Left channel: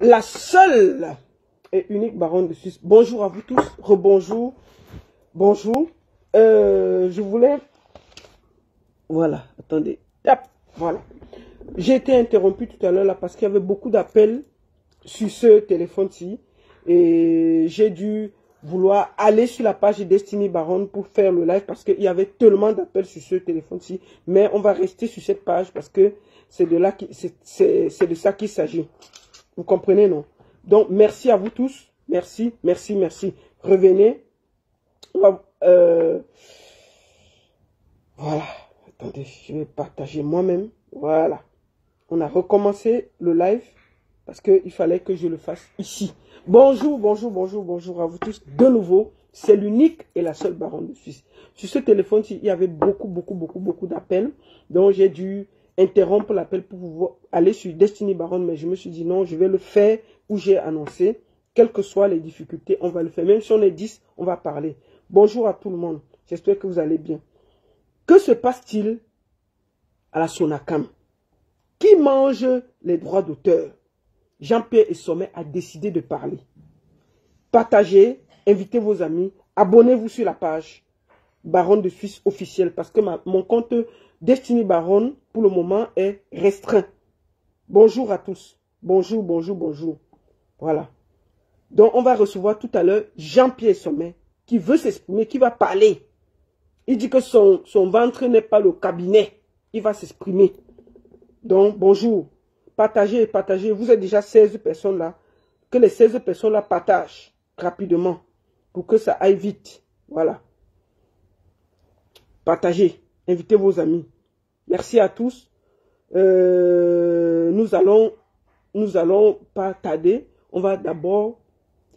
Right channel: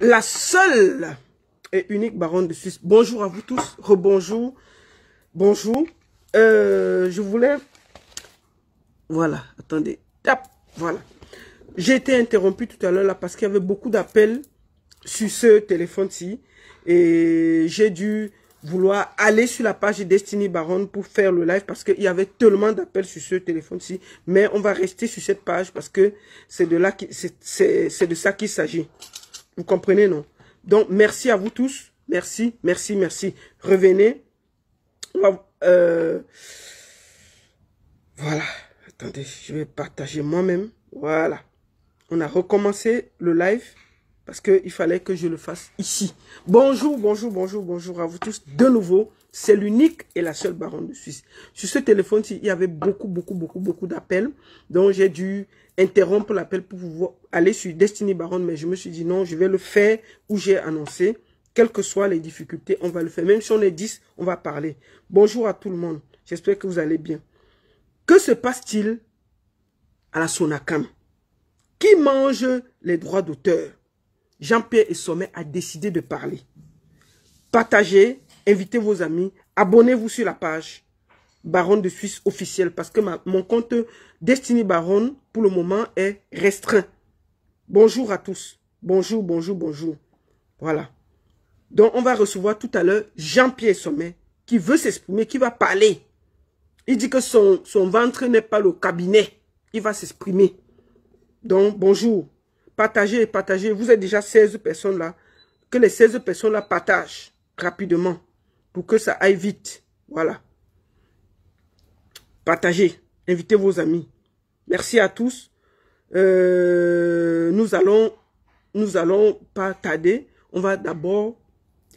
la seule et unique baronne de Suisse. Bonjour à vous tous, rebonjour, bonjour. Je voulais... Voilà, attendez, tap, voilà. J'ai été interrompu tout à l'heure là parce qu'il y avait beaucoup d'appels sur ce téléphone-ci. Et j'ai dû vouloir aller sur la page de Destiny Baronne pour faire le live parce qu'il y avait tellement d'appels sur ce téléphone-ci. Mais on va rester sur cette page parce que c'est de là c'est de ça qu'il s'agit. Vous comprenez, non? Donc, merci à vous tous. Merci, merci, merci. Revenez. Voilà. Attendez, je vais partager moi-même. Voilà. On a recommencé le live parce qu'il fallait que je le fasse ici. Bonjour, bonjour, bonjour, bonjour à vous tous. De nouveau, c'est l'unique et la seule baronne de Suisse. Sur ce téléphone-ci, il y avait beaucoup d'appels. Donc, j'ai dû interrompre l'appel pour pouvoir aller sur Destiny Baronne. Mais je me suis dit non, je vais le faire où j'ai annoncé. Quelles que soient les difficultés, on va le faire. Même si on est 10, on va parler. Bonjour à tout le monde. J'espère que vous allez bien. Que se passe-t-il à la Sonacam? Qui mange les droits d'auteur? Jean-Pierre Essomé a décidé de parler. Partagez, invitez vos amis, abonnez-vous sur la page Baronne de Suisse officielle parce que mon compte Destiny Baronne, pour le moment, est restreint. Bonjour à tous. Bonjour, bonjour, bonjour. Voilà. Donc, on va recevoir tout à l'heure Jean-Pierre Essomé qui veut s'exprimer, qui va parler. Il dit que son ventre n'est pas le cabinet. Il va s'exprimer. Donc, bonjour. Partagez, partagez. Vous êtes déjà 16 personnes là. Que les 16 personnes là partagent rapidement pour que ça aille vite. Voilà. Partagez. Invitez vos amis. Merci à tous. Nous allons pas tarder. On va d'abord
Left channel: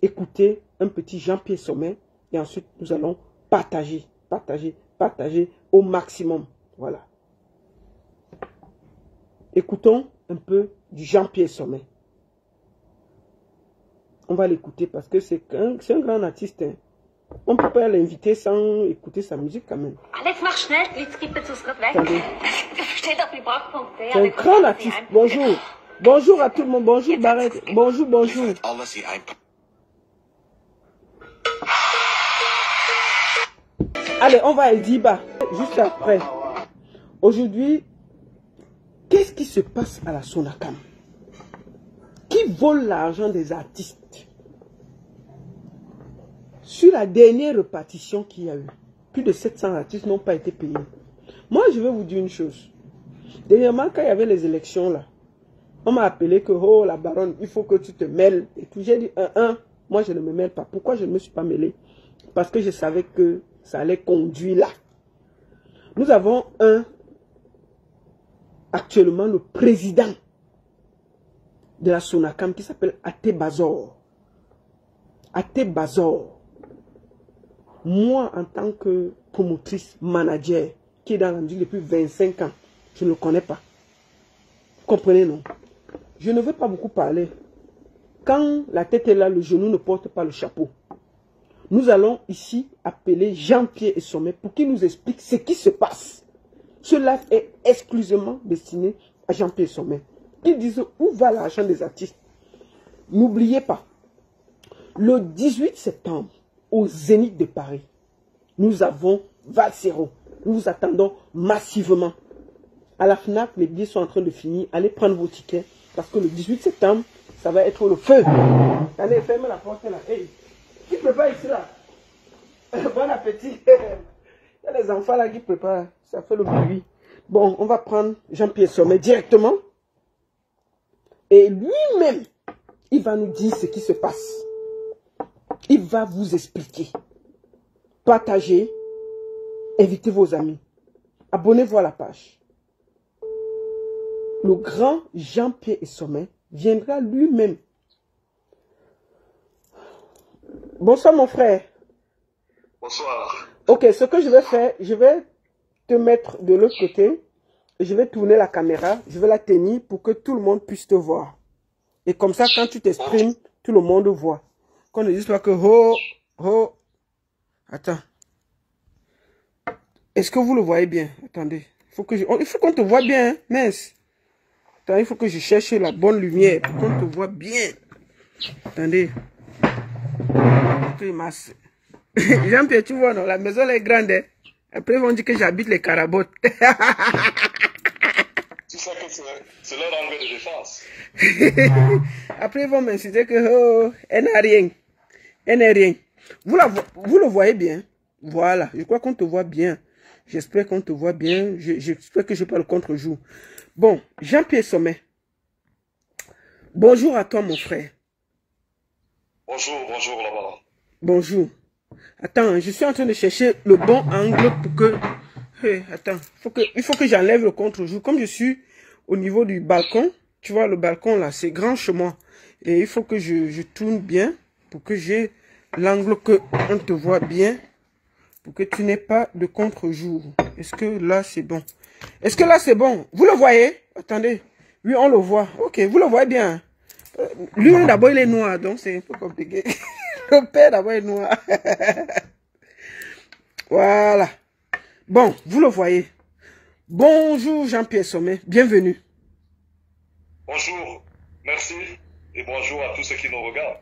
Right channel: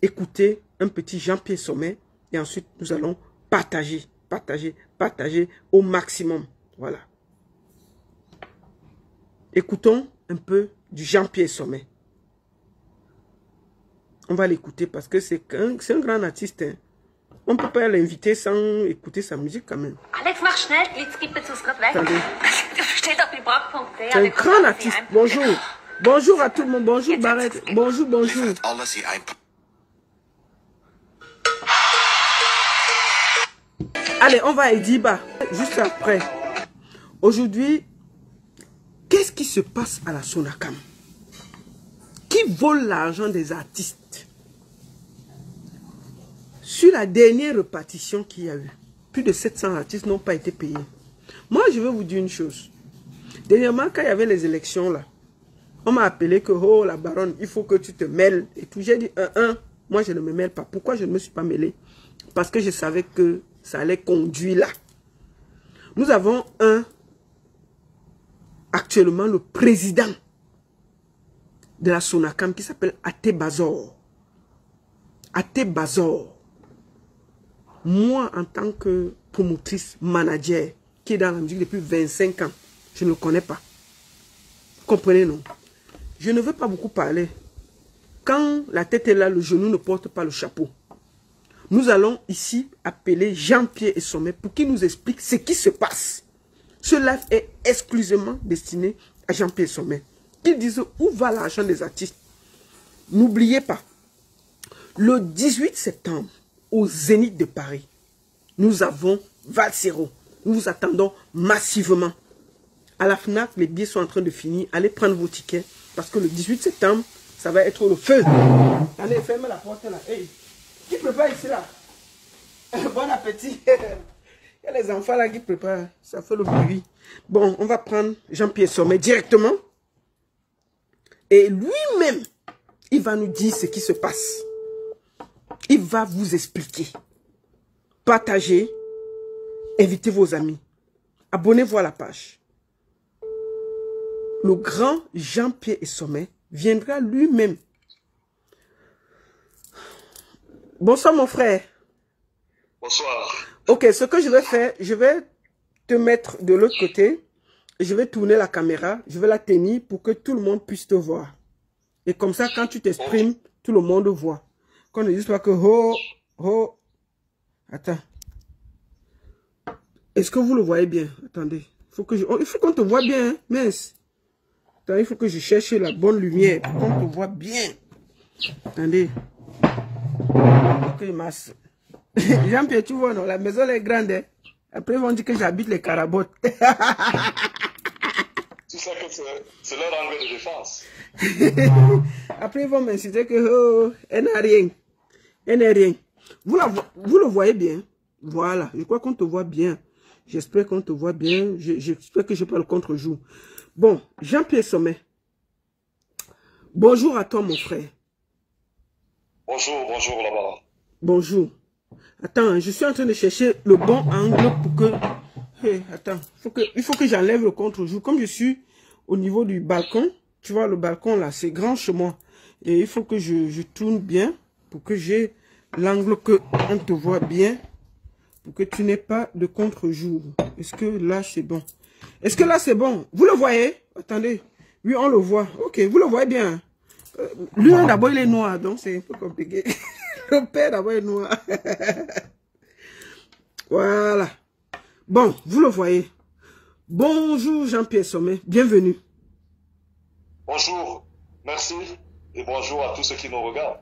écouter un petit Jean-Pierre Essomé et ensuite nous allons partager, partager, partager au maximum. Voilà. Écoutons un peu du Jean-Pierre Essomé. On va l'écouter parce que c'est un grand artiste. Hein. On ne peut pas l'inviter sans écouter sa musique quand même. Alex, mach schnell, jetzt gibt er uns gerade weg. Attendez. Steht auf dem Parkpunkt. C'est un grand artiste. Bonjour. Bonjour à tout le monde. Bonjour Barrett. Bonjour, bonjour. Allez, on va à Ediba juste après. Aujourd'hui, qu'est-ce qui se passe à la Sonacam? Qui vole l'argent des artistes? Sur la dernière répartition qu'il y a eu, plus de 700 artistes n'ont pas été payés. Moi, je vais vous dire une chose. Dernièrement, quand il y avait les élections là, on m'a appelé que, oh, la baronne, il faut que tu te mêles. Et tout, j'ai dit, moi, je ne me mêle pas. Pourquoi je ne me suis pas mêlé? Parce que je savais que ça allait conduire là. Nous avons actuellement le président de la Sonacam qui s'appelle Até Bazor. Até Bazor. Moi, en tant que promotrice, manager, qui est dans la musique depuis 25 ans, je ne le connais pas. Vous comprenez, non? Je ne veux pas beaucoup parler. Quand la tête est là, le genou ne porte pas le chapeau. Nous allons ici appeler Jean-Pierre Essomé pour qu'il nous explique ce qui se passe. Ce live est exclusivement destiné à Jean-Pierre Essomé. Ils disent où va l'argent des artistes. N'oubliez pas, le 18 septembre, au Zénith de Paris, nous avons Valsero. Nous vous attendons massivement. À la FNAC, les billets sont en train de finir. Allez prendre vos tickets parce que le 18 septembre, ça va être le feu. Allez, fermez la porte là. Hey, qui prépare ici là? Bon appétit. Il y a les enfants là qui préparent. Ça fait le bruit. Bon, on va prendre Jean-Pierre Essomé directement. Et lui-même, il va nous dire ce qui se passe. Il va vous expliquer. Partagez. Invitez vos amis. Abonnez-vous à la page. Le grand Jean-Pierre Essomé viendra lui-même. Bonsoir mon frère. Bonsoir. Ok, ce que je vais faire, je vais te mettre de l'autre côté. Je vais tourner la caméra. Je vais la tenir pour que tout le monde puisse te voir. Et comme ça, quand tu t'exprimes, tout le monde voit. Qu'on ne dise pas que Attends. Est-ce que vous le voyez bien? Attendez. Il faut qu'on te voit bien, hein? Mince. Attends, il faut que je cherche la bonne lumière pour qu'on te voit bien. Attendez. Jean-Pierre, tu vois, non, la maison est grande. Hein? Après, ils vont dire que j'habite les Carabotes. Tu sais que c'est leur angle de défense. Après, ils vont m'insulter que, oh, elle n'a rien. Elle n'a rien. Vous le voyez bien. Voilà. Je crois qu'on te voit bien. J'espère qu'on te voit bien. J'espère que je n'ai pas le contre-jour. Bon, Jean-Pierre Sommet. Bonjour à toi, mon frère. Bonjour, bonjour là-bas. Bonjour. Attends, je suis en train de chercher le bon angle pour que... Hey, attends, il faut que j'enlève le contre-jour. Comme je suis au niveau du balcon, tu vois, le balcon là, c'est grand chez moi. Et il faut que je tourne bien pour que j'ai l'angle que on te voit bien. Pour que tu n'aies pas de contre-jour. Est-ce que là, c'est bon? Est-ce que là, c'est bon? Vous le voyez? Attendez. Oui, on le voit. Ok, vous le voyez bien. Lui, d'abord, il est noir, donc c'est un peu compliqué. Le père, d'abord, est noir. Voilà. Bon, vous le voyez. Bonjour, Jean-Pierre Sommet. Bienvenue. Bonjour, merci. Et bonjour à tous ceux qui nous regardent.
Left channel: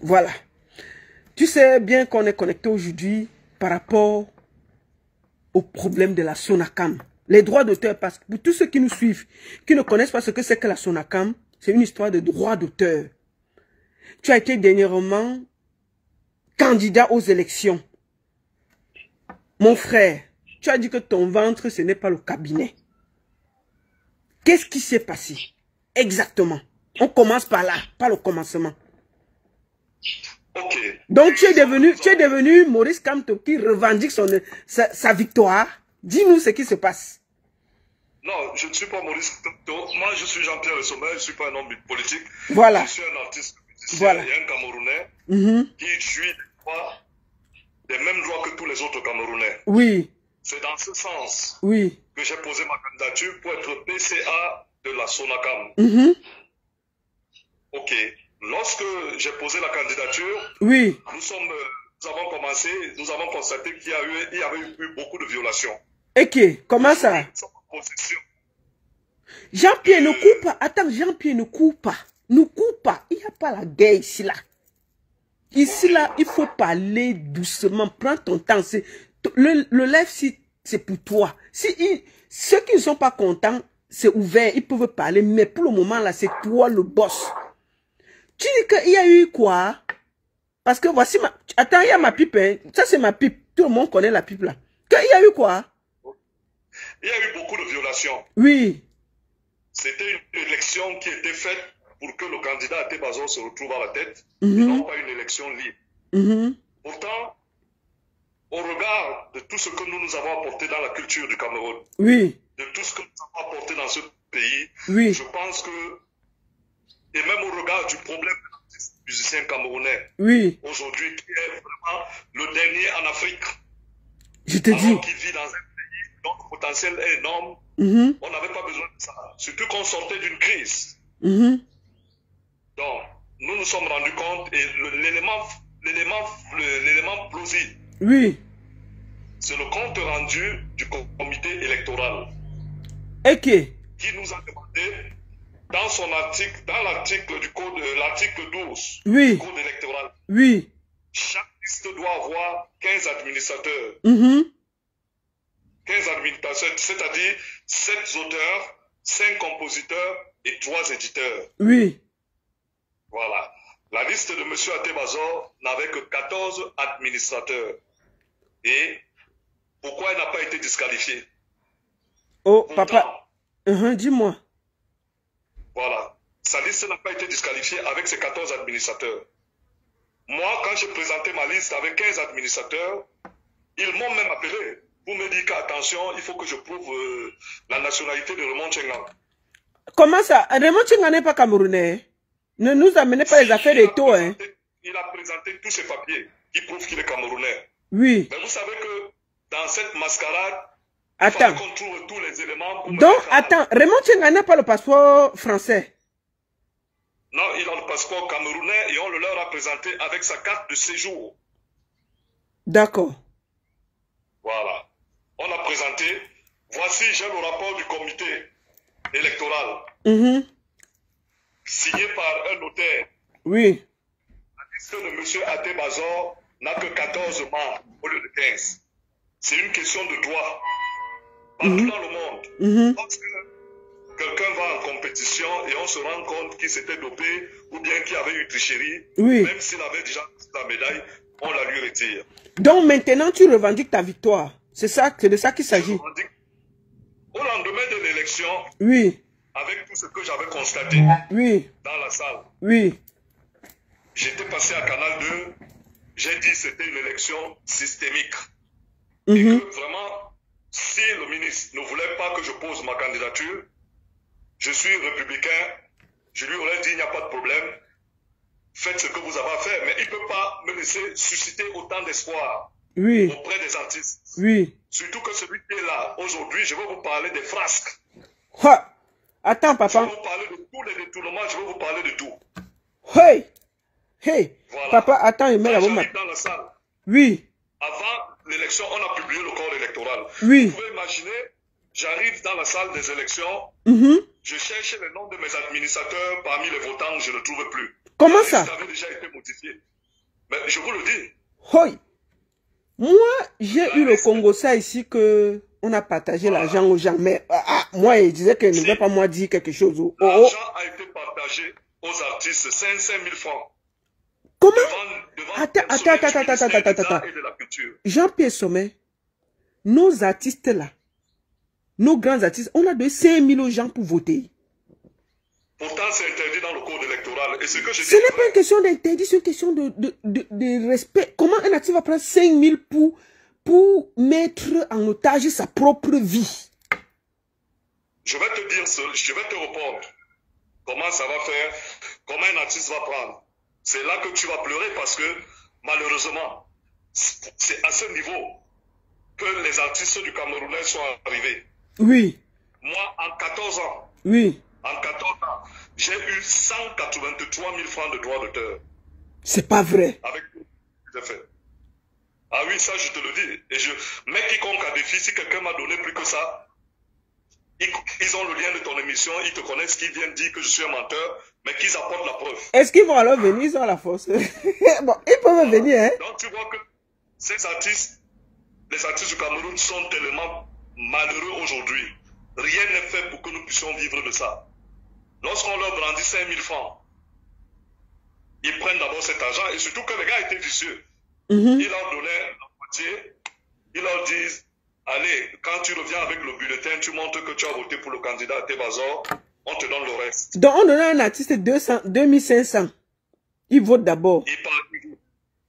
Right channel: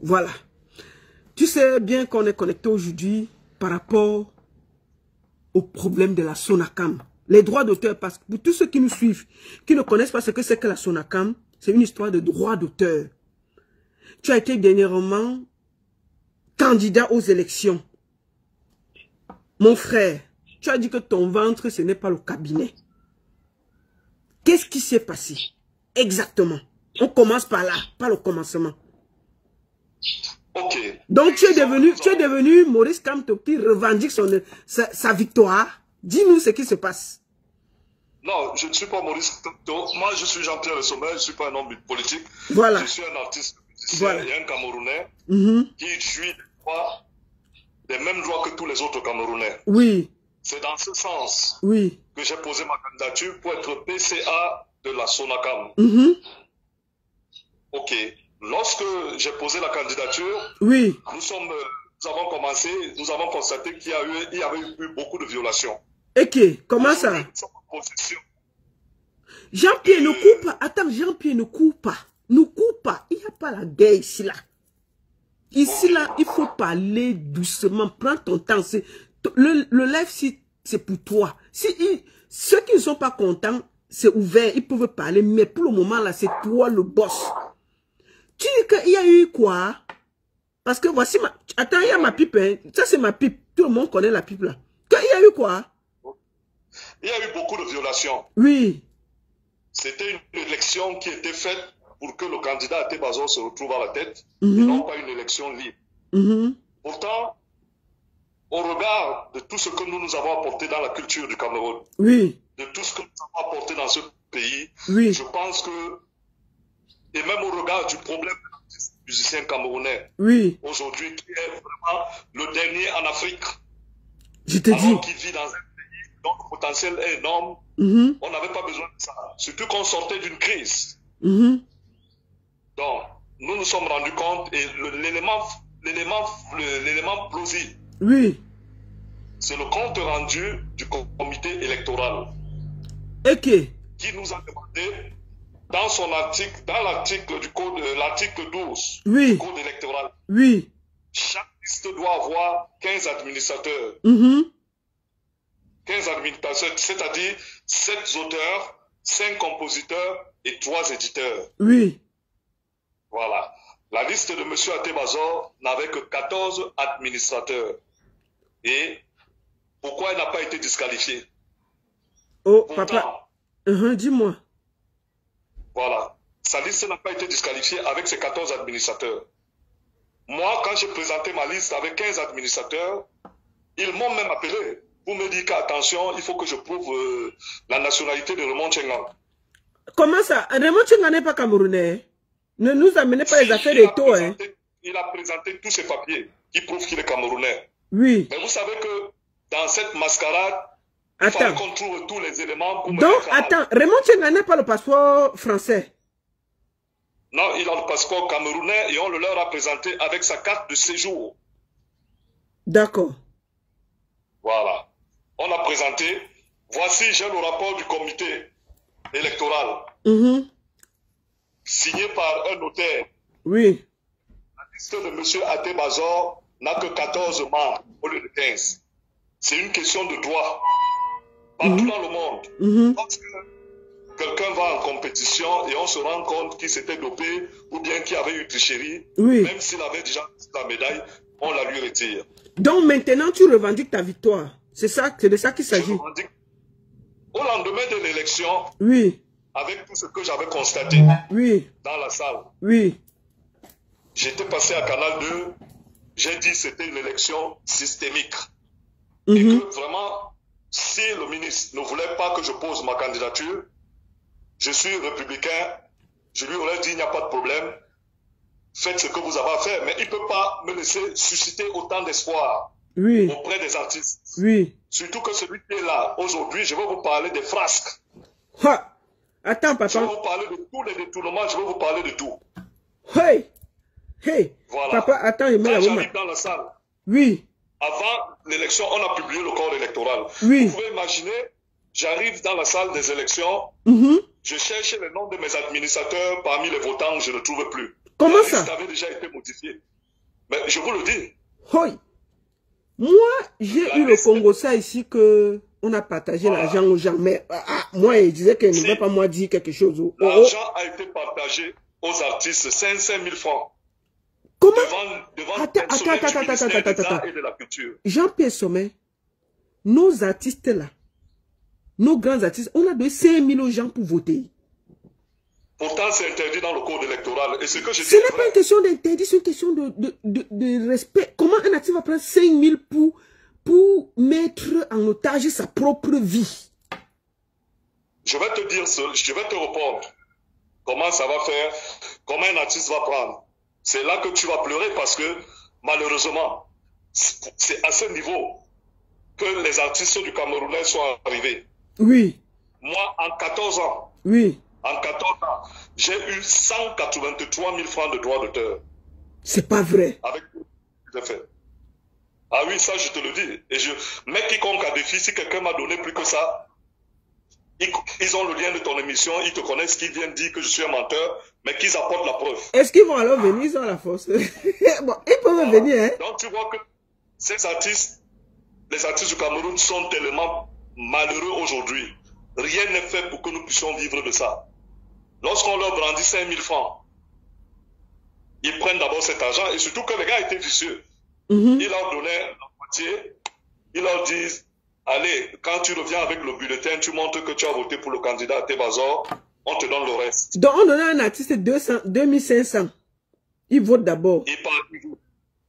Voilà. Tu sais bien qu'on est connecté aujourd'hui par rapport au problème de la SONACAM. Les droits d'auteur, parce que pour tous ceux qui nous suivent, qui ne connaissent pas ce que c'est que la SONACAM, c'est une histoire de droits d'auteur. Tu as été dernièrement candidat aux élections. Mon frère, tu as dit que ton ventre, ce n'est pas le cabinet. Qu'est-ce qui s'est passé? Exactement. On commence par là, pas le commencement. Ok. Donc tu es devenu Maurice Kamto qui revendique sa victoire. Dis-nous ce qui se passe. Non, je ne suis pas Maurice Kamto. Moi, je suis Jean-Pierre Le Sommet. Je ne suis pas un homme politique. Voilà. Je suis un artiste, Voilà. et un Camerounais qui jouit des mêmes droits que tous les autres Camerounais. Oui. C'est dans ce sens Oui. que j'ai posé ma candidature pour être PCA de la SONACAM. Ok. Lorsque j'ai posé la candidature, oui. Nous avons constaté qu'il y avait eu beaucoup de violations. Ok, comment ça? Jean-Pierre ne coupe pas. Attends, Jean-Pierre ne coupe pas. Ne coupe pas. Il n'y a pas la guerre ici là. Ici là, il faut parler doucement. Prends ton temps. Le live, c'est pour toi. Ceux qui ne sont pas contents, c'est ouvert. Ils peuvent parler. Mais pour le moment là, c'est toi le boss. Tu dis qu'il y a eu quoi? Parce que voici ma... Attends, il y a ma pipe. Hein. Ça, c'est ma pipe. Tout le monde connaît la pipe là. Il y a eu quoi? Il y a eu beaucoup de violations. Oui. C'était une élection qui était faite pour que le candidat Até Bazor se retrouve à la tête. Et non pas une élection libre. Pourtant, au regard de tout ce que nous avons apporté dans la culture du Cameroun, oui. De tout ce que nous avons apporté dans ce pays, oui. Je pense que, et même au regard du problème des musiciens camerounais, oui. Aujourd'hui, qui est vraiment le dernier en Afrique, je te dis, qui vit dans un pays dont le potentiel est énorme, on n'avait pas besoin de ça. Surtout qu'on sortait d'une crise. Donc, nous nous sommes rendus compte, et l'élément plausible, oui. C'est le compte rendu du comité électoral. Ok. Qui nous a demandé, dans son article, dans l'article du code, l'article 12 oui. du code électoral, oui. Chaque liste doit avoir 15 administrateurs. 15 administrateurs, c'est-à-dire 7 auteurs, 5 compositeurs et 3 éditeurs. Oui. Voilà. La liste de M. Até Bazor n'avait que 14 administrateurs. Et pourquoi il n'a pas été disqualifié? Oh, pourtant, papa, dis-moi. Voilà. Sa liste n'a pas été disqualifiée avec ses 14 administrateurs. Moi, quand j'ai présenté ma liste avec 15 administrateurs, ils m'ont même appelé pour me dire qu'attention, il faut que je prouve la nationalité de Raymond Tchenga. Comment ça? Raymond Tchenga n'est pas camerounais. Ne nous amenez pas les affaires de taux. Il a présenté tous ses papiers qui prouvent qu'il est camerounais. Oui. Mais vous savez que dans cette mascarade, il fallait qu'on trouve tous les éléments pour donc, attends, Raymond Tchenga n'a pas le passeport français? Non, il a le passeport camerounais et on le leur a présenté avec sa carte de séjour. D'accord. Voilà. On a présenté, voici, j'ai le rapport du comité électoral. Signé par un notaire Oui. La liste de M. Até Bazor n'a que 14 membres au lieu de 15. C'est une question de droit. Partout dans le monde, lorsque quelqu'un va en compétition et on se rend compte qu'il s'était dopé ou bien qu'il avait eu tricherie, même s'il avait déjà la médaille, on la lui retire. Donc maintenant, tu revendiques ta victoire. C'est de ça qu'il s'agit. Au lendemain de l'élection, avec tout ce que j'avais constaté dans la salle, j'étais passé à Canal 2, j'ai dit que c'était une élection systémique. Et que vraiment, si le ministre ne voulait pas que je pose ma candidature, je suis républicain, je lui aurais dit il n'y a pas de problème, faites ce que vous avez à faire, mais il ne peut pas me laisser susciter autant d'espoir auprès des artistes. Surtout que celui qui est là, aujourd'hui, je vais vous parler des frasques. Attends, papa. Je vais vous parler de tous les détournements, je vais vous parler de tout. Voilà. Papa, attends, il met la bombe. J'arrive dans la salle. Avant l'élection, on a publié le corps électoral. Vous pouvez imaginer, j'arrive dans la salle des élections, je cherche le nom de mes administrateurs parmi les votants, je ne trouve plus. Comment ça? Ça avait déjà été modifié. Mais je vous le dis. Moi, j'ai eu le Congo-ça ici que on a partagé l'argent aux gens. Mais moi, il disait qu'il ne devait pas moi dire quelque chose. L'argent a été partagé aux artistes, 500 000 francs. Comment? Devant Attends. Jean-Pierre Sommet, nos artistes là, nos grands artistes, on a donné 5 000 aux gens pour voter. Pourtant, c'est interdit dans le code électoral. Et ce que je dis, ce n'est pas une question d'interdit, c'est une question de respect. Comment un artiste va prendre 5 000 pour mettre en otage sa propre vie? Je vais te dire, je vais te répondre. Comment ça va faire? Comment un artiste va prendre? C'est là que tu vas pleurer parce que, malheureusement, c'est à ce niveau que les artistes du Camerounais sont arrivés. Moi, en 14 ans, en 14 ans, j'ai eu 183 000 francs de droits d'auteur. C'est pas vrai. Avec tout ce que j'ai fait. Ah oui, ça, je te le dis. Mais quiconque a défi, si quelqu'un m'a donné plus que ça, ils ont le lien de ton émission, ils te connaissent, qu'ils viennent dire que je suis un menteur, mais qu'ils apportent la preuve. Est-ce qu'ils vont alors venir, ils ont la force? Bon, ils peuvent venir, hein? Donc tu vois que ces artistes, les artistes du Cameroun sont tellement malheureux aujourd'hui. Rien n'est fait pour que nous puissions vivre de ça. Lorsqu'on leur brandit 5 000 francs, ils prennent d'abord cet argent, et surtout que les gars étaient vicieux. Ils leur donnaient la moitié, ils leur disent, allez, quand tu reviens avec le bulletin, tu montres que tu as voté pour le candidat Até Bazor, on te donne le reste. Donc on donne à un artiste 2500. Il vote d'abord. Il part toujours.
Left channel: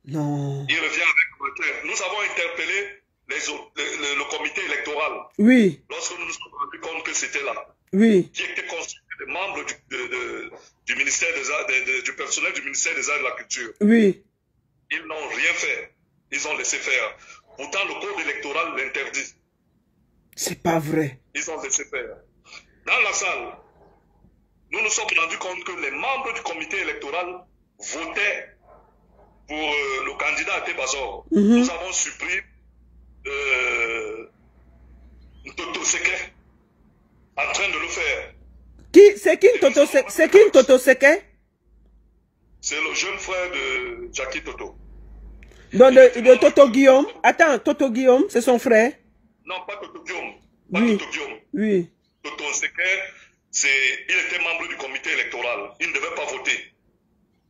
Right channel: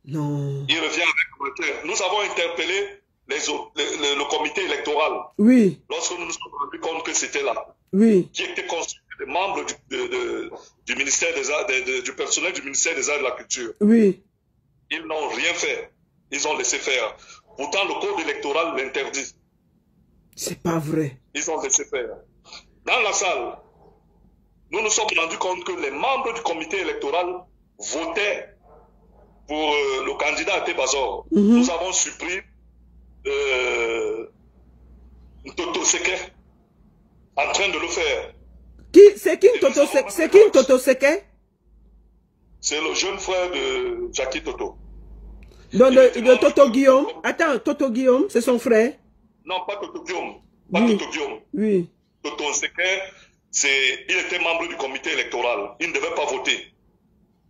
Non. Il revient avec le bulletin. Nous avons interpellé le comité électoral. Lorsque nous nous sommes rendus compte que c'était là. Qui était constitué des membres du ministère des Arts, du personnel du ministère des Arts et de la Culture. Ils n'ont rien fait. Ils ont laissé faire. Pourtant, le code électoral l'interdit. C'est pas vrai. Ils ont laissé faire. Dans la salle, nous nous sommes rendus compte que les membres du comité électoral votaient pour le candidat Até Bazor. Nous avons supprimé Toto Seke en train de le faire. C'est qui Toto Seke? C'est le jeune frère de Jackie Toto. Donc de Toto Guillaume. Attends, Toto Guillaume, c'est son frère? Non, pas Toto Guillaume. Pas Toto Guillaume. Toto Seke, il était membre du comité électoral. Il ne devait pas voter.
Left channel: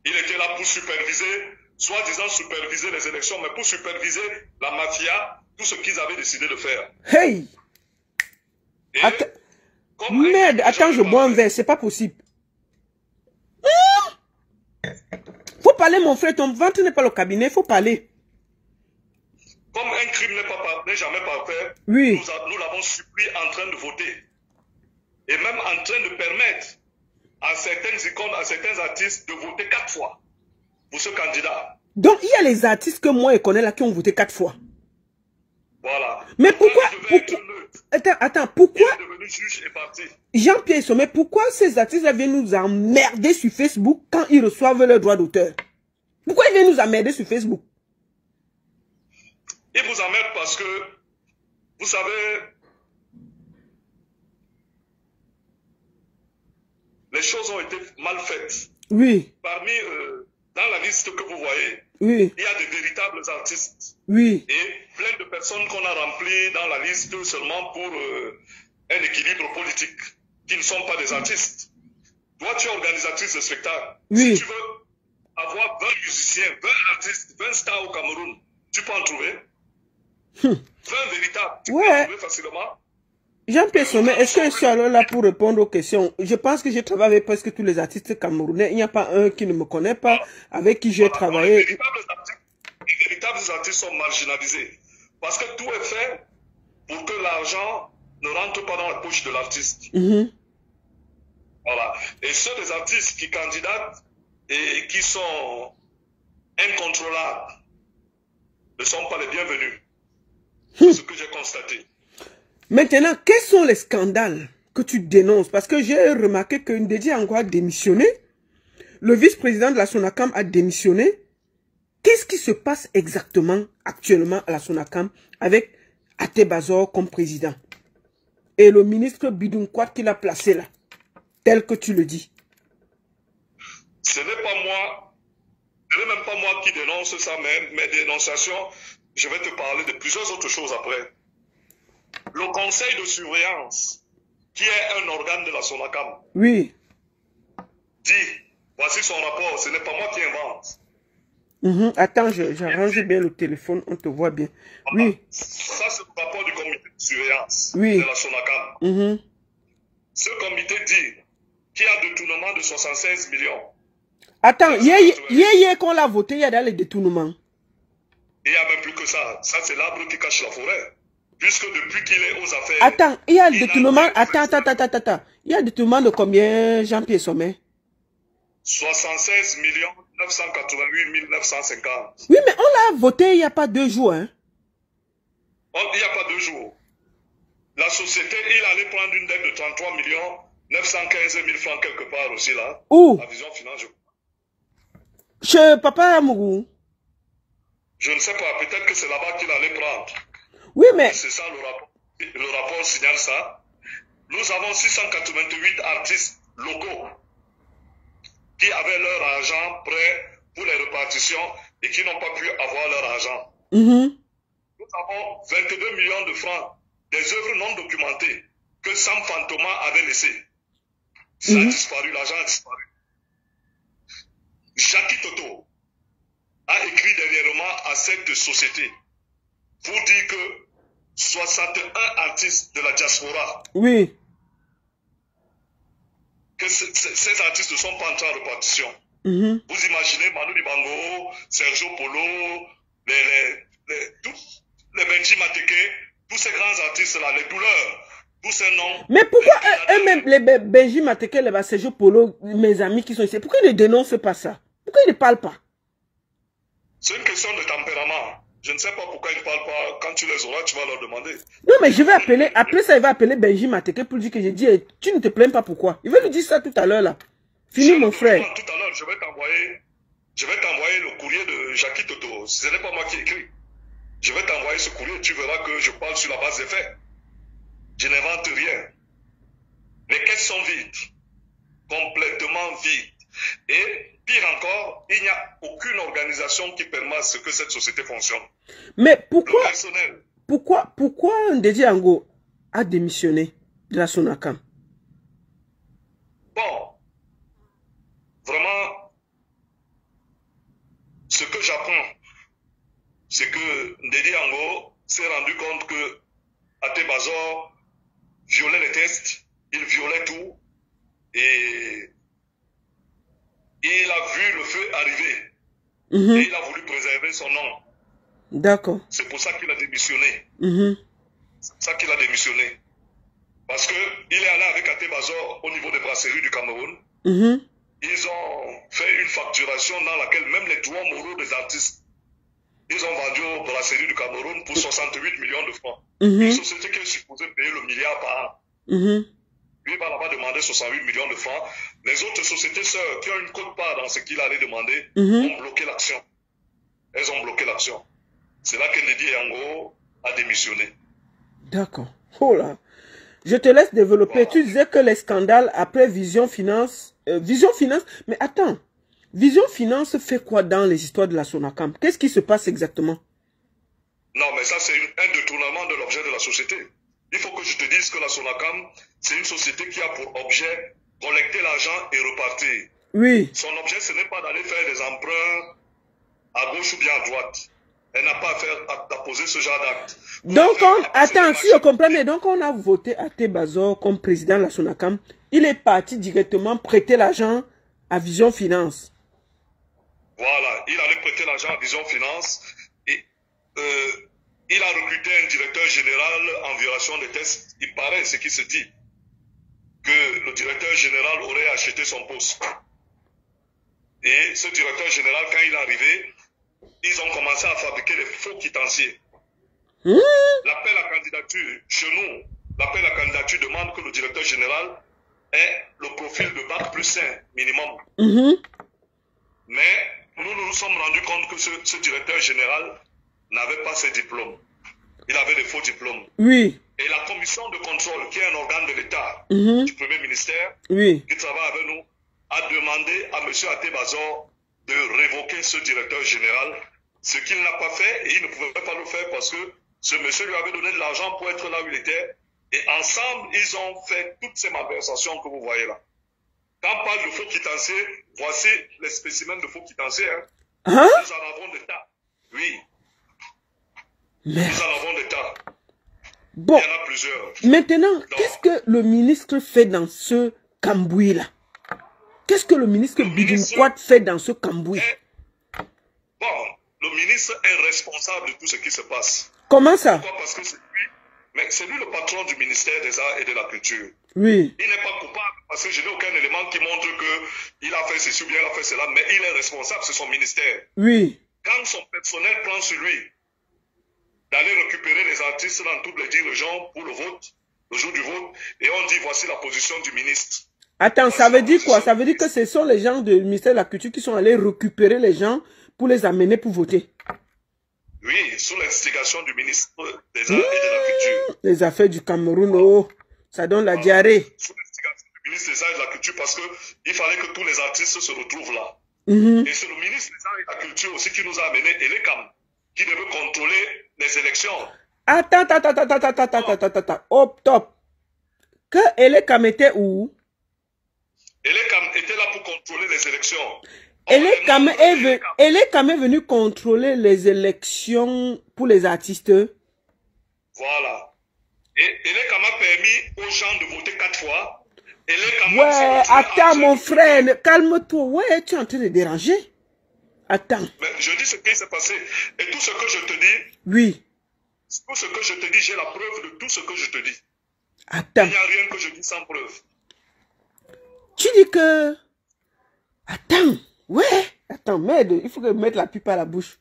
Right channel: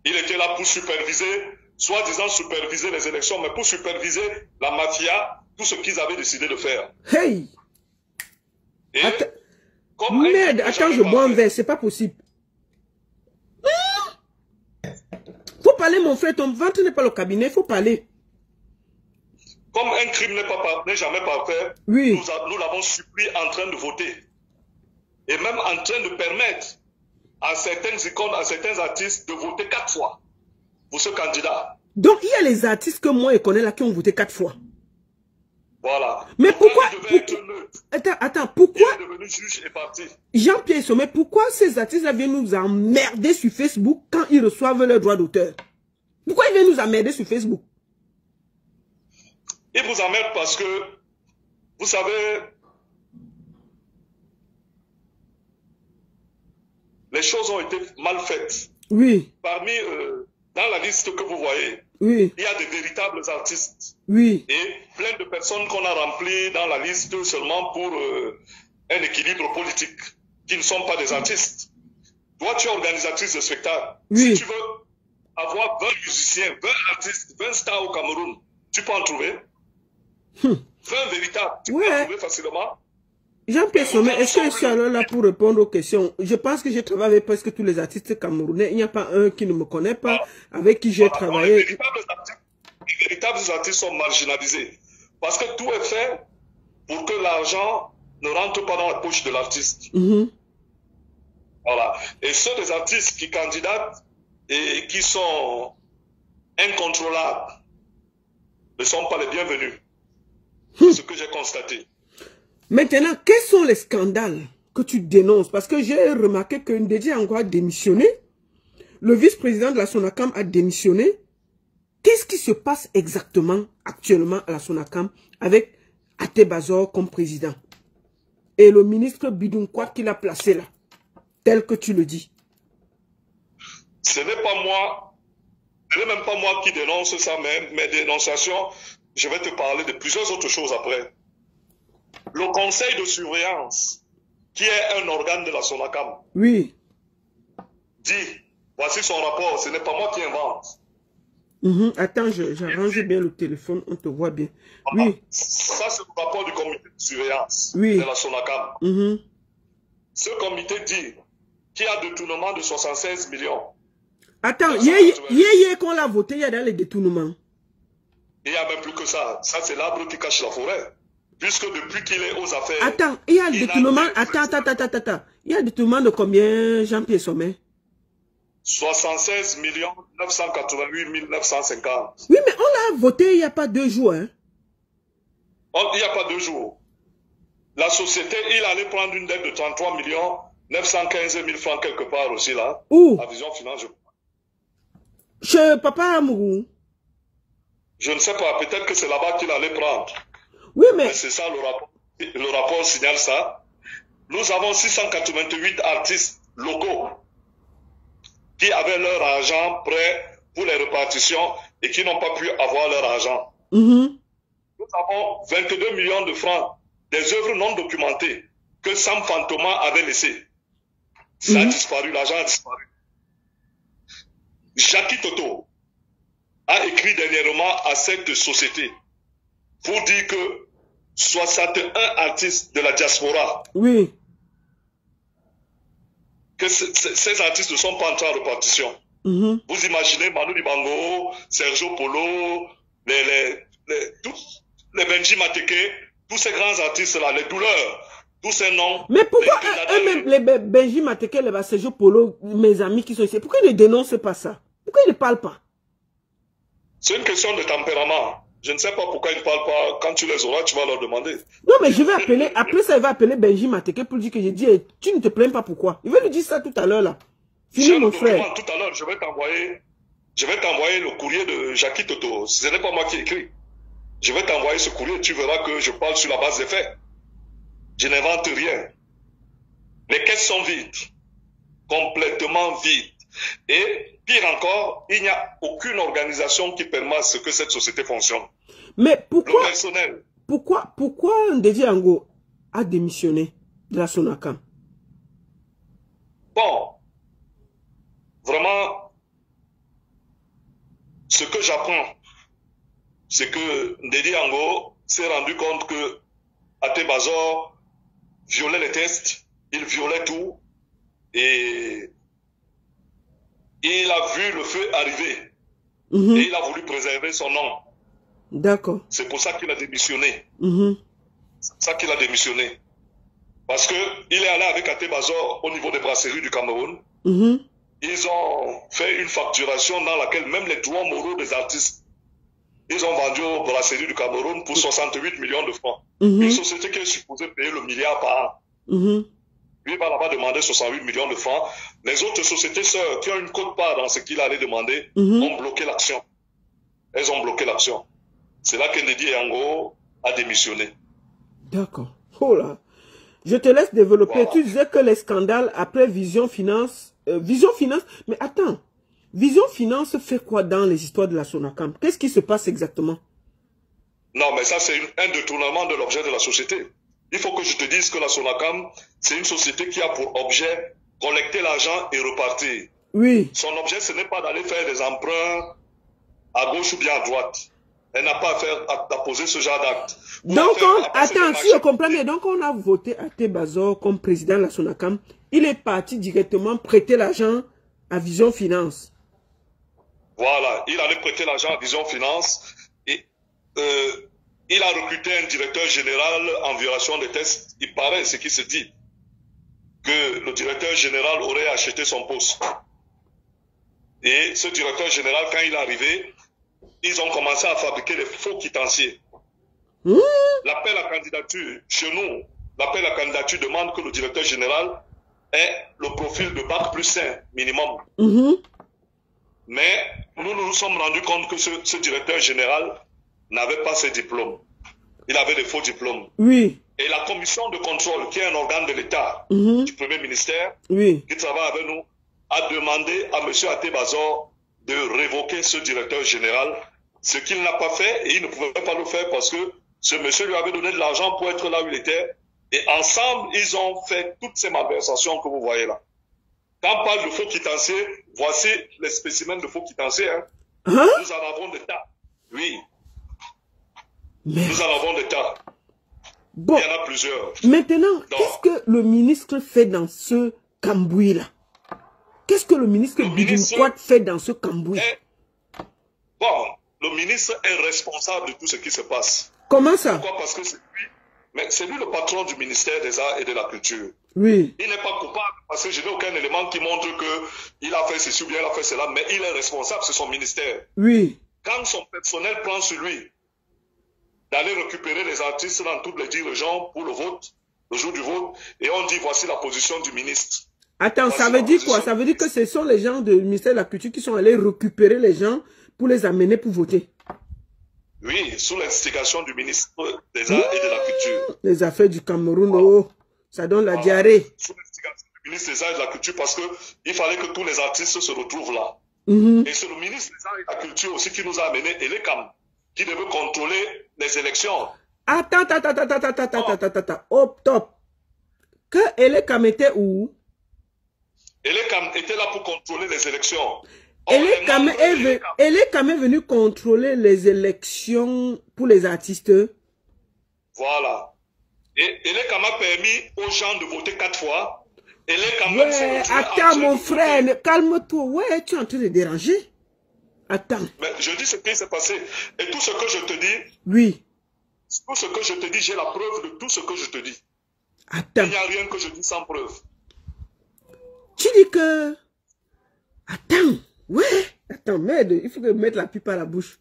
Il était là pour superviser, soi-disant superviser les élections, mais pour superviser la mafia, tout ce qu'ils avaient décidé de faire. Merde, attends, je bois un verre, c'est pas possible. Faut parler, mon frère, ton ventre n'est pas le cabinet, faut parler. Comme un crime n'est jamais parfait, nous l'avons supprimé en train de voter. Et même en train de permettre à certaines icônes, à certains artistes de voter 4 fois pour ce candidat. Donc il y a les artistes que moi je connais là qui ont voté 4 fois. Voilà. Mais pourquoi Attends, pourquoi il est devenu juge et parti. Jean-Pierre Sommet, pourquoi ces artistes-là viennent nous emmerder sur Facebook quand ils reçoivent leurs droits d'auteur? Pourquoi ils viennent nous emmerder sur Facebook? Ils vous emmerdent parce que, vous savez, les choses ont été mal faites. Oui. Parmi, dans la liste que vous voyez, Oui. il y a des véritables artistes. Oui. Et plein de personnes qu'on a remplies dans la liste seulement pour un équilibre politique, qui ne sont pas des artistes. Toi, tu es organisatrice de spectacle. Oui. Si tu veux avoir 20 musiciens, 20 artistes, 20 stars au Cameroun, tu peux en trouver. 20 véritables, tu peux en trouver facilement. Jean-Pierre Sommet, est-ce que je suis alors là pour répondre aux questions? Je pense que j'ai travaillé avec presque tous les artistes camerounais. Il n'y a pas un qui ne me connaît pas, avec qui j'ai travaillé. Les véritables artistes sont marginalisés. Parce que tout est fait pour que l'argent ne rentre pas dans la poche de l'artiste. Voilà. Et ceux des artistes qui candidatent et qui sont incontrôlables ne sont pas les bienvenus. C'est ce que j'ai constaté. Maintenant, quels sont les scandales que tu dénonces? Parce que j'ai remarqué que Ndedi Ango a démissionné. Le vice-président de la SONACAM a démissionné. Qu'est-ce qui se passe exactement actuellement à la SONACAM avec Atebazor comme président? Et le ministre Bidunkwat qu'il a placé là, tel que tu le dis. Ce n'est pas moi, ce n'est même pas moi qui dénonce ça, mais mes dénonciations, je vais te parler de plusieurs autres choses après. Le conseil de surveillance, qui est un organe de la SONACAM, oui, dit, voici son rapport, ce n'est pas moi qui invente. Attends, j'arrange bien le téléphone, on te voit bien. Oui. Ça, c'est le rapport du comité de surveillance de la SONACAM. Ce comité dit qu'il y a détournement de 76 millions. Attends, hier qu'on l'a voté, il y a dans les détournements. Il n'y a même plus que ça. Ça, c'est l'arbre qui cache la forêt. Puisque depuis qu'il est aux affaires... Attends, il y a le détournement... Attends. Il y a le détournement de combien, Jean-Pierre Sommet? 76 988 950. Oui, mais on l'a voté il n'y a pas 2 jours. Hein? Il n'y a pas 2 jours. La société, il allait prendre une dette de 33 915 000 francs quelque part aussi là. Où? À Vision Finance, je crois. Chez Papa Amourou. Je ne sais pas, peut-être que c'est là-bas qu'il allait prendre. Oui, mais... C'est ça le rapport. Le rapport signale ça. Nous avons 688 artistes locaux qui avaient leur argent prêt pour les répartitions et qui n'ont pas pu avoir leur argent. Nous avons 22 millions de francs des œuvres non documentées que Sam Fantoma avait laissées. Ça a disparu, l'argent a disparu. Jackie Toto a écrit dernièrement à cette société pour dire que 61 artistes de la diaspora, que ces artistes ne sont pas entrés en répartition. Vous imaginez Manu Dibango, Sergio Polo, tous les Benji Mateke, tous ces grands artistes-là, les douleurs, tous ces noms. Mais pourquoi eux-mêmes, les Benji Mateke, les Sergio Polo, mes amis qui sont ici, pourquoi ils ne dénoncent pas ça? Pourquoi ils ne parlent pas? C'est une question de tempérament. Je ne sais pas pourquoi ils ne parlent pas. Quand tu les auras, tu vas leur demander. Non, mais je vais appeler, après ça, il va appeler Benji Mateke pour dire que j'ai dit, tu ne te plains pas pourquoi. Il va lui dire ça tout à l'heure, là. Fini, mon frère. Tout à l'heure, je vais t'envoyer le courrier de Jackie Toto. Ce n'est pas moi qui écris. Je vais t'envoyer ce courrier, tu verras que je parle sur la base des faits. Je n'invente rien. Les caisses sont vides. Complètement vides. Et pire encore, il n'y a aucune organisation qui permet à ce que cette société fonctionne. Mais pourquoi, le personnel. Pourquoi Ndedi Ango a démissionné de la SONACAM? Bon, vraiment, ce que j'apprends, c'est que Ndedi Ango s'est rendu compte que Atebazor violait les tests, il violait tout, et il a vu le feu arriver. Et il a voulu préserver son nom. D'accord. C'est pour ça qu'il a démissionné. C'est pour ça qu'il a démissionné. Parce qu'il est allé avec Atebazor au niveau des brasseries du Cameroun. Ils ont fait une facturation dans laquelle même les droits moraux des artistes, ils ont vendu aux brasseries du Cameroun pour 68 millions de francs. Une société qui est supposée payer le milliard par an. Lui va là-bas demander 68 millions de francs. Les autres sociétés sœurs qui ont une quote-part dans ce qu'il allait demander ont bloqué l'action. Elles ont bloqué l'action. C'est là que Ndedi Ango a démissionné. D'accord. Oh là. Je te laisse développer. Voilà. Tu disais que les scandales après Vision Finance Vision Finance. Mais attends, Vision Finance fait quoi dans les histoires de la Sonacam? Qu'est-ce qui se passe exactement? Non, mais ça, c'est un détournement de l'objet de la société. Il faut que je te dise que la Sonacam, c'est une société qui a pour objet collecter l'argent et repartir. Oui. Son objet, ce n'est pas d'aller faire des emprunts à gauche ou bien à droite. Elle n'a pas à poser ce genre d'acte. Donc, attends, si je comprends bien, donc on a voté Até Bazor comme président de la Sonacam. Il est parti directement prêter l'argent à Vision Finance. Voilà, il allait prêter l'argent à Vision Finance et il a recruté un directeur général en violation des tests. Il paraît, ce qui se dit, que le directeur général aurait acheté son poste. Et ce directeur général, quand il est arrivé, ils ont commencé à fabriquer des faux quitanciers. L'appel à candidature, chez nous, l'appel à candidature demande que le directeur général ait le profil de Bac plus 5 minimum. Mais nous nous sommes rendus compte que ce directeur général n'avait pas ses diplômes. Il avait des faux diplômes. Oui. Et la commission de contrôle, qui est un organe de l'État, du premier ministère, qui travaille avec nous, a demandé à M. Até Bazor de révoquer ce directeur général, ce qu'il n'a pas fait, et il ne pouvait pas le faire parce que ce monsieur lui avait donné de l'argent pour être là où il était, et ensemble, ils ont fait toutes ces malversations que vous voyez là. Quand on parle de faux quitanciers, voici les spécimens de faux quitanciers. Nous en avons des tas. Oui. Mais... nous en avons des tas. Bon. Il y en a plusieurs. Maintenant, qu'est-ce que le ministre fait dans ce cambouis-là? Qu'est-ce que le ministre Bidinquat fait dans ce cambouis? Bon, le ministre est responsable de tout ce qui se passe. Comment ça? Pourquoi? Parce que c'est lui, mais c'est lui le patron du ministère des Arts et de la Culture. Oui. Il n'est pas coupable parce que je n'ai aucun élément qui montre qu'il a fait ceci ou bien il a fait cela, mais il est responsable, c'est son ministère. Oui. Quand son personnel prend sur lui d'aller récupérer les artistes dans toutes les dirigeants pour le vote, le jour du vote, et on dit voici la position du ministre. Attends, ça veut dire quoi? Ça veut dire que ce sont les gens du ministère de la Culture qui sont allés récupérer les gens pour les amener pour voter. Oui, sous l'instigation du ministre des Arts et de la Culture. Les affaires du Cameroun, oh, ça donne la diarrhée. Sous l'instigation du ministre des Arts et de la Culture, parce qu'il fallait que tous les artistes se retrouvent là. Et c'est le ministre des Arts et de la Culture aussi qui nous a amené Elekam, qui devait contrôler les élections. Attends. Hop, top. Que Elekam était où? Elekam était là pour contrôler les élections. Elekam est venu contrôler les élections pour les artistes. Voilà. Et Elekam a permis aux gens de voter 4 fois. Ouais, attends mon frère, calme-toi. Ouais, tu es en train de déranger. Attends. Mais je dis ce qui s'est passé. Et tout ce que je te dis. Oui. Tout ce que je te dis, j'ai la preuve de tout ce que je te dis. Attends. Il n'y a rien que je dis sans preuve. Tu dis que... Attends. Ouais. Attends, merde. Il faut que je mette la pipe à la bouche.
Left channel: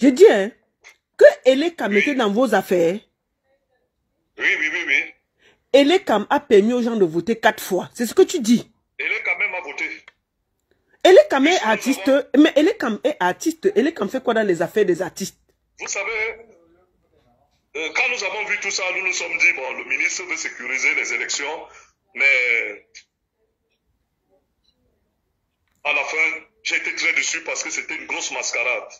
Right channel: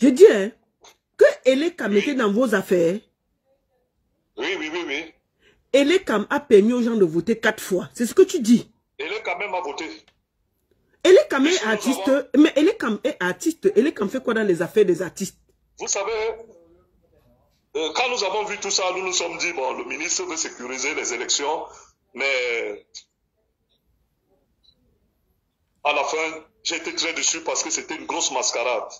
Je dis, hein, que Elekam était dans vos affaires. Oui. Elekam a permis aux gens de voter 4 fois. C'est ce que tu dis. Elekam même a voté. Elekam est artiste. Mais Elekam est artiste. Elekam fait quoi dans les affaires des artistes? Vous savez, quand nous avons vu tout ça, nous nous sommes dit, bon, le ministre veut sécuriser les élections, mais à la fin, j'ai été très déçu parce que c'était une grosse mascarade.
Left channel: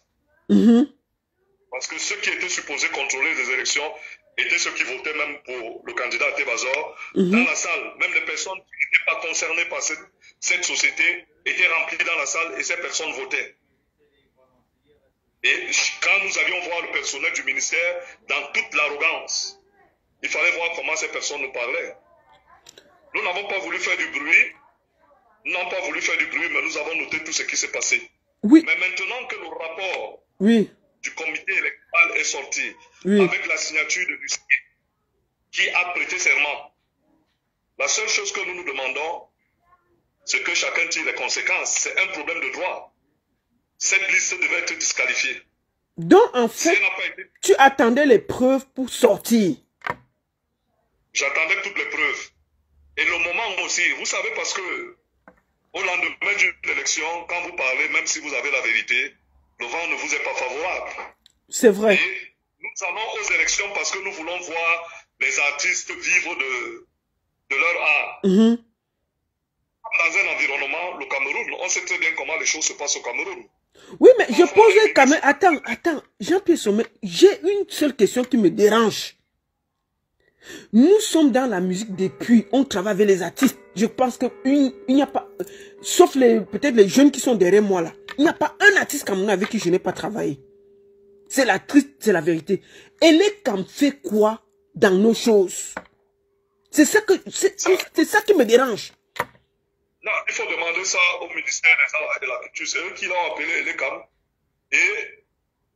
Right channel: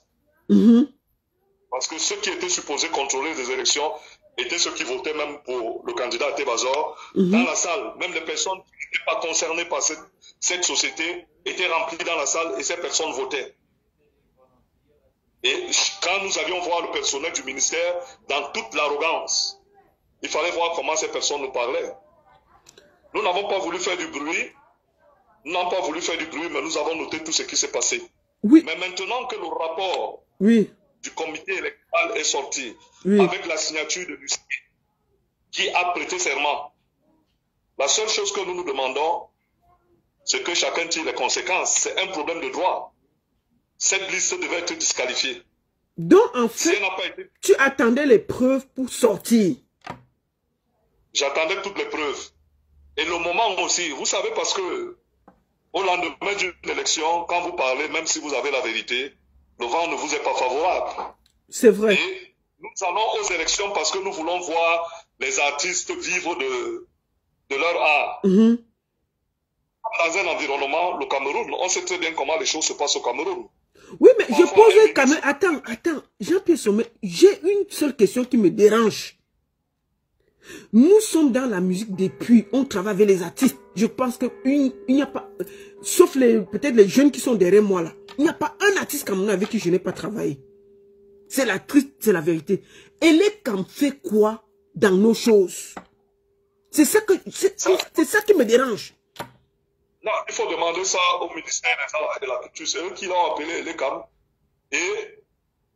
Parce que ceux qui étaient supposés contrôler les élections étaient ceux qui votaient même pour le candidat Até Bazor. Dans la salle, même les personnes qui n'étaient pas concernées par cette société étaient remplies dans la salle et ces personnes votaient. Et quand nous allions voir le personnel du ministère, dans toute l'arrogance, il fallait voir comment ces personnes nous parlaient. Nous n'avons pas voulu faire du bruit. Nous n'avons pas voulu faire du bruit, mais nous avons noté tout ce qui s'est passé. Oui. Mais maintenant que le rapport du comité électoral est sorti, avec la signature de Lucie, qui a prêté serment, la seule chose que nous nous demandons, c'est que chacun tire les conséquences. C'est un problème de droit. Cette liste devait être disqualifiée. Donc, en fait, tu attendais les preuves pour sortir. J'attendais toutes les preuves. Et le moment aussi, vous savez, parce que au lendemain d'une élection, quand vous parlez, même si vous avez la vérité, le vent ne vous est pas favorable. C'est vrai. Et nous allons aux élections parce que nous voulons voir les artistes vivre de leur art. dans un environnement, le Cameroun, on sait très bien comment les choses se passent au Cameroun. Oui, mais je pose quand même... Attends, Jean-Pierre Sommet, j'ai une seule question qui me dérange. Nous sommes dans la musique depuis, on travaille avec les artistes. Je pense qu'il n'y a pas, sauf peut-être les jeunes qui sont derrière moi là, il n'y a pas un artiste camerounais avec qui je n'ai pas travaillé. C'est la triste, c'est la vérité. Et les Cam fait quoi dans nos choses? C'est ça qui me dérange. Non, il faut demander ça au ministère des Arts et de la Culture. C'est eux qui l'ont appelé les Cam. Et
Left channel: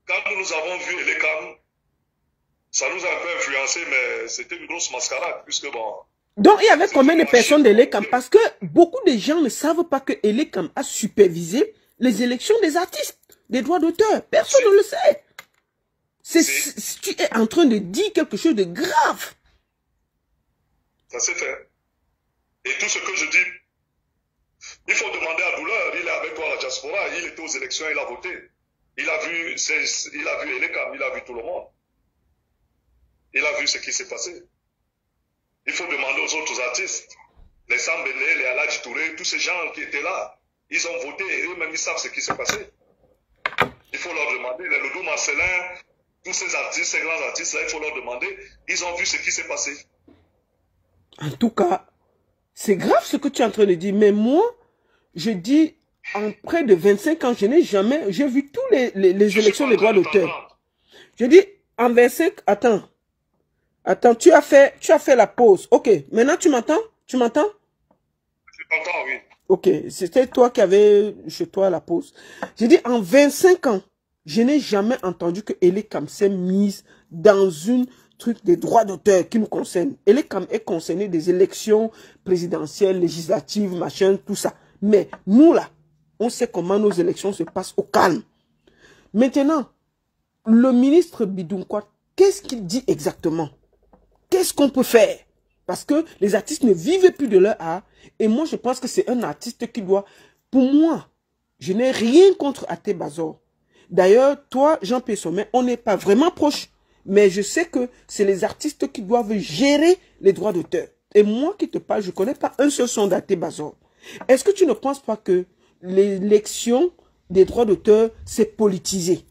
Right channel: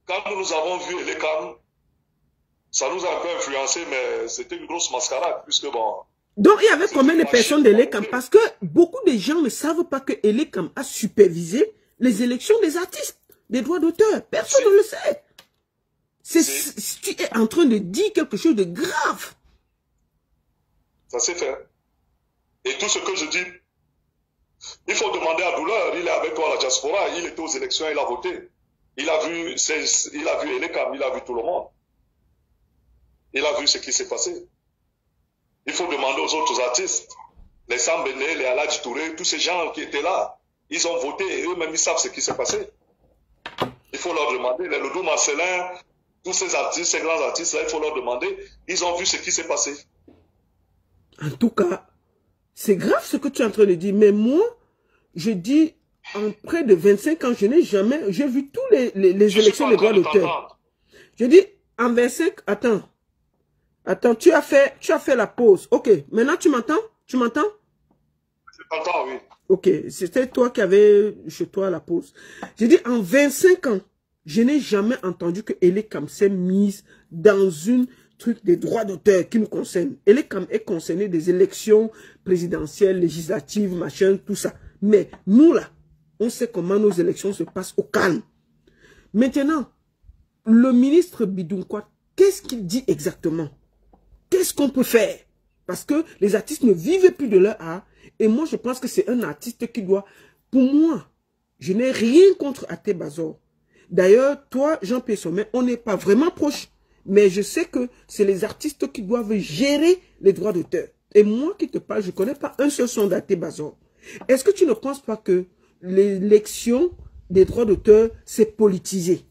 quand nous avons vu les Cam, ça nous a un peu influencé, mais c'était une grosse mascarade, puisque bon... Donc, il y avait combien de personnes de l'ECAM? Parce que beaucoup de gens ne savent pas que l'ECAM a supervisé les élections des artistes, des droits d'auteur. Personne ne le sait. Tu es en train de dire quelque chose de grave. Ça s'est fait. Et tout ce que je dis, il faut demander à Douleur. Il est avec toi à la diaspora, il était aux élections, il a voté. Il a vu l'ECAM, il a vu tout le monde. Il a vu ce qui s'est passé. Il faut demander aux autres artistes, les Sambéné, les Aladji Touré, tous ces gens qui étaient là, ils ont voté et eux-mêmes ils savent ce qui s'est passé. Il faut leur demander, les Loudou Marcelin, tous ces artistes, ces grands artistes-là, il faut leur demander, ils ont vu ce qui s'est passé. En tout cas, c'est grave ce que tu es en train de dire, mais moi, je dis, en près de 25 ans, je n'ai jamais, j'ai vu tous les élections des droits d'auteur. Je dis, en 25, Attends, tu as fait la pause. Ok, maintenant tu m'entends? Tu m'entends? Je t'entends, oui. Ok, c'était toi qui avais chez toi la pause. J'ai dit, en 25 ans, je n'ai jamais entendu que l'ECAM s'est mise dans une truc des droits d'auteur qui nous concerne. l'ECAM est concerné des élections présidentielles, législatives, machin, tout ça. Mais nous là, on sait comment nos élections se passent au calme. Maintenant, le ministre Bidounkwa, qu'est-ce qu'il dit exactement? Qu'est-ce qu'on peut faire? Parce que les artistes ne vivent plus de leur art. Et moi, je pense que c'est un artiste qui doit... Pour moi, je n'ai rien contre Athé Bazor. D'ailleurs, toi, Jean-Pierre Sommet, on n'est pas vraiment proches. Mais je sais que c'est les artistes qui doivent gérer les droits d'auteur. Et moi qui te parle, je ne connais pas un seul son d'Athé Bazor. Est-ce que tu ne penses pas que l'élection des droits d'auteur, c'est politisé?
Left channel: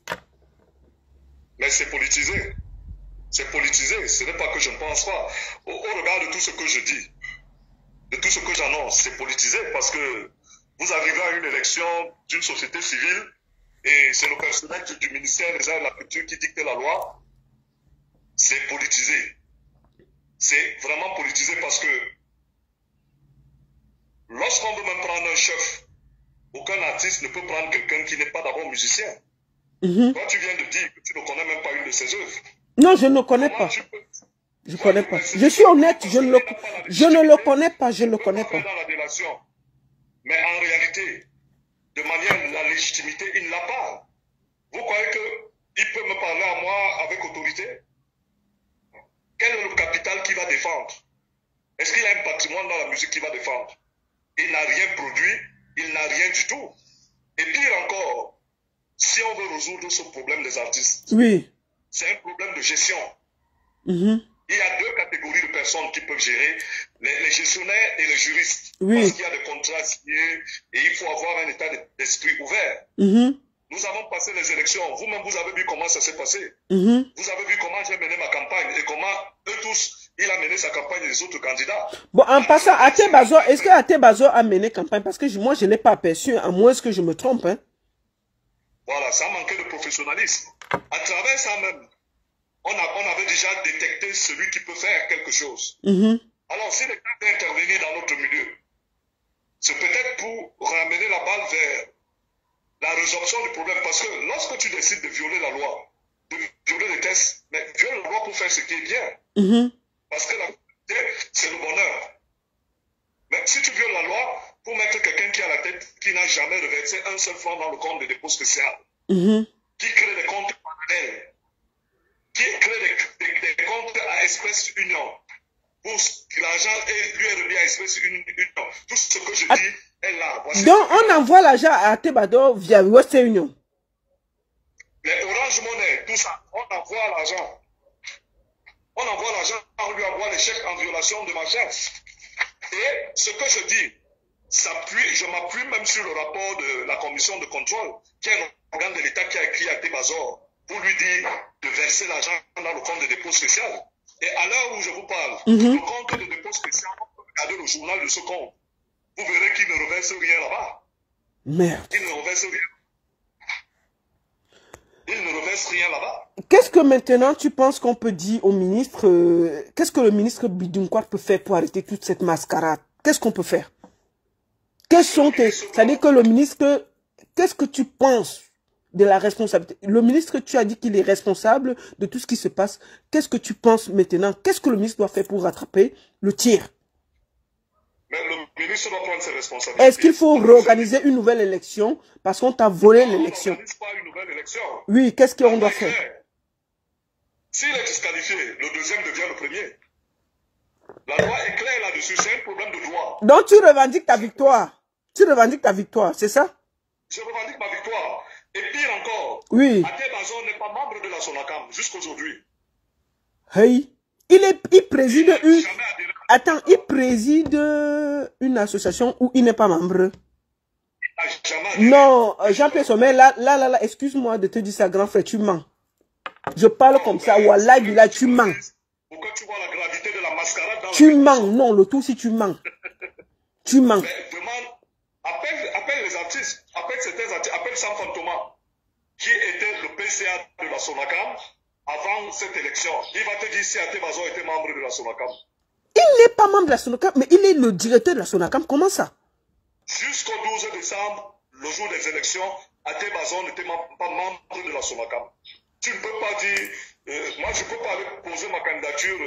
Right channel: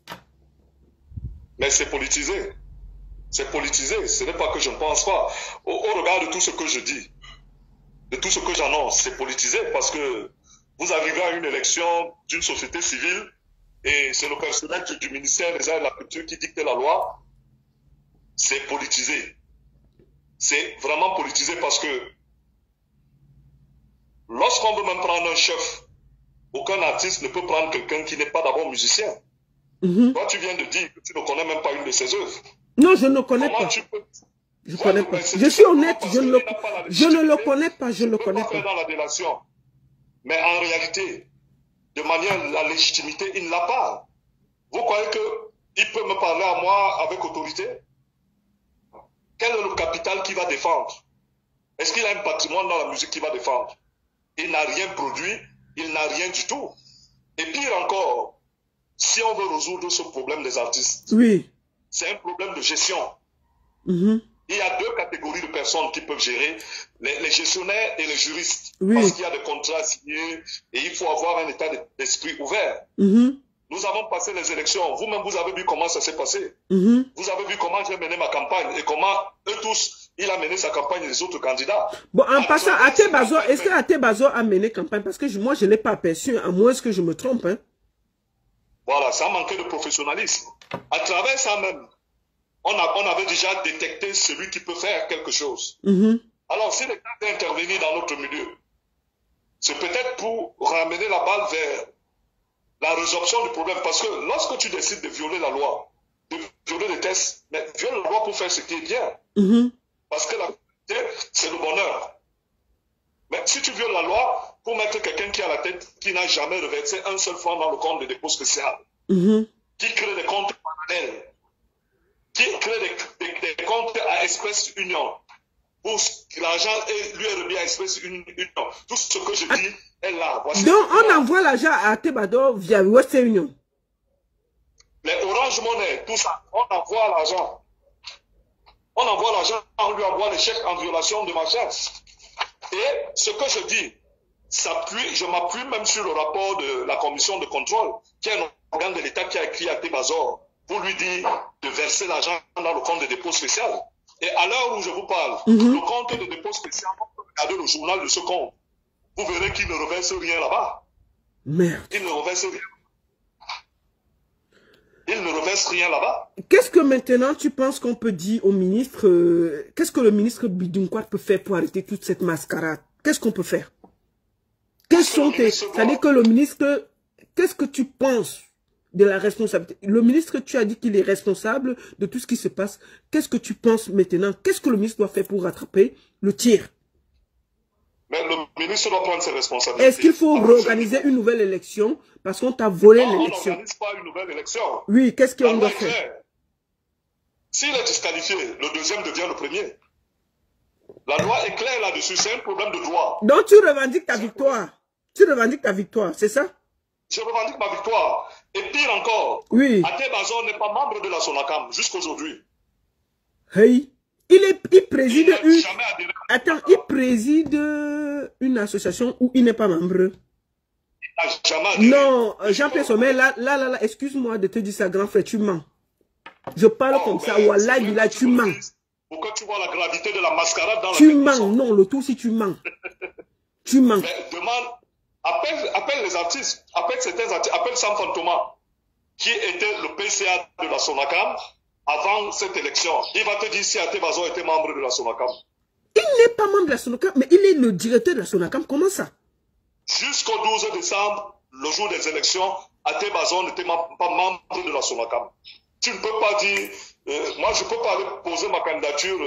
Mais c'est politisé. C'est politisé, ce n'est pas que je ne pense pas. Au regard de tout ce que je dis, de tout ce que j'annonce, c'est politisé parce que vous arrivez à une élection d'une société civile et c'est le personnel du ministère des Arts et de la Culture qui dicte la loi. C'est politisé. C'est vraiment politisé parce que lorsqu'on veut même prendre un chef, aucun artiste ne peut prendre quelqu'un qui n'est pas d'abord musicien. Toi, tu viens de dire que tu ne connais même pas une de ses œuvres. Non, je ne connais pas. Je ne connais pas. Je suis honnête, je ne le connais pas, je ne le connais pas. Dans la délation. Mais en réalité, de manière, la légitimité, il ne l'a pas. Vous croyez qu'il peut me parler à moi avec autorité? Quel est le capital qu'il va défendre? Est-ce qu'il a un patrimoine dans la musique qu'il va défendre? Il n'a rien produit, il n'a rien du tout. Et pire encore, si on veut résoudre ce problème des artistes, oui, c'est un problème de gestion. Il y a deux catégories de personnes qui peuvent gérer, les gestionnaires et les juristes. Oui. Parce qu'il y a des contrats signés et il faut avoir un état d'esprit ouvert. Nous avons passé les élections. Vous-même, vous avez vu comment ça s'est passé. Vous avez vu comment j'ai mené ma campagne et comment eux tous, il a mené sa campagne et les autres candidats. Bon, en passant, Athé Bazor, est-ce que Athé Bazor a mené campagne? Parce que moi, je ne l'ai pas aperçu, à moins que je me trompe. Hein. Voilà, ça manquait de professionnalisme. À travers ça même, on avait déjà détecté celui qui peut faire quelque chose. Alors, si l'État est intervenu dans notre milieu, c'est peut-être pour ramener la balle vers la résorption du problème. Parce que lorsque tu décides de violer la loi, de violer les tests, mais viole la loi pour faire ce qui est bien. Parce que la vérité, c'est le bonheur. Mais si tu violes la loi pour mettre quelqu'un qui a la tête, qui n'a jamais reversé un seul franc dans le compte de dépôt spécial, qui crée des comptes parallèles, qui crée des comptes à espèce union, pour que l'argent lui est remis à espèce union. Tout ce que je dis est là. Voici. Donc, on envoie l'argent à Athé Bazor via Western Union. Les Orange Money, tout ça, on envoie l'argent. On envoie l'argent, on lui envoie les chèques en violation de ma chef. Et ce que je dis, je m'appuie même sur le rapport de la commission de contrôle, qui est un organe de l'État qui a écrit à Tébazor pour lui dire de verser l'argent dans le compte de dépôt spécial. Et à l'heure où je vous parle, le compte de dépôt spécial, on peut regarder le journal de ce compte. Vous verrez qu'il ne reverse rien là-bas. Merde. Il ne reverse rien. Il ne reverse rien là-bas. Qu'est-ce que maintenant tu penses qu'on peut dire au ministre, qu'est-ce que le ministre Bidunkwat peut faire pour arrêter toute cette mascarade? Qu'est-ce qu'on peut faire? Quels sont tes... C'est-à-dire que le ministre, qu'est-ce que tu penses de la responsabilité? Le ministre, tu as dit qu'il est responsable de tout ce qui se passe. Qu'est-ce que tu penses maintenant? Qu'est-ce que le ministre doit faire pour rattraper le tir? Mais le ministre doit prendre ses responsabilités. Est-ce qu'il faut réorganiser une nouvelle élection parce qu'on t'a volé l'élection? On n'organise pas une nouvelle élection. Oui, qu'est-ce qu'on doit faire? S'il est disqualifié, le deuxième devient le premier. La loi est claire là-dessus, c'est un problème de droit. Donc tu revendiques ta victoire. Tu revendiques ta victoire, c'est ça? Je revendique ma victoire. Et pire encore, oui. Até Bazor n'est pas membre de la SONACAM jusqu'aujourd'hui. Hey. Il préside une... Attends, il préside une association où il n'est pas membre. Non, Jean-Pierre Sommet, là, excuse-moi de te dire ça, grand frère, tu mens. Je parle comme ça, wallah, là, tu mens. Pour que tu vois la gravité de la mascarade dans tu mens, non, le tout si tu mens. Tu mens. Mais demande, appelle les artistes, appelle certains artistes, appelle Sam Fantoma, qui était le PCA de la SONACAM avant cette élection. Il va te dire si Até Bazor était membre de la SONACAM. Il n'est pas membre de la SONACAM, mais il est le directeur de la SONACAM. Comment ça? Jusqu'au 12 décembre, le jour des élections, Até Bazor n'était pas membre de la SONACAM. Tu ne peux pas dire... moi, je ne peux pas aller poser ma candidature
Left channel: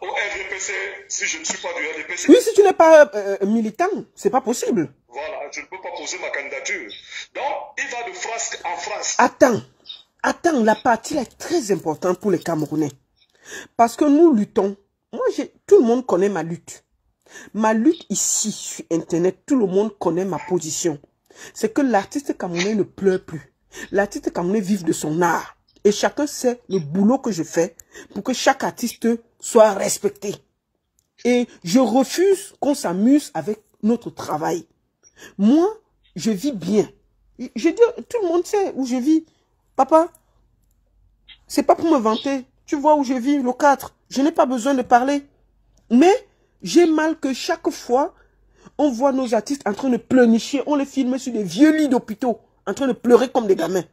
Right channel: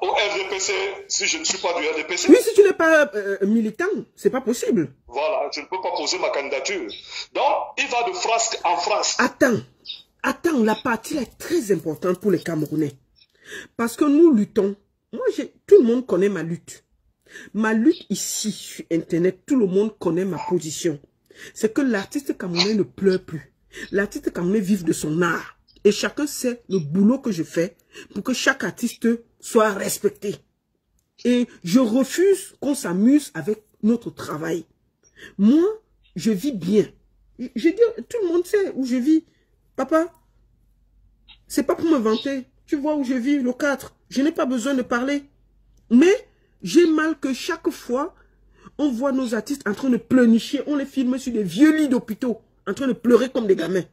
au RDPC si je ne suis pas du RDPC. Oui, si tu n'es pas militant, c'est pas possible. Voilà, je ne peux pas poser ma candidature. Donc, il va de frasque en frasque. Attends, la partie là est très importante pour les Camerounais. Parce que nous luttons. Moi, tout le monde connaît ma lutte. Ma lutte ici, sur Internet, tout le monde connaît ma position. C'est que l'artiste camerounais ne pleure plus. L'artiste camerounais vive de son art. Et chacun sait le boulot que je fais pour que chaque artiste soit respecté. Et je refuse qu'on s'amuse avec notre travail. Moi, je vis bien. Je dis, tout le monde sait où je vis. Papa, c'est pas pour me vanter. Tu vois où je vis, le 4. Je n'ai pas besoin de parler. Mais j'ai mal que chaque fois, on voit nos artistes en train de pleurnicher. On les filme sur des vieux lits d'hôpitaux, en train de pleurer comme des gamins.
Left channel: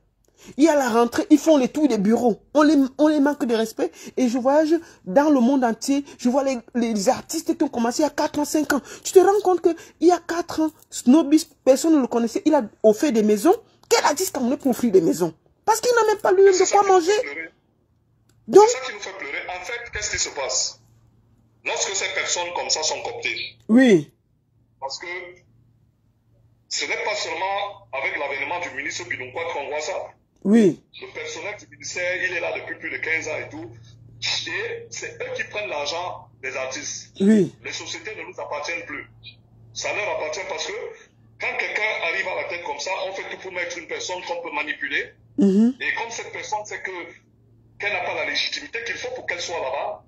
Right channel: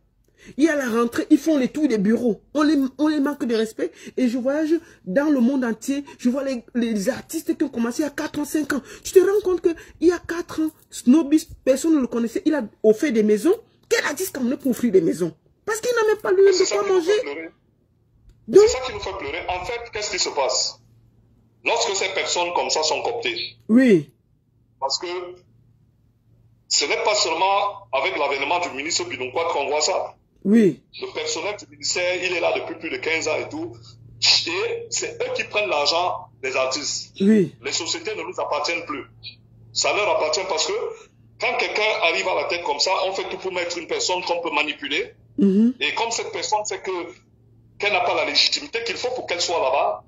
Il y a la rentrée, ils font les tours des bureaux. On les manque de respect. Et je voyage dans le monde entier. Je vois les artistes qui ont commencé il y a 4 ans, 5 ans. Tu te rends compte qu'il y a 4 ans, Snobis, personne ne le connaissait. Il a offert des maisons. Quel artiste camerounais pour offrir des maisons? Parce qu'il n'a même pas lui de quoi manger. C'est ça qui nous fait pleurer. En fait, qu'est-ce qui se passe? Lorsque ces personnes comme ça sont cooptées. Oui. Parce que ce n'est pas seulement avec l'avènement du ministre Bidunkwat qu'on voit ça. Oui. Le personnel du ministère, il est là depuis plus de 15 ans et tout. Et c'est eux qui prennent l'argent des artistes. Oui. Les sociétés ne nous appartiennent plus. Ça leur appartient parce que quand quelqu'un arrive à la tête comme ça, on fait tout pour mettre une personne qu'on peut manipuler. Et comme cette personne sait qu'elle n'a pas la légitimité qu'il faut pour qu'elle soit là-bas,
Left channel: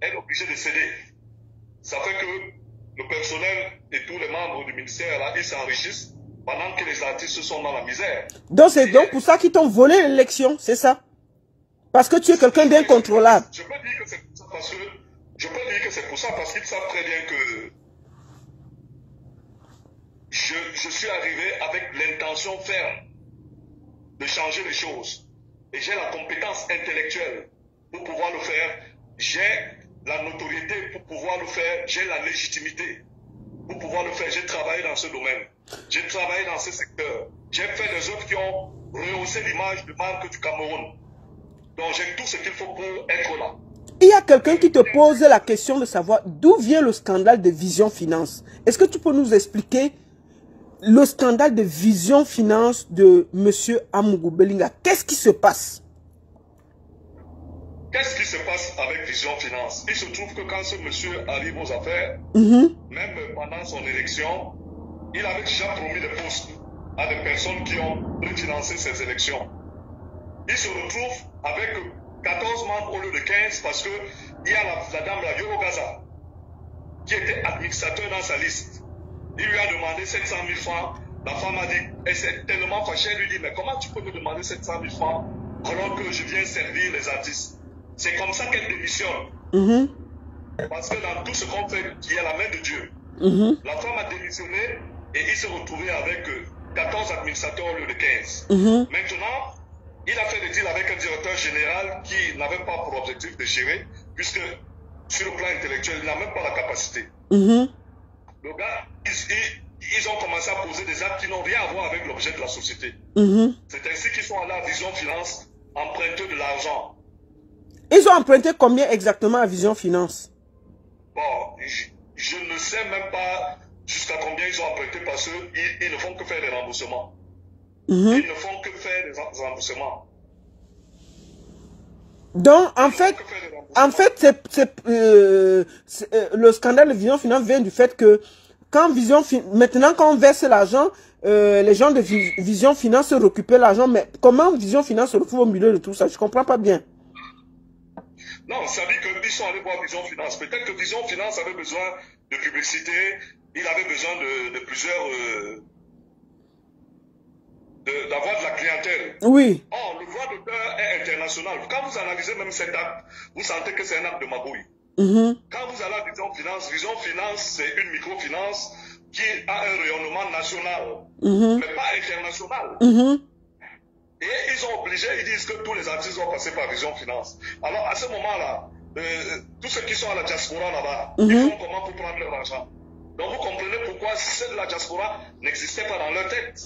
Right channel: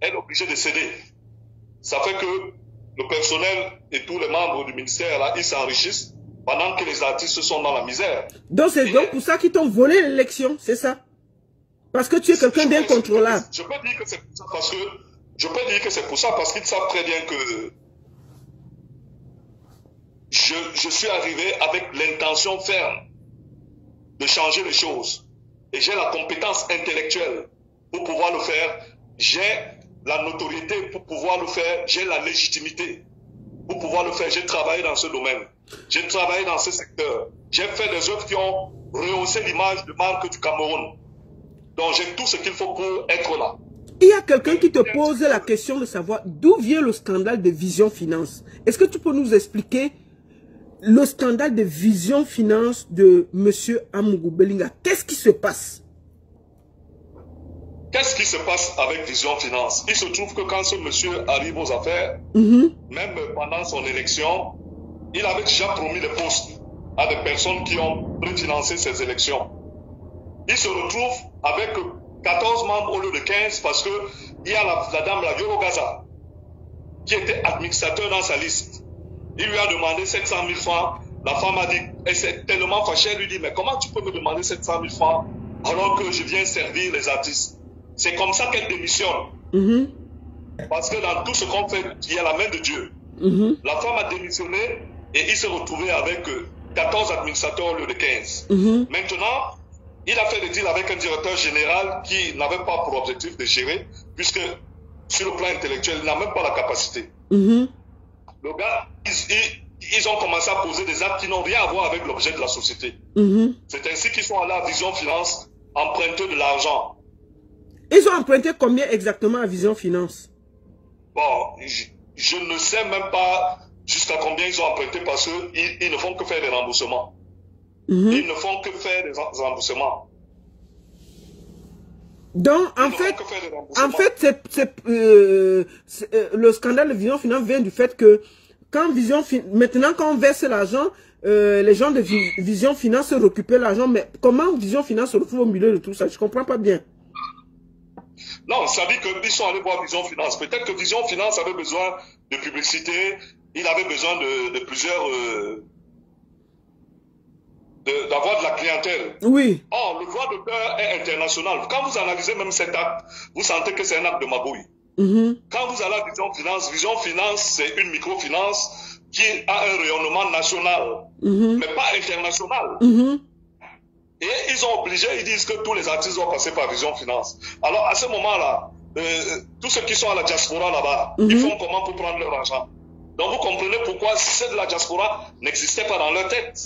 elle est obligée de céder. Ça fait que le personnel et tous les membres du ministère, là, ils s'enrichissent pendant que les artistes sont dans la misère. Donc c'est donc pour ça qu'ils t'ont volé l'élection, c'est ça? Parce que tu es quelqu'un d'incontrôlable. Je peux dire que c'est pour ça parce que qu'ils savent très bien que je suis arrivé avec l'intention ferme de changer les choses. Et j'ai la compétence intellectuelle pour pouvoir le faire. J'ai la notoriété pour pouvoir le faire. J'ai la légitimité pour pouvoir le faire. J'ai travaillé dans ce domaine. J'ai travaillé dans ce secteur. J'ai fait des œuvres qui ont rehaussé l'image de marque du Cameroun. Donc j'ai tout ce qu'il faut pour être là. Il y a quelqu'un qui te pose la question de savoir d'où vient le scandale de Vision Finance. Est-ce que tu peux nous expliquer le scandale de Vision Finance de M. Amougou Belinga? Qu'est-ce qui se passe? Qu'est-ce qui se passe avec Vision Finance? Il se trouve que quand ce monsieur arrive aux affaires, même pendant son élection, il avait déjà promis des postes à des personnes qui ont préfinancé ces élections. Il se retrouve avec 14 membres au lieu de 15 parce qu'il y a la dame, la Yoro Gaza, qui était administrateur dans sa liste. Il lui a demandé 700 000 francs. La femme a dit, elle s'est tellement fâchée, elle lui dit, mais comment tu peux me demander 700 000 francs alors que je viens servir les artistes? C'est comme ça qu'elle démissionne. Parce que dans tout ce qu'on fait, il y a la main de Dieu. La femme a démissionné et il s'est retrouvé avec 14 administrateurs au lieu de 15. Maintenant, il a fait des deals avec un directeur général qui n'avait pas pour objectif de gérer, puisque sur le plan intellectuel, il n'a même pas la capacité. Le gars, ils ont commencé à poser des actes qui n'ont rien à voir avec l'objet de la société. C'est ainsi qu'ils sont allés à Vision Finance emprunter de l'argent. Ils ont emprunté combien exactement à Vision Finance? Bon, je ne sais même pas jusqu'à combien ils ont emprunté parce qu'ils ne font que faire des remboursements. Ils ne font que faire des remboursements. Donc, en fait, le scandale de Vision Finance vient du fait que quand maintenant, quand on verse l'argent, les gens de Vision Finance se récupèrent l'argent. Mais comment Vision Finance se retrouve au milieu de tout ça? Je ne comprends pas bien. Non, ça dit qu'ils sont allés voir Vision Finance. Peut-être que Vision Finance avait besoin de publicité, il avait besoin de plusieurs... d'avoir de la clientèle. Oui. Or, le droit d'auteur est international. Quand vous analysez même cet acte, vous sentez que c'est un acte de magouille. Quand vous allez à Vision Finance, c'est une microfinance qui a un rayonnement national, mais pas international. Et ils ont obligé, ils disent que tous les artistes vont passer par Vision Finance. Alors, à ce moment-là, tous ceux qui sont à la diaspora là-bas, ils font comment pour prendre leur argent? Donc, vous comprenez pourquoi ceux de la diaspora n'existaient pas dans leur tête.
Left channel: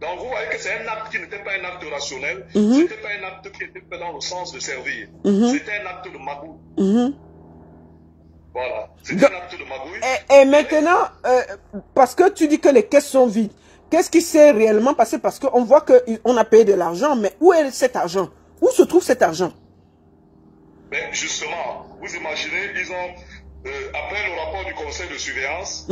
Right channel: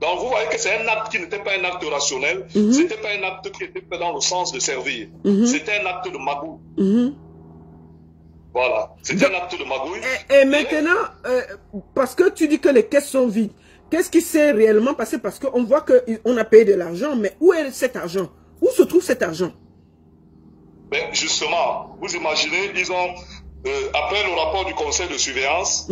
Donc, vous voyez que c'est un acte qui n'était pas un acte rationnel, c'était pas un acte qui était fait dans le sens de servir. C'était un acte de magouille. Voilà, c'était un acte de magouille. Et maintenant, parce que tu dis que les caisses sont vides, qu'est-ce qui s'est réellement passé? Parce qu'on voit qu'on a payé de l'argent, mais où est cet argent? Où se trouve cet argent? Ben justement, vous imaginez, ils ont, après le rapport du conseil de surveillance,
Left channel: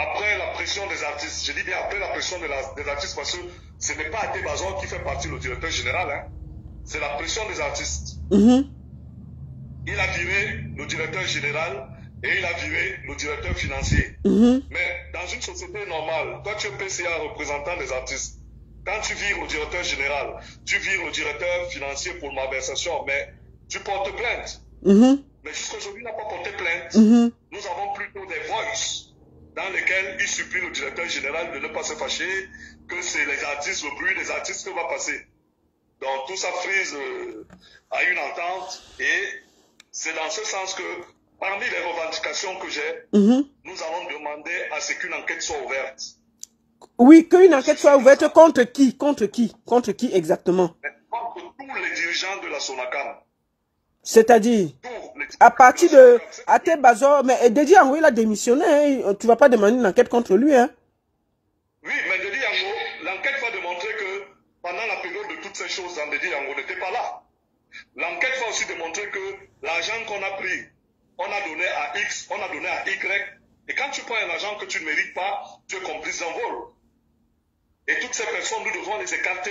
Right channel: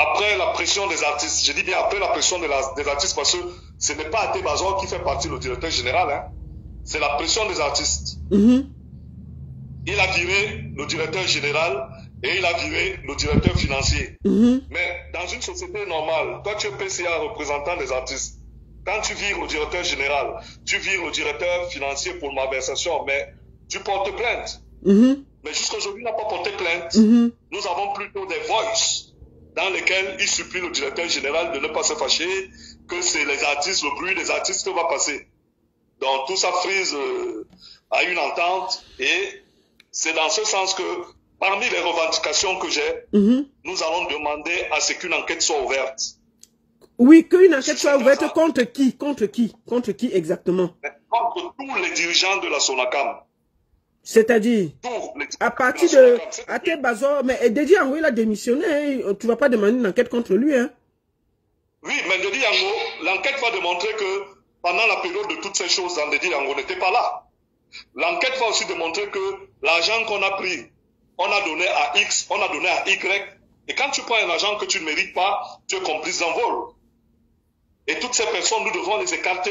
après la pression des artistes, je dis bien après la pression des artistes parce que ce n'est pas Até Bazor qui fait partie du directeur général, hein. C'est la pression des artistes. Il a viré le directeur général et il a viré le directeur financier. Mais dans une société normale, toi tu es PCA représentant des artistes. Quand tu vires le directeur général, tu vires le directeur financier pour malversation, mais tu portes plainte. Mais jusqu'à aujourd'hui, il n'a pas porté plainte. Nous avons plutôt des voices dans lesquels il supplie le directeur général de ne pas se fâcher, que c'est les artistes, le bruit des artistes qui va passer. Donc tout ça frise à une entente et c'est dans ce sens que parmi les revendications que j'ai, nous allons demander à ce qu'une enquête soit ouverte. Oui, qu'une enquête soit ouverte contre qui? Contre qui? Contre qui exactement? Contre tous les dirigeants de la SONACAM. C'est-à-dire, à partir de Até Bazor, mais Dédi Yango, il a démissionné, hein. Tu ne vas pas demander une enquête contre lui, hein? Oui, mais Dédi Yango, l'enquête va démontrer que pendant la période de toutes ces choses, Dédi Yango n'était pas là. L'enquête va aussi démontrer que l'argent qu'on a pris, on a donné à X, on a donné à Y, et quand tu prends un argent que tu ne mérites pas, tu es complice d'un vol. Et toutes ces personnes, nous devons les écarter,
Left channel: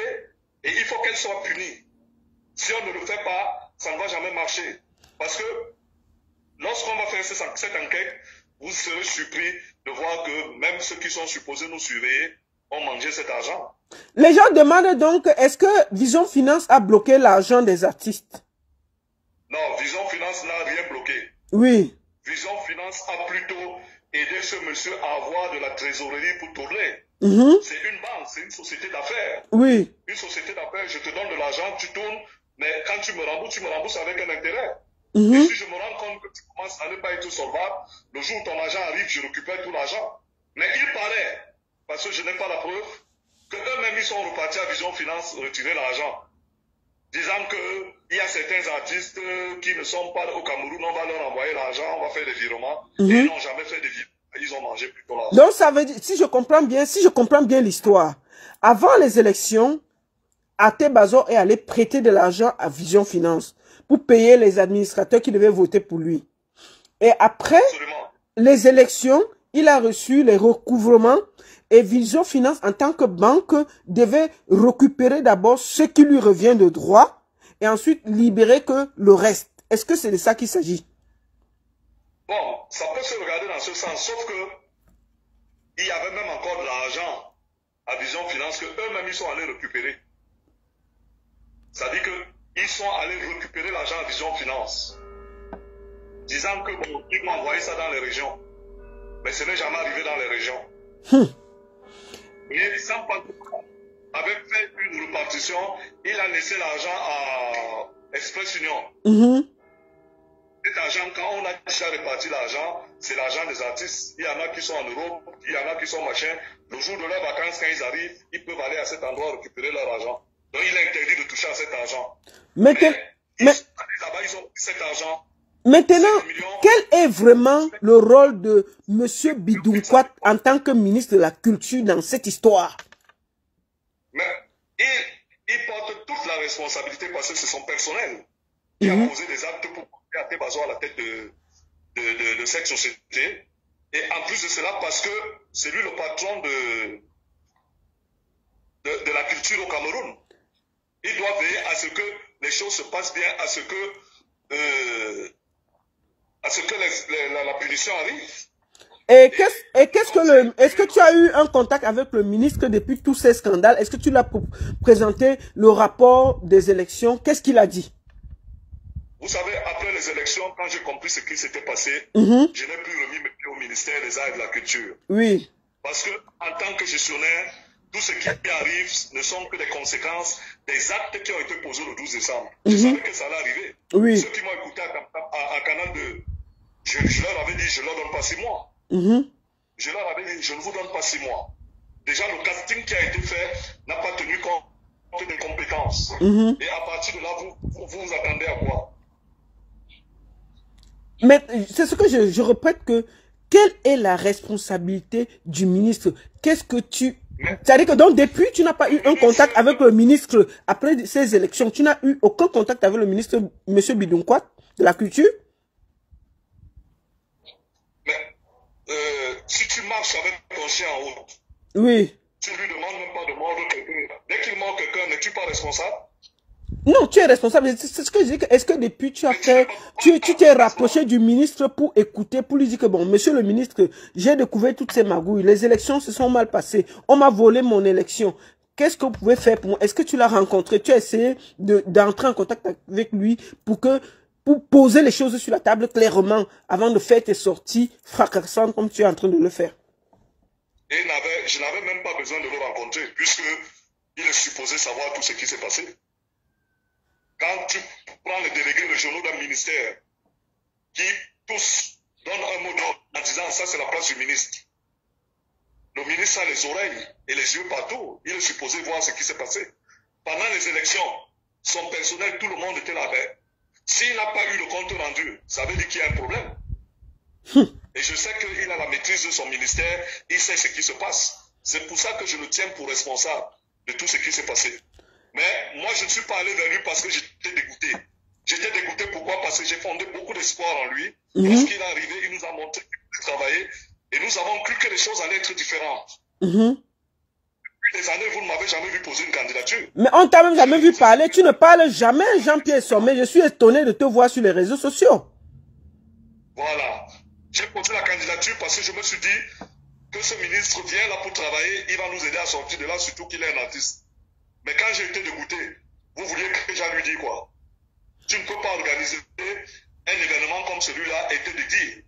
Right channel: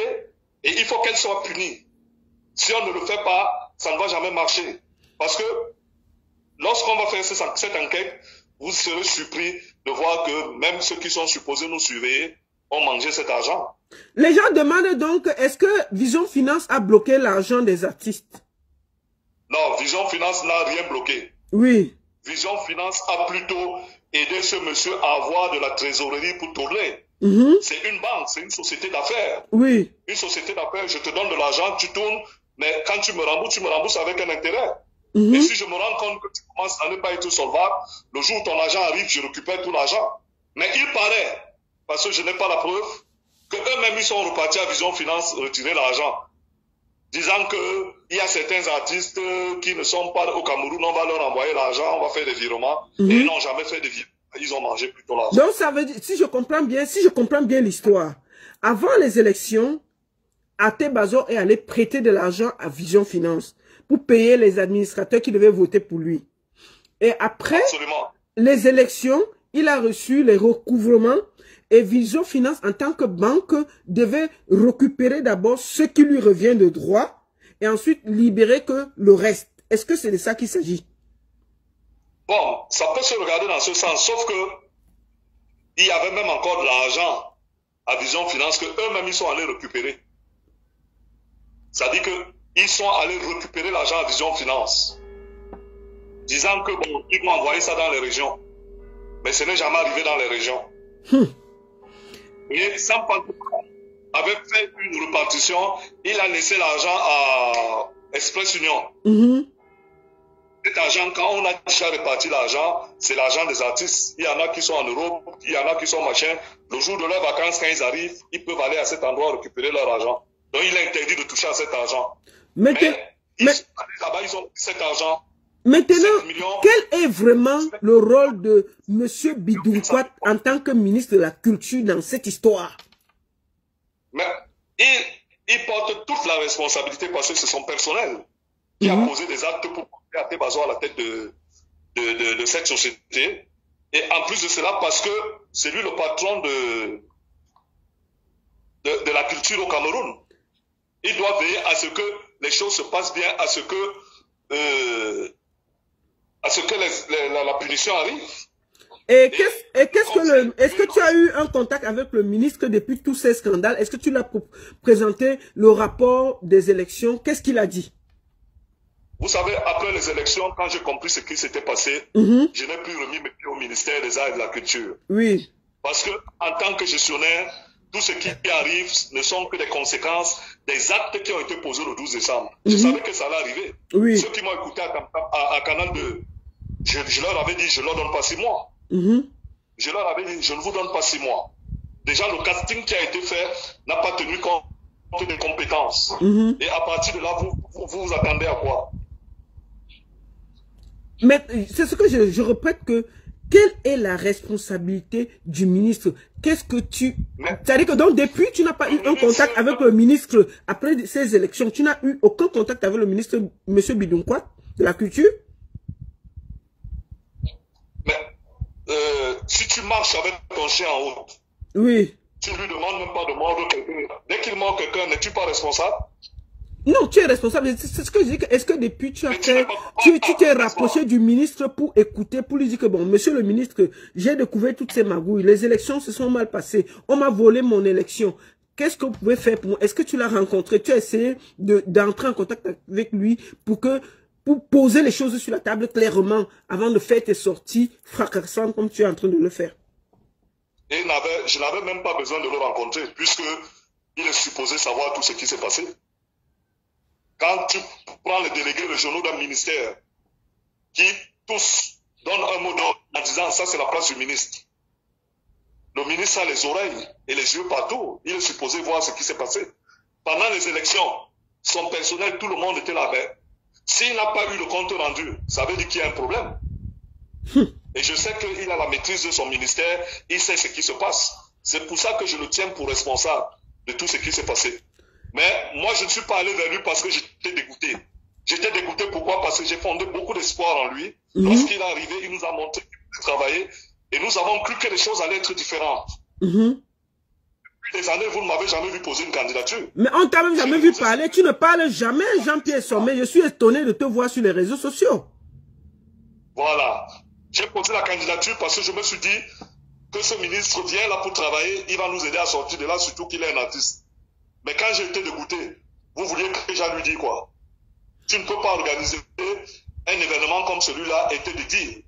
et il faut qu'elles soient punies. Si on ne le fait pas, ça ne va jamais marcher. Parce que lorsqu'on va faire cette enquête, vous serez surpris de voir que même ceux qui sont supposés nous surveiller ont mangé cet argent. Les gens demandent donc, est-ce que Vision Finance a bloqué l'argent des artistes? Non, Vision Finance n'a rien bloqué. Oui. Vision Finance a plutôt aidé ce monsieur à avoir de la trésorerie pour tourner. C'est une banque, c'est une société d'affaires. Oui. Une société d'affaires, je te donne de l'argent, tu tournes, mais quand tu me rembourses avec un intérêt. Et si je me rends compte que tu commences à ne pas être solvable, le jour où ton argent arrive, je récupère tout l'argent. Mais il paraît, parce que je n'ai pas la preuve, qu'eux-mêmes ils sont repartis à Vision Finance retirer l'argent. Disant qu'il y a certains artistes qui ne sont pas au Cameroun, on va leur envoyer l'argent, on va faire des virements. Et ils n'ont jamais fait de virements. Ils ont mangé plutôt l'argent. Donc ça veut dire, si je comprends bien l'histoire, avant les élections, Até Bazor est allé prêter de l'argent à Vision Finance pour payer les administrateurs qui devaient voter pour lui. Et après les élections, il a reçu les recouvrements et Vision Finance, en tant que banque, devait récupérer d'abord ce qui lui revient de droit et ensuite libérer que le reste. Est-ce que c'est de ça qu'il s'agit? Bon, ça peut se regarder dans ce sens, sauf que il y avait même encore de l'argent à Vision Finance que eux-mêmes ils sont allés récupérer. C'est-à-dire qu'ils sont allés récupérer l'argent à Vision Finance, disant que bon, ils vont envoyer ça dans les régions. Mais ce n'est jamais arrivé dans les régions. Et Sampan avait fait une répartition, il a laissé l'argent à Express Union. Cet argent, quand on a déjà réparti l'argent, c'est l'argent des artistes. Il y en a qui sont en Europe, il y en a qui sont machin. Le jour de leurs vacances, quand ils arrivent, ils peuvent aller à cet endroit récupérer leur argent. Donc il est interdit de toucher à cet argent. Mais là-bas, ils ont pris cet argent. Maintenant, quel est vraiment le rôle de M. Bidounkouat en tant que ministre de la Culture dans cette histoire? Mais il porte toute la responsabilité parce que c'est son personnel qui a posé des actes pour Até Bazor à la tête de cette société. Et en plus de cela, parce que c'est lui le patron de la culture au Cameroun. Il doit veiller à ce que les choses se passent bien, à ce que la punition arrive. Et est-ce que tu as eu un contact avec le ministre depuis tous ces scandales? Est-ce que tu l'as présenté le rapport des élections? Qu'est-ce qu'il a dit? Vous savez, après les élections, quand j'ai compris ce qui s'était passé, je n'ai plus remis mes pieds au ministère des Arts et de la Culture. Oui. Parce que, en tant que gestionnaire, tout ce qui arrive ne sont que des conséquences des actes qui ont été posés le 12 décembre. Je savais que ça allait arriver. Oui. Ceux qui m'ont écouté à Canal 2, je leur avais dit, je ne leur donne pas 6 mois. Je leur avais dit, je ne vous donne pas 6 mois. Déjà, le casting qui a été fait n'a pas tenu compte des compétences. Et à partir de là, vous attendez à quoi? Mais c'est ce que je répète que quelle est la responsabilité du ministre? Qu'est-ce que tu... C'est-à-dire que donc depuis, tu n'as pas eu un contact avec le ministre après ces élections. Tu n'as eu aucun contact avec le ministre, M. Bidounkouat, de la Culture? Mais si tu marches avec ton chien en route, oui. Tu ne lui demandes même pas de mordre quelqu'un. Dès qu'il mord quelqu'un, n'es-tu pas responsable? Non, tu es responsable. C'est ce que je dis. Est-ce que depuis tu as fait, tu t'es rapproché du ministre pour écouter, pour lui dire que bon, monsieur le ministre, j'ai découvert toutes ces magouilles. Les élections se sont mal passées. On m'a volé mon élection. Qu'est-ce que vous pouvez faire pour moi? Est-ce que tu l'as rencontré? Tu as essayé d'entrer en contact avec lui pour poser les choses sur la table clairement avant de faire tes sorties fracassantes comme tu es en train de le faire? Et je n'avais même pas besoin de le rencontrer puisque il est supposé savoir tout ce qui s'est passé. Quand tu prends les délégués régionaux d'un ministère qui tous donnent un mot d'ordre en disant ça c'est la place du ministre. Le ministre a les oreilles et les yeux partout. Il est supposé voir ce qui s'est passé. Pendant les élections, son personnel, tout le monde était là. S'il n'a pas eu le compte rendu, ça veut dire qu'il y a un problème. Et je sais qu'il a la maîtrise de son ministère, il sait ce qui se passe. C'est pour ça que je le tiens pour responsable de tout ce qui s'est passé. Mais moi, je ne suis pas allé vers lui parce que j'étais dégoûté. J'étais dégoûté pourquoi? Parce que j'ai fondé beaucoup d'espoir en lui. Lorsqu'il est arrivé, il nous a montré qu'il pouvait travailler et nous avons cru que les choses allaient être différentes. Depuis des années, vous ne m'avez jamais vu poser une candidature. Mais on t'a même jamais vu parler. Tu ne parles jamais, Jean-Pierre Sommet. Je suis étonné de te voir sur les réseaux sociaux. Voilà. J'ai posé la candidature parce que je me suis dit que ce ministre vient là pour travailler, il va nous aider à sortir de là, surtout qu'il est un artiste. Mais quand j'ai été dégoûté, vous vouliez que j'en lui dise quoi? Tu ne peux pas organiser un événement comme celui-là et te dire.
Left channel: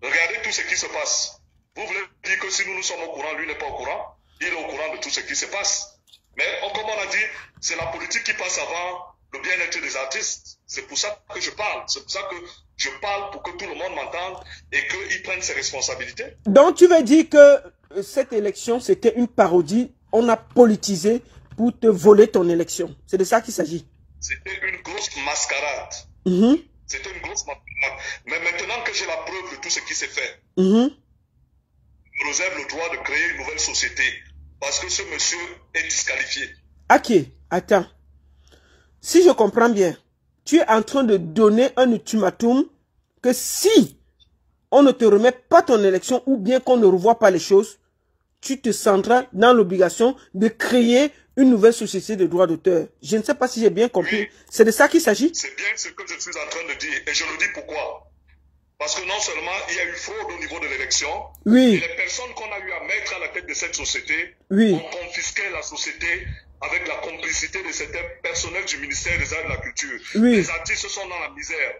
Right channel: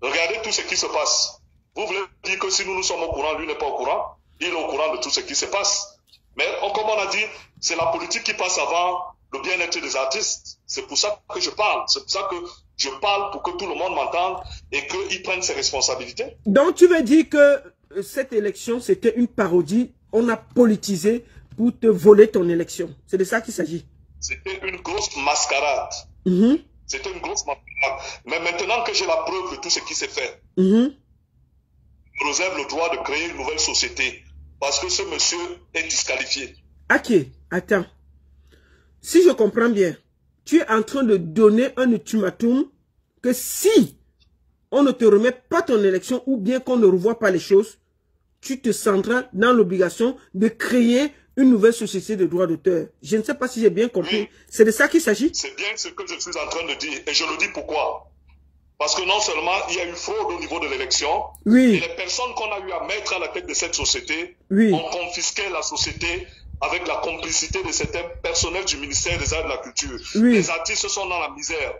Regardez tout ce qui se passe. Vous voulez dire que si nous sommes au courant, lui n'est pas au courant? Il est au courant de tout ce qui se passe. Mais comme on a dit, c'est la politique qui passe avant le bien-être des artistes. C'est pour ça que je parle. C'est pour ça que je parle pour que tout le monde m'entende et qu'il prenne ses responsabilités. Donc tu veux dire que cette élection, c'était une parodie? On a politisé pour te voler ton élection. C'est de ça qu'il s'agit. C'était une grosse mascarade. C'était une grosse mascarade. Mais maintenant que j'ai la preuve de tout ce qui s'est fait, je me réserve le droit de créer une nouvelle société. Parce que ce monsieur est disqualifié. Ok, attends. Si je comprends bien, tu es en train de donner un ultimatum que si on ne te remet pas ton élection ou bien qu'on ne revoit pas les choses, tu te sentiras dans l'obligation de créer une nouvelle société de droits d'auteur. Je ne sais pas si j'ai bien compris. Oui. C'est de ça qu'il s'agit? C'est bien ce que je suis en train de dire. Et je le dis pourquoi. Parce que non seulement il y a eu fraude au niveau de l'élection, Oui. et les personnes qu'on a eu à mettre à la tête de cette société Oui. ont confisqué la société avec la complicité de certains personnels du ministère des Arts et de la Culture. Oui. Les artistes sont dans la misère.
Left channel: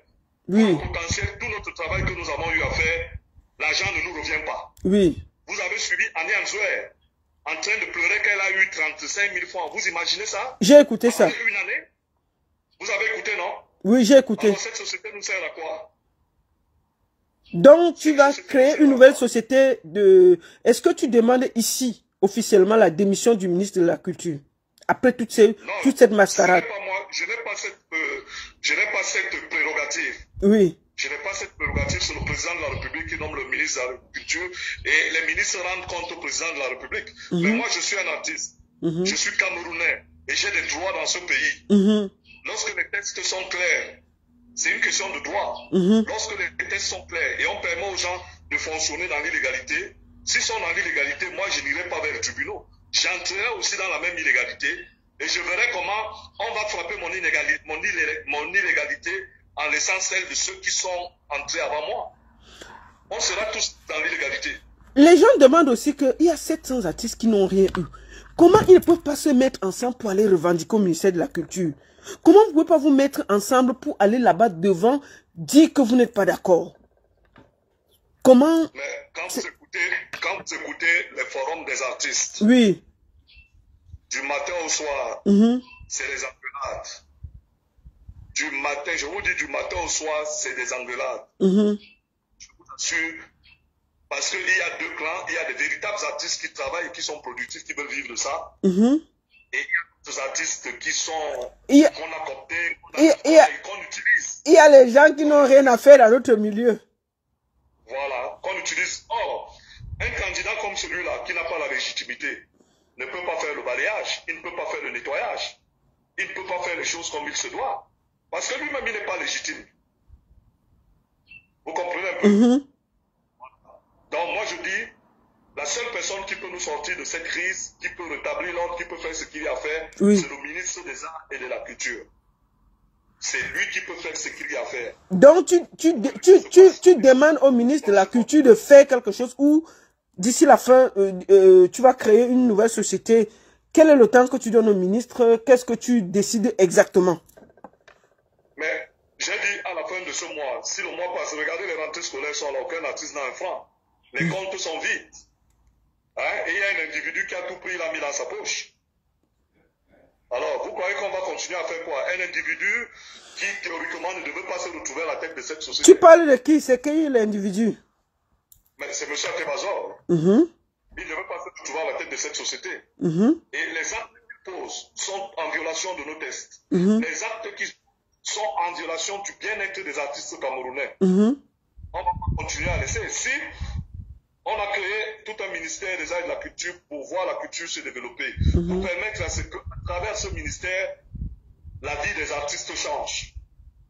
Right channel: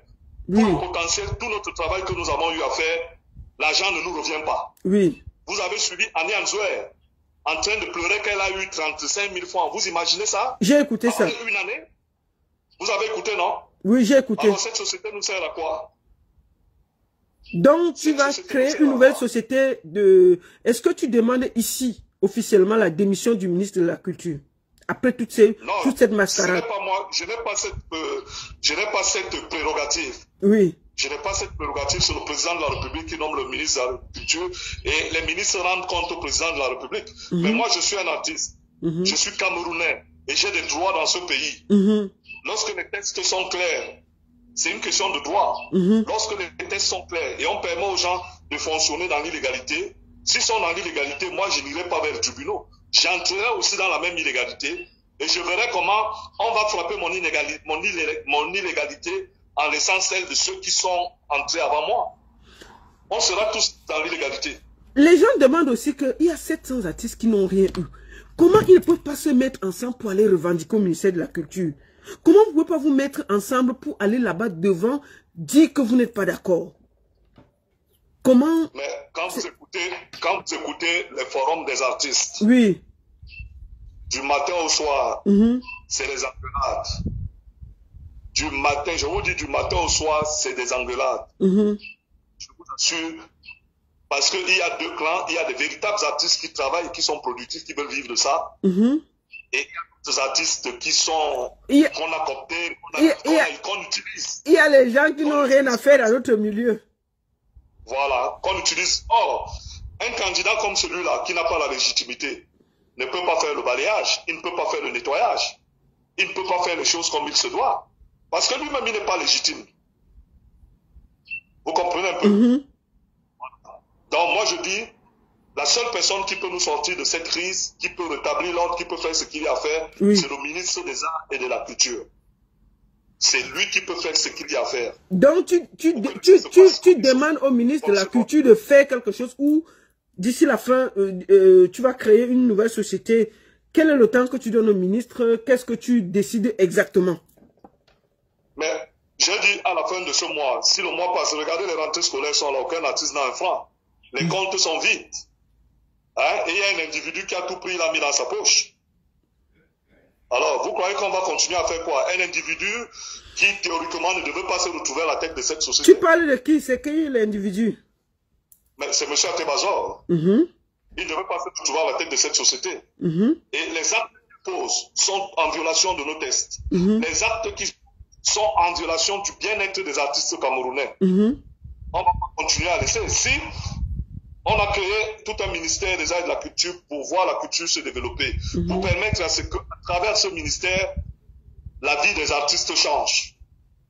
Oui. Pour le potentiel, tout notre travail que nous avons eu à faire, l'argent ne nous revient pas. Oui. Vous avez suivi Annie Anzouer en train de pleurer qu'elle a eu 35 000 francs. Vous imaginez ça? J'ai écouté ça. Après une année? Vous avez écouté, non? Oui, j'ai écouté. Alors cette société nous sert à quoi? Donc, tu vas créer une nouvelle société de... Est-ce que tu demandes ici, officiellement, la démission du ministre de la Culture? Après toute cette mascarade. Pas moi, je n'ai pas cette prérogative. Oui. Je n'ai pas cette prérogative sur le président de la République qui nomme le ministre de la Culture et les ministres rendent compte au président de la République. Mais moi, je suis un artiste. Je suis camerounais et j'ai des droits dans ce pays. Lorsque les textes sont clairs, c'est une question de droit. Lorsque les textes sont clairs et on permet aux gens de fonctionner dans l'illégalité, s'ils sont dans l'illégalité, moi, je n'irai pas vers les tribunaux. J'entrerai aussi dans la même illégalité et je verrai comment on va frapper mon illégalité en laissant celle de ceux qui sont entrés avant moi. On sera tous dans l'illégalité. Les gens demandent aussi qu'il y a 700 artistes qui n'ont rien eu. Comment ils ne peuvent pas se mettre ensemble pour aller revendiquer au ministère de la Culture? Comment vous ne pouvez pas vous mettre ensemble pour aller là-bas devant, dire que vous n'êtes pas d'accord? Comment... Mais quand vous écoutez les forums des artistes, oui, du matin au soir, c'est les engueulades. Du matin, je vous dis du matin au soir, c'est des engueulades. Je vous assure, parce qu'il y a deux clans, il y a des véritables artistes qui travaillent, qui sont productifs, qui veulent vivre de ça. Et il y a des artistes qui sont, qu'on a cooptés, qu'on utilise. Il y a les gens qui n'ont rien à faire dans notre milieu. Voilà, qu'on utilise. Or, un candidat comme celui-là, qui n'a pas la légitimité, ne peut pas faire le balayage, il ne peut pas faire le nettoyage, il ne peut pas faire les choses comme il se doit. Parce que lui-même, il n'est pas légitime. Vous comprenez un peu? Donc, moi, je dis, la seule personne qui peut nous sortir de cette crise, qui peut rétablir l'ordre, qui peut faire ce qu'il y a à faire, c'est le ministre des Arts et de la Culture. C'est lui qui peut faire ce qu'il y a à faire. Donc, tu demandes au ministre de la Culture de faire quelque chose ou, d'ici la fin, tu vas créer une nouvelle société. Quel est le temps que tu donnes au ministre? Qu'est-ce que tu décides exactement? Mais j'ai dit à la fin de ce mois, si le mois passe, regardez les rentrées scolaires sont là, aucun artiste n'a un franc. Les comptes sont vides. Hein? Et il y a un individu qui a tout pris, il a mis dans sa poche. Alors, vous croyez qu'on va continuer à faire quoi? Un individu qui, théoriquement, ne devait pas se retrouver à la tête de cette société. Tu parles de qui? C'est qui l'individu? Mais c'est M. Atebazor. Il ne devait pas se retrouver à la tête de cette société. Et les actes qu'il pose sont en violation de nos tests. Les actes qui sont en violation du bien-être des artistes camerounais. On va pas continuer à laisser. Si on a créé tout un ministère des Arts et de la Culture pour voir la culture se développer, pour permettre à ce que, à travers ce ministère, la vie des artistes change.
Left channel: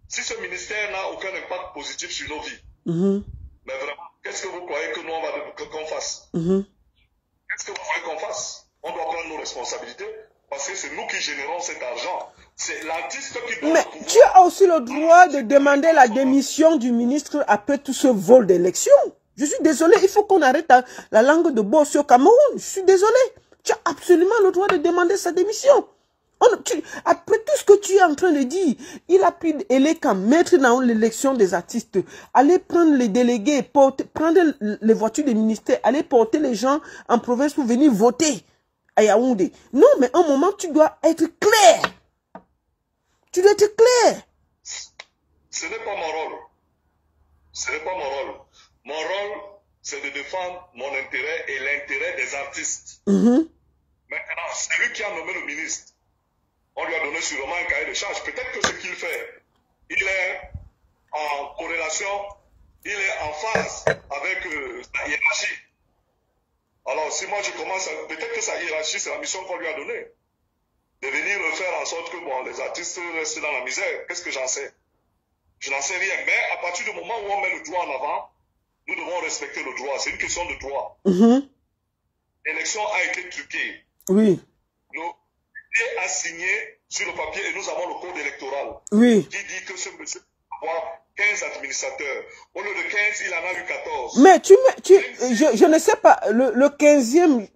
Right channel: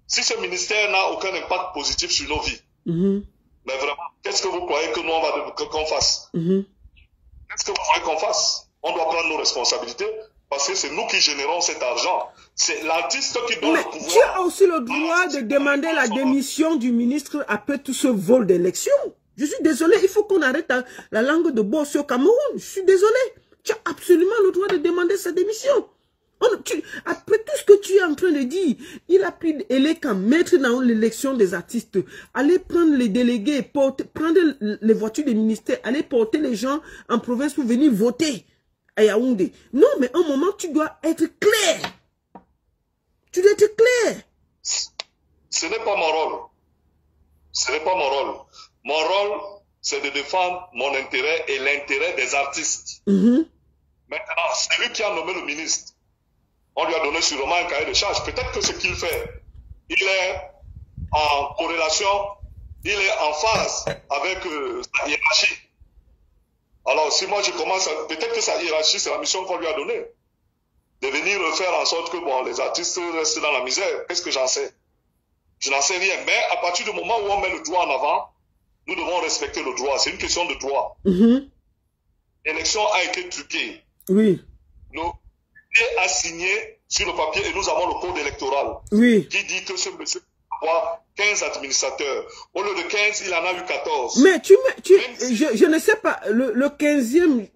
Si ce ministère n'a aucun impact positif sur nos vies, mais vraiment, qu'est-ce que vous croyez que nous, on va qu'on fasse? Qu'est-ce que vous croyez qu'on fasse? On doit prendre nos responsabilités parce que c'est nous qui générons cet argent. C'est l'artiste qui doit... Mais tu as aussi le droit de demander la démission du ministre après tout ce vol d'élection. Je suis désolé, il faut qu'on arrête la langue de boss au Cameroun. Je suis désolé. Tu as absolument le droit de demander sa démission. Après tout ce que tu es en train de dire, il a pris Eleka, mettre dans l'élection des artistes, aller prendre les délégués, prendre les voitures des ministères, aller porter les gens en province pour venir voter à Yaoundé. Non, mais à un moment, tu dois être clair. Tu dois être clair. Ce n'est pas mon rôle. Ce n'est pas mon rôle. Mon rôle, c'est de défendre mon intérêt et l'intérêt des artistes. Maintenant, c'est lui qui a nommé le ministre. On lui a donné sûrement un cahier de charge. Peut-être que ce qu'il fait, il est en corrélation, il est en phase avec sa hiérarchie. Alors, si moi je commence, peut-être que sa hiérarchie, c'est la mission qu'on lui a donnée. De venir faire en sorte que bon, les artistes restent dans la misère. Qu'est-ce que j'en sais? Je n'en sais rien. Mais à partir du moment où on met le droit en avant, nous devons respecter le droit. C'est une question de droit. L'élection a été truquée. Oui. Le papier a signé sur le papier et nous avons le code électoral qui dit que ce monsieur avoir 15 administrateurs. Au lieu de 15, il en a eu 14. Mais je ne sais pas, le 15e,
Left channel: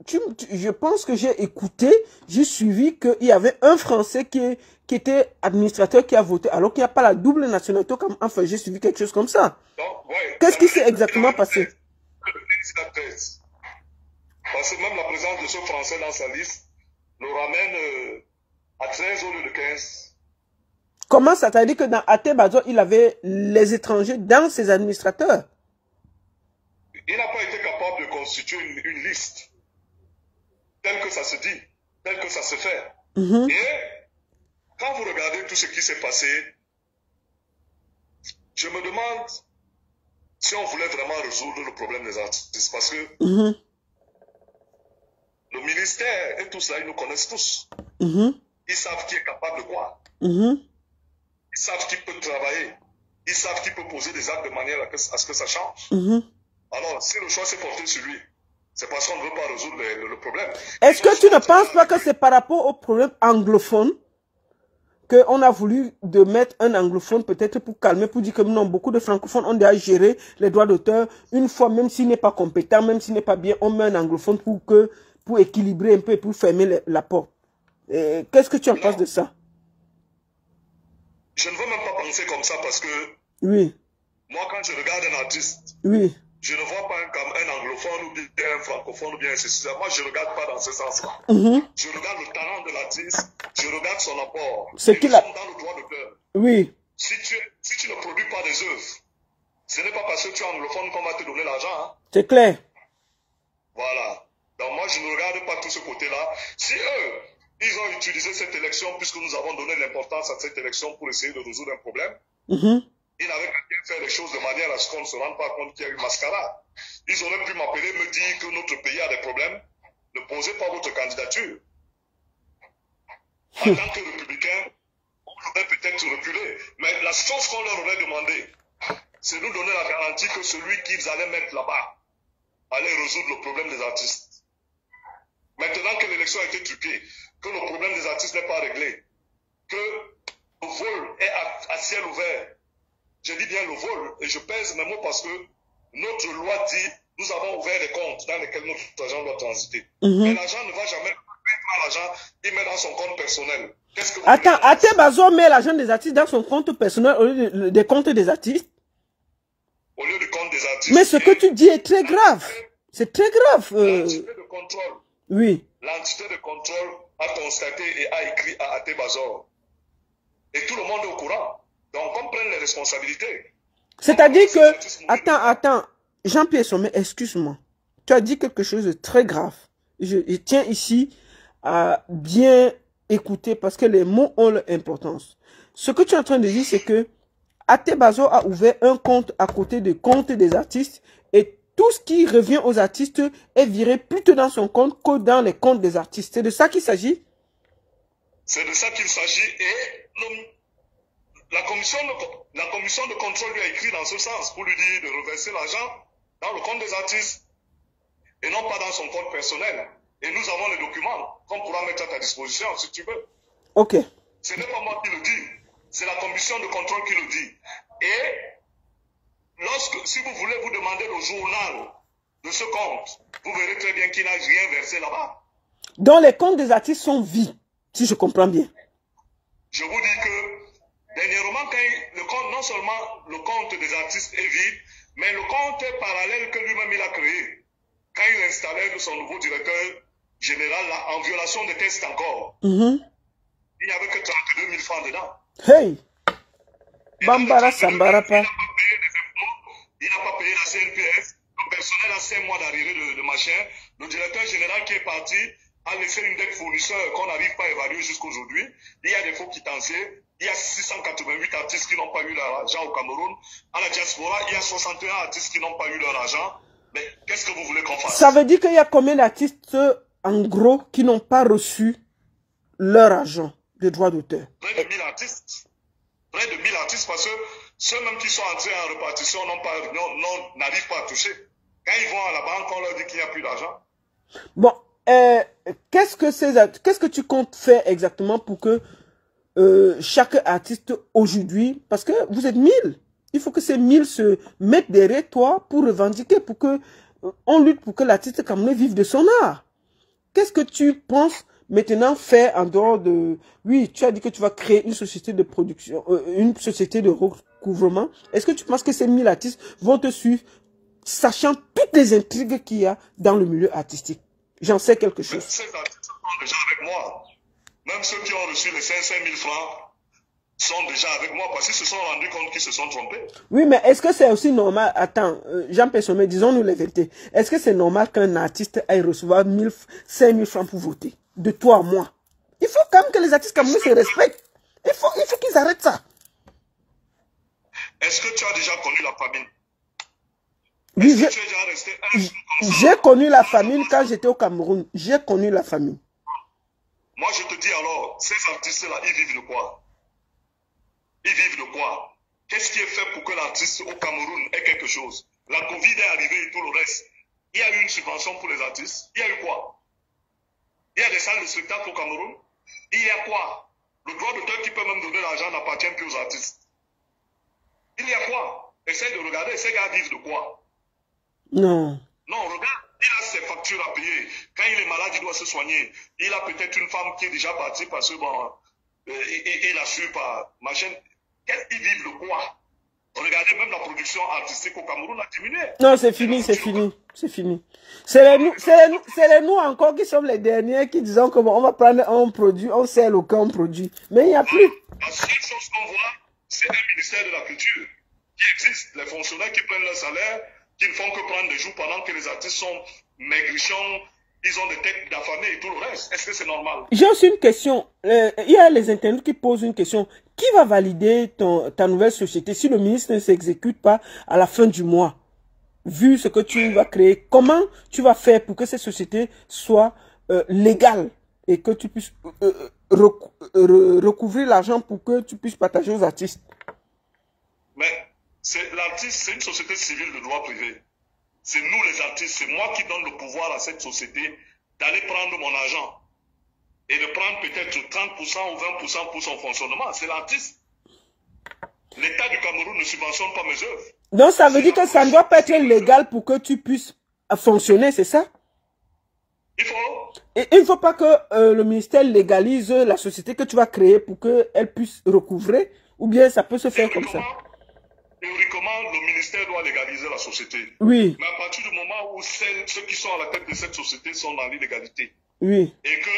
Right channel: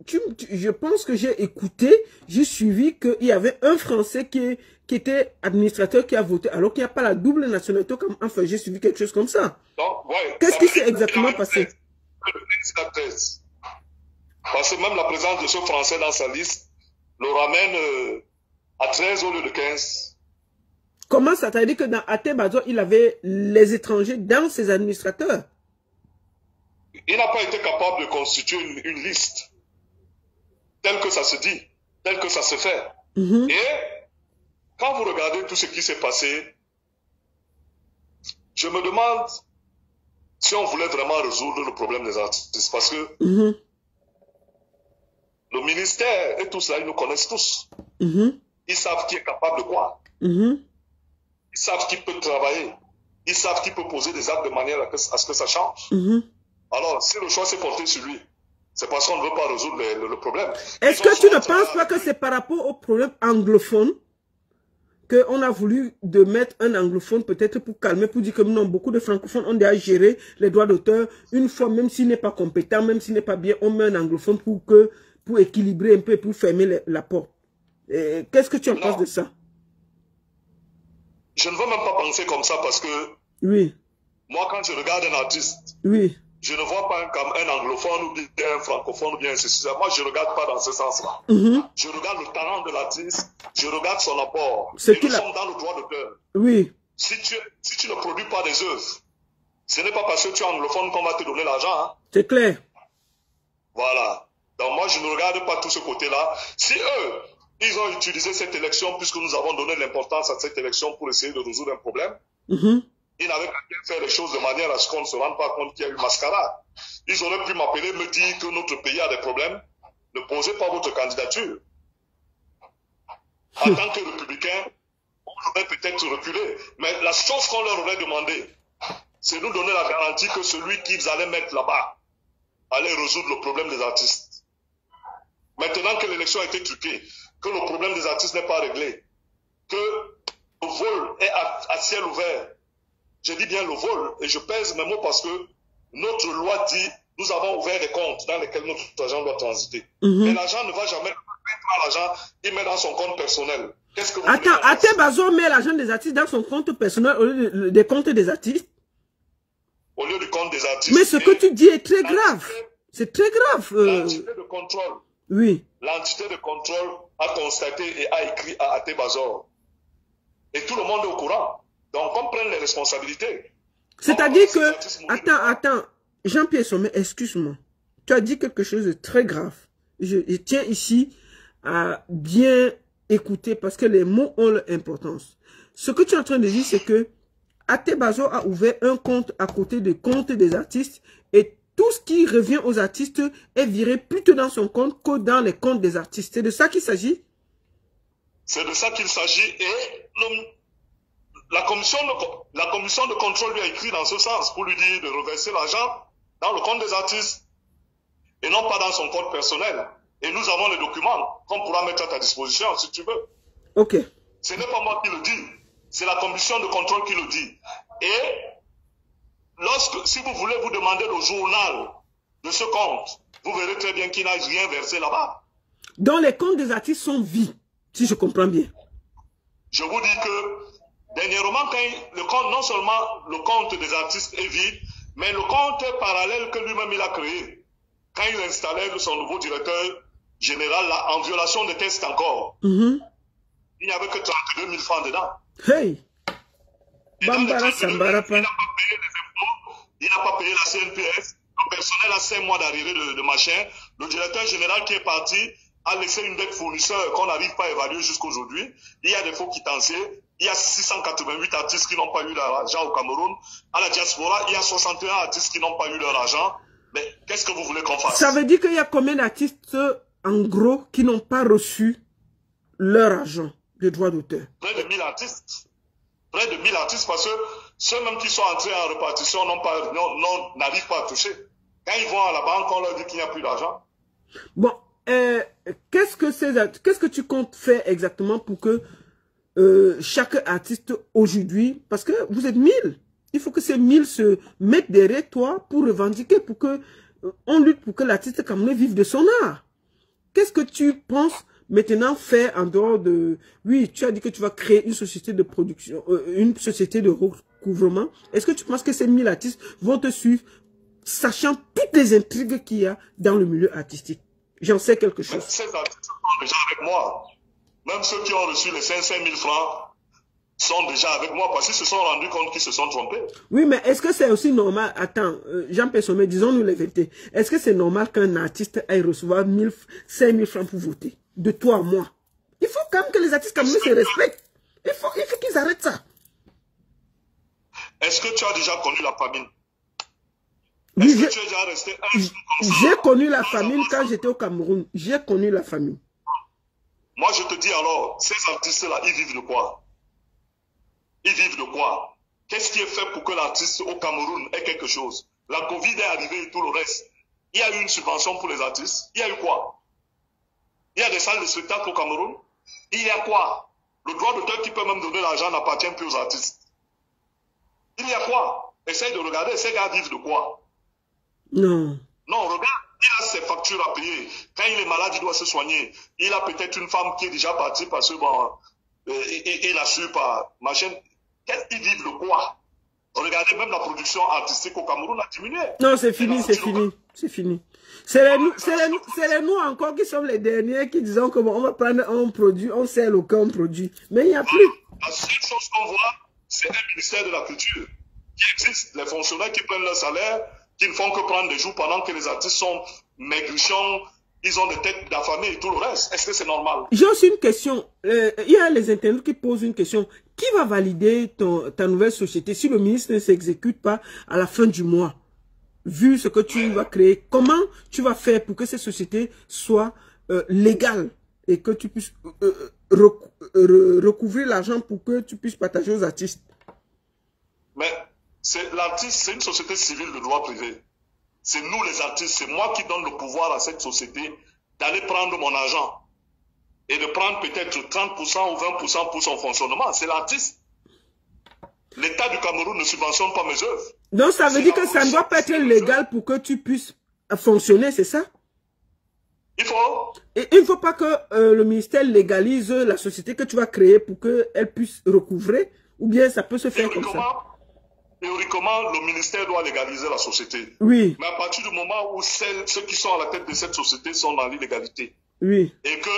je pense que j'ai écouté, j'ai suivi qu'il y avait un Français qui était administrateur qui a voté, alors qu'il n'y a pas la double nationalité. Enfin, j'ai suivi quelque chose comme ça. Ouais, qu'est-ce qui s'est exactement passé? Parce que même la présence de ce Français dans sa liste le ramène à 13 au lieu de 15. Comment ça? T'as dit que dans Atebazo, il avait les étrangers dans ses administrateurs? Il n'a pas été capable de constituer une liste telle que ça se dit, telle que ça se fait. Et quand vous regardez tout ce qui s'est passé, je me demande si on voulait vraiment résoudre le problème des artistes. Parce que le ministère et tout cela, ils nous connaissent tous. Ils savent qui est capable de quoi. Ils savent qui peut travailler. Ils savent qui peut poser des actes de manière à ce que ça change. Alors, si le choix s'est porté sur lui, c'est parce qu'on ne veut pas résoudre le problème. Est-ce que tu ne penses pas que c'est par rapport au problème anglophone qu'on a voulu de mettre un anglophone peut-être pour calmer, pour dire que non, beaucoup de francophones ont déjà géré les droits d'auteur. Une fois, même s'il n'est pas compétent, même s'il n'est pas bien, on met un anglophone pour équilibrer un peu et pour fermer la porte. Qu'est-ce que tu en penses de ça? Je ne veux même pas penser comme ça parce que moi, quand je regarde un artiste, je ne vois pas un anglophone ou bien un francophone ou bien ceci. Moi, je ne regarde pas dans ce sens-là. Je regarde le talent de l'artiste, je regarde son apport. Nous sommes dans le droit d'auteur. Si tu ne produis pas des œuvres, ce n'est pas parce que tu es anglophone qu'on va te donner l'argent. Hein. C'est clair. Voilà. Donc moi, je ne regarde pas tout ce côté-là. Si eux, ils ont utilisé cette élection puisque nous avons donné l'importance à cette élection pour essayer de résoudre un problème, ils n'avaient qu'à bien faire les choses de manière à ce qu'on ne se rende pas compte qu'il y a eu mascarade. Ils auraient pu m'appeler, me dire que notre pays a des problèmes. Ne posez pas votre candidature. En tant que républicain, on aurait peut-être reculé. Mais la chose qu'on leur aurait demandé, c'est nous donner la garantie que celui qu'ils allaient mettre là-bas allait résoudre le problème des artistes. Maintenant que l'élection a été truquée, que le problème des artistes n'est pas réglé, que le vol est à ciel ouvert, je dis bien le vol, et je pèse mes mots parce que notre loi dit nous avons ouvert des comptes dans lesquels notre argent doit transiter. Mais l'argent ne va jamais prendre l'argent, il met dans son compte personnel. Qu'est-ce que vous Attends, Atebazo met l'argent des artistes dans son compte personnel au lieu des comptes des artistes? Au lieu du compte des artistes. Mais ce que tu dis est très grave. C'est très grave. L'entité de contrôle. L'entité de contrôle a constaté et a écrit à Atebazo. Et tout le monde est au courant. Donc, on prenne les responsabilités. C'est-à-dire que... Attends. Jean-Pierre Sommet, excuse-moi. Tu as dit quelque chose de très grave. Je tiens ici à bien écouter parce que les mots ont leur importance. Ce que tu es en train de dire, c'est que Atebazo a ouvert un compte à côté des comptes des artistes et tout ce qui revient aux artistes est viré plutôt dans son compte que dans les comptes des artistes. C'est de ça qu'il s'agit? C'est de ça qu'il s'agit et la commission de contrôle lui a écrit dans ce sens pour lui dire de reverser l'argent dans le compte des artistes et non pas dans son compte personnel. Et nous avons les documents qu'on pourra mettre à ta disposition si tu veux. Ok. Ce n'est pas moi qui le dis, c'est la commission de contrôle qui le dit. Et si vous voulez vous demander le journal de ce compte, vous verrez très bien qu'il n'a rien versé là-bas. Donc les comptes des artistes sont vides, si je comprends bien. Je vous dis que dernièrement, non seulement le compte des artistes est vide, mais le compte parallèle que lui-même il a créé, quand il installait son nouveau directeur général là, en violation des tests encore, il n'y avait que 32 000 francs dedans. Hey! Bambara Sambarapa. Il n'a pas payé la CNPS. Le personnel a 5 mois d'arrivée de machin. Le directeur général qui est parti a laissé une dette fournisseur qu'on n'arrive pas à évaluer jusqu'aujourd'hui. Il y a des faux quitanciers. Il y a 688 artistes qui n'ont pas eu leur argent au Cameroun. À la diaspora, il y a 61 artistes qui n'ont pas eu leur argent. Mais qu'est-ce que vous voulez qu'on fasse? Ça veut dire qu'il y a combien d'artistes, en gros, qui n'ont pas reçu leur argent de droits d'auteur? Près de 1000 artistes. Près de 1000 artistes parce que ceux même qui sont entrés en répartition n'arrivent pas à toucher. Quand ils vont à la banque, on leur dit qu'il n'y a plus d'argent. Bon, qu'est-ce que tu comptes faire exactement pour que chaque artiste aujourd'hui, parce que vous êtes 1000. Il faut que ces 1000 se mettent derrière toi pour revendiquer, pour que on lutte pour que l'artiste camerounais vive de son art. Qu'est-ce que tu penses maintenant faire en dehors de... Oui, tu as dit que tu vas créer une société de production, une société de recouvrement. Est-ce que tu penses que ces 1000 artistes vont te suivre, sachant toutes les intrigues qu'il y a dans le milieu artistique? J'en sais quelque chose. Ces artistes sont déjà avec moi. Même ceux qui ont reçu les 500 000 francs sont déjà avec moi parce qu'ils se sont rendus compte qu'ils se sont trompés. Oui, mais est-ce que c'est aussi normal? Attends, Jean-Pierre Sommet, disons-nous les vérités. Est-ce que c'est normal qu'un artiste aille recevoir 5 000 francs pour voter? De toi à moi. Il faut quand même que les artistes camerounais se respectent. Il faut qu'ils arrêtent ça. Est-ce que tu as déjà connu la famine? Oui, Est-ce que tu es déjà resté un jour comme ça? j'ai connu la famine quand j'étais au Cameroun. J'ai connu la famine. Moi, je te dis alors, ces artistes-là, ils vivent de quoi? Ils vivent de quoi? Qu'est-ce qui est fait pour que l'artiste au Cameroun ait quelque chose? La Covid est arrivée et tout le reste. Il y a eu une subvention pour les artistes. Il y a eu quoi? Il y a des salles de spectacle au Cameroun. Il y a quoi? Le droit d'auteur qui peut même donner l'argent n'appartient plus aux artistes. Il y a quoi? Essaye de regarder, ces gars vivent de quoi? Non. Non, regarde, il a ses factures à payer. Quand il est malade, il doit se soigner. Il a peut-être une femme qui est déjà partie parce que bon, il a su par machin. Ils vivent de quoi? Regardez, même la production artistique au Cameroun a diminué. Non, c'est fini, c'est fini. C'est fini. C'est les nous encore qui sommes les derniers qui disons que bon, on va prendre un produit, on sait aucun produit. Mais il n'y a plus. La seule chose qu'on voit, c'est un ministère de la culture qui existe. Les fonctionnaires qui prennent leur salaire, qui ne font que prendre des jours pendant que les artistes sont maigrichons, ils ont des têtes d'affamés et tout le reste. Est-ce que c'est normal? J'ai aussi une question. Il y a les internautes qui posent une question. Qui va valider ta nouvelle société si le ministre ne s'exécute pas à la fin du mois? Vu ce que tu vas créer, comment tu vas faire pour que cette société soit légale et que tu puisses recouvrir l'argent pour que tu puisses partager aux artistes? Mais l'artiste, c'est une société civile de droit privé. C'est nous les artistes, c'est moi qui donne le pouvoir à cette société d'aller prendre mon argent et de prendre peut-être 30% ou 20% pour son fonctionnement. C'est l'artiste. L'État du Cameroun ne subventionne pas mes œuvres. Donc ça veut dire que ça ne doit pas être légal pour que tu puisses fonctionner, c'est ça? Il faut. Et il ne faut pas que le ministère légalise la société que tu vas créer pour qu'elle puisse recouvrer, ou bien ça peut se faire comme ça? Théoriquement, le ministère doit légaliser la société. Oui. Mais à partir du moment où ceux qui sont à la tête de cette société sont dans l'illégalité, oui, et que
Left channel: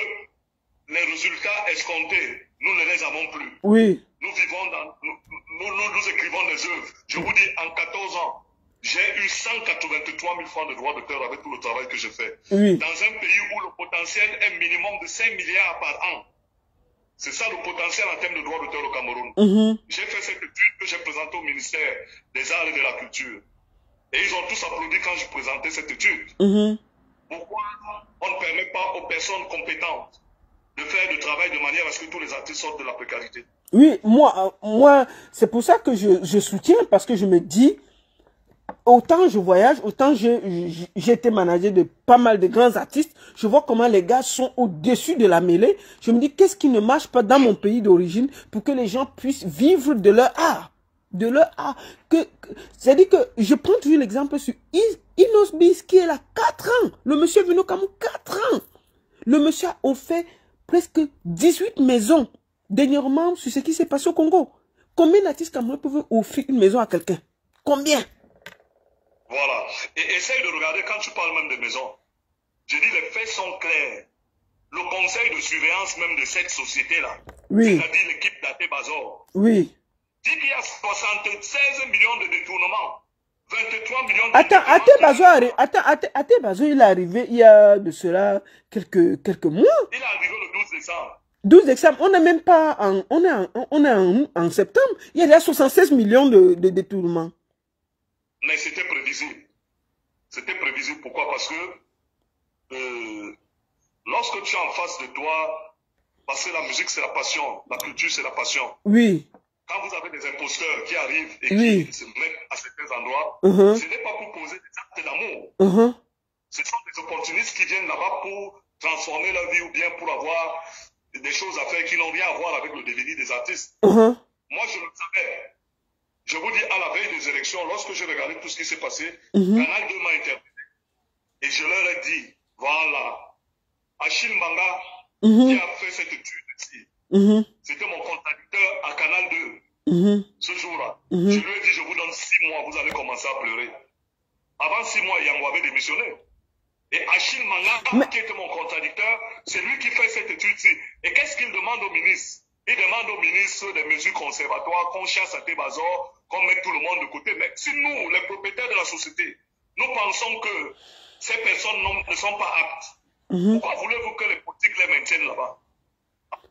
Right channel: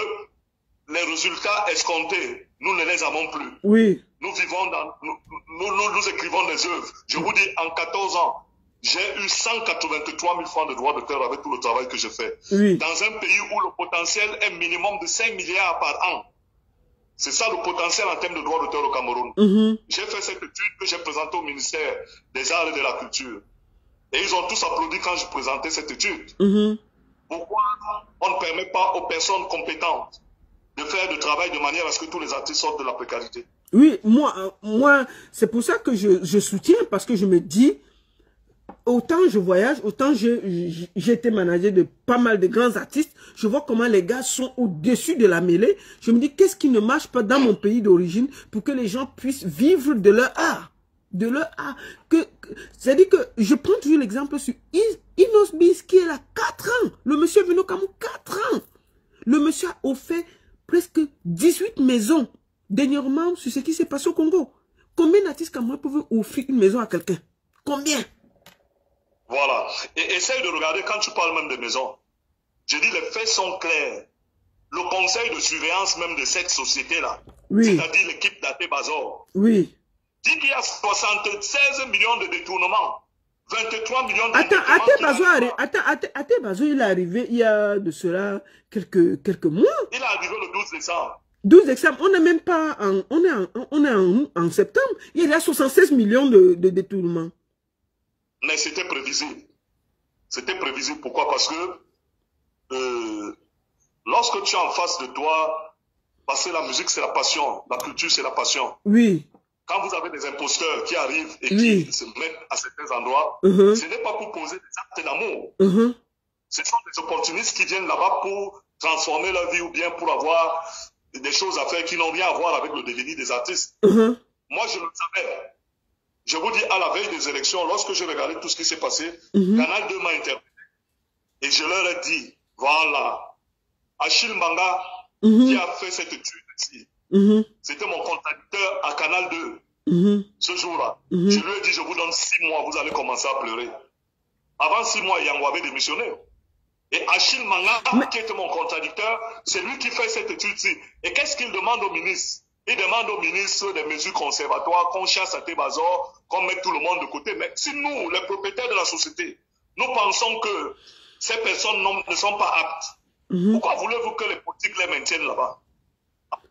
les résultats escomptés, nous ne les avons plus. Oui. Nous vivons dans... Nous écrivons des œuvres. Je vous dis, en 14 ans, j'ai eu 183 000 francs de droits d'auteur avec tout le travail que je fais. Oui. Dans un pays où le potentiel est minimum de 5 milliards par an. C'est ça le potentiel en termes de droits d'auteur au Cameroun. J'ai fait cette étude que j'ai présentée au ministère des Arts et de la Culture. Et ils ont tous applaudi quand je présentais cette étude. Pourquoi on ne permet pas aux personnes compétentes de faire le travail de manière à ce que tous les artistes sortent de la précarité? Oui, moi c'est pour ça que je soutiens, parce que je me dis, autant je voyage, autant j'ai été manager de pas mal de grands artistes, je vois comment les gars sont au-dessus de la mêlée. Je me dis, qu'est-ce qui ne marche pas dans mon pays d'origine pour que les gens puissent vivre de leur art? De leur art. C'est-à-dire que je prends toujours l'exemple sur Inos Bis qui est là 4 ans. Le monsieur est venu au Cameroun 4 ans. Le monsieur a offert presque 18 maisons. Dernièrement, sur ce qui s'est passé au Congo. Combien d'artistes camerounais peuvent offrir une maison à quelqu'un? Combien? Voilà. Et essaye de regarder quand tu parles même de maisons. Je dis, les faits sont clairs. Le conseil de surveillance même de cette société-là, oui, c'est-à-dire l'équipe d'Até Bazor, oui, dit qu'il y a 76 millions de détournements. 23 millions de détournements. Até Bazor, il est arrivé il y a de cela quelques mois. Il est arrivé le 12 décembre. 12 décembre, on n'est même pas on est en septembre. Il y a déjà 76 millions de détournements. Mais c'était prévisible. C'était prévisible. Pourquoi? Parce que lorsque tu es en face de toi, parce que la musique c'est la passion, la culture c'est la passion. Oui. Quand vous avez des imposteurs qui arrivent et qui se mettent à certains endroits, ce n'est pas pour poser des actes d'amour. Ce sont des opportunistes qui viennent là-bas pour transformer leur vie ou bien pour avoir des choses à faire qui n'ont rien à voir avec le devenir des artistes. Uh-huh. Moi, je le savais. Je vous dis, à la veille des élections, lorsque j'ai regardé tout ce qui s'est passé, Mhm. Canal 2 m'a interpellé. Et je leur ai dit, voilà, Achille Mbanga, Mhm. qui a fait cette étude ici, Mhm. c'était mon contradicteur à Canal 2, Mhm. ce jour-là. Mhm. Je lui ai dit, je vous donne 6 mois, vous allez commencer à pleurer. Avant 6 mois, Yango avait démissionné. Et Achille Mbanga, qui était mon contradicteur, c'est lui qui fait cette étude-ci. Et qu'est-ce qu'il demande au ministre? Il demande au ministre des mesures conservatoires, qu'on chasse à Tébazor, qu'on mette tout le monde de côté. Mais si nous, les propriétaires de la société, nous pensons que ces personnes ne sont pas aptes, Mhm. pourquoi voulez-vous que les politiques les maintiennent là-bas?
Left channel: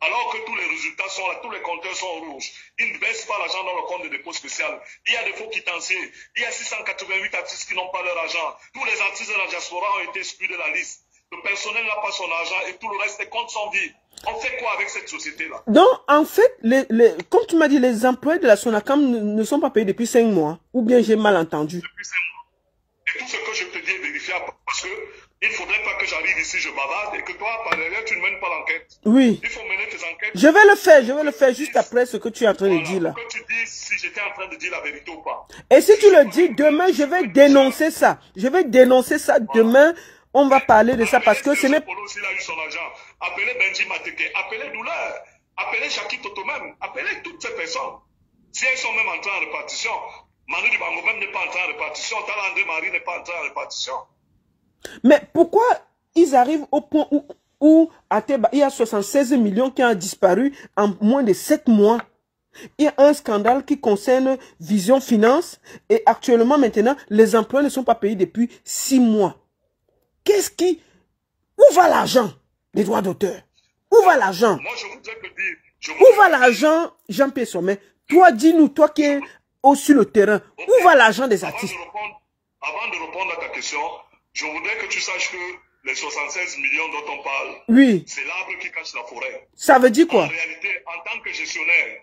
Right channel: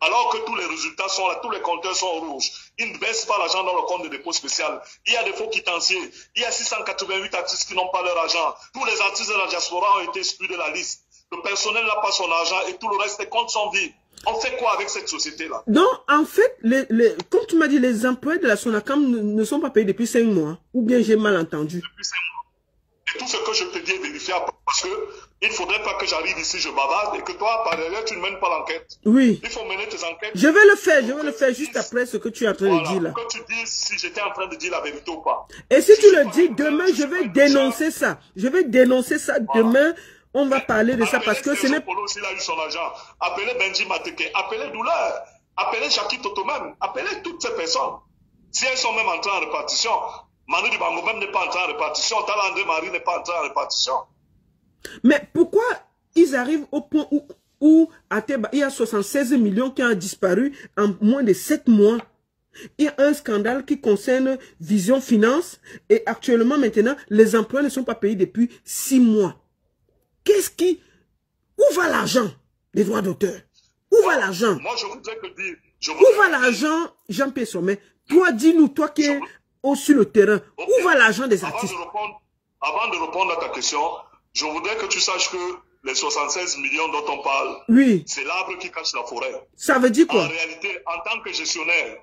Alors que tous les résultats sont là, tous les compteurs sont rouges. Ils ne baissent pas l'argent dans le compte de dépôt spécial. Il y a des faux quitanciers. Il y a 688 artistes qui n'ont pas leur argent. Tous les artistes de la diaspora ont été exclus de la liste. Le personnel n'a pas son argent et tout le reste, les comptes sont vides. On fait quoi avec cette société-là? Donc, en fait, comme tu m'as dit, les employés de la Sonacam ne sont pas payés depuis 5 mois. Ou bien j'ai mal entendu. Depuis 5 mois. Et tout ce que je te dis est vérifiable parce que il ne faudrait pas que j'arrive ici, je bavarde et que toi, par derrière, tu ne mènes pas l'enquête. Oui. Il faut mener tes enquêtes. Je vais le faire juste après ce que tu es en train de dire là. Pour que tu dises si j'étais en train de dire la vérité ou pas. Et si tu le dis, demain, je vais dénoncer ça. Je vais dénoncer ça demain. On va parler de ça parce que ce n'est pas... S'il a eu son argent, appelez Benji Mateke, appelez Douleur, appelez Jackie Toto même, appelez toutes ces personnes. Si elles sont même entrées en répartition, Manu Dibango même n'est pas entré en répartition, Tala André Marie n'est pas entré en répartition. Mais pourquoi ils arrivent au point où à Teba, il y a 76 millions qui ont disparu en moins de 7 mois? Il y a un scandale qui concerne Vision Finance et actuellement maintenant, les emplois ne sont pas payés depuis 6 mois. Où va l'argent des droits d'auteur? Où va l'argent? Moi, je voudrais te dire... Où va l'argent, Jean-Pierre Sommet? Toi, dis-nous, toi qui es sur le terrain, où va l'argent des artistes? Avant de répondre à ta question, je voudrais que tu saches que les 76 millions dont on parle, oui, c'est l'arbre qui cache la forêt. Ça veut dire quoi? En réalité, en tant que gestionnaire,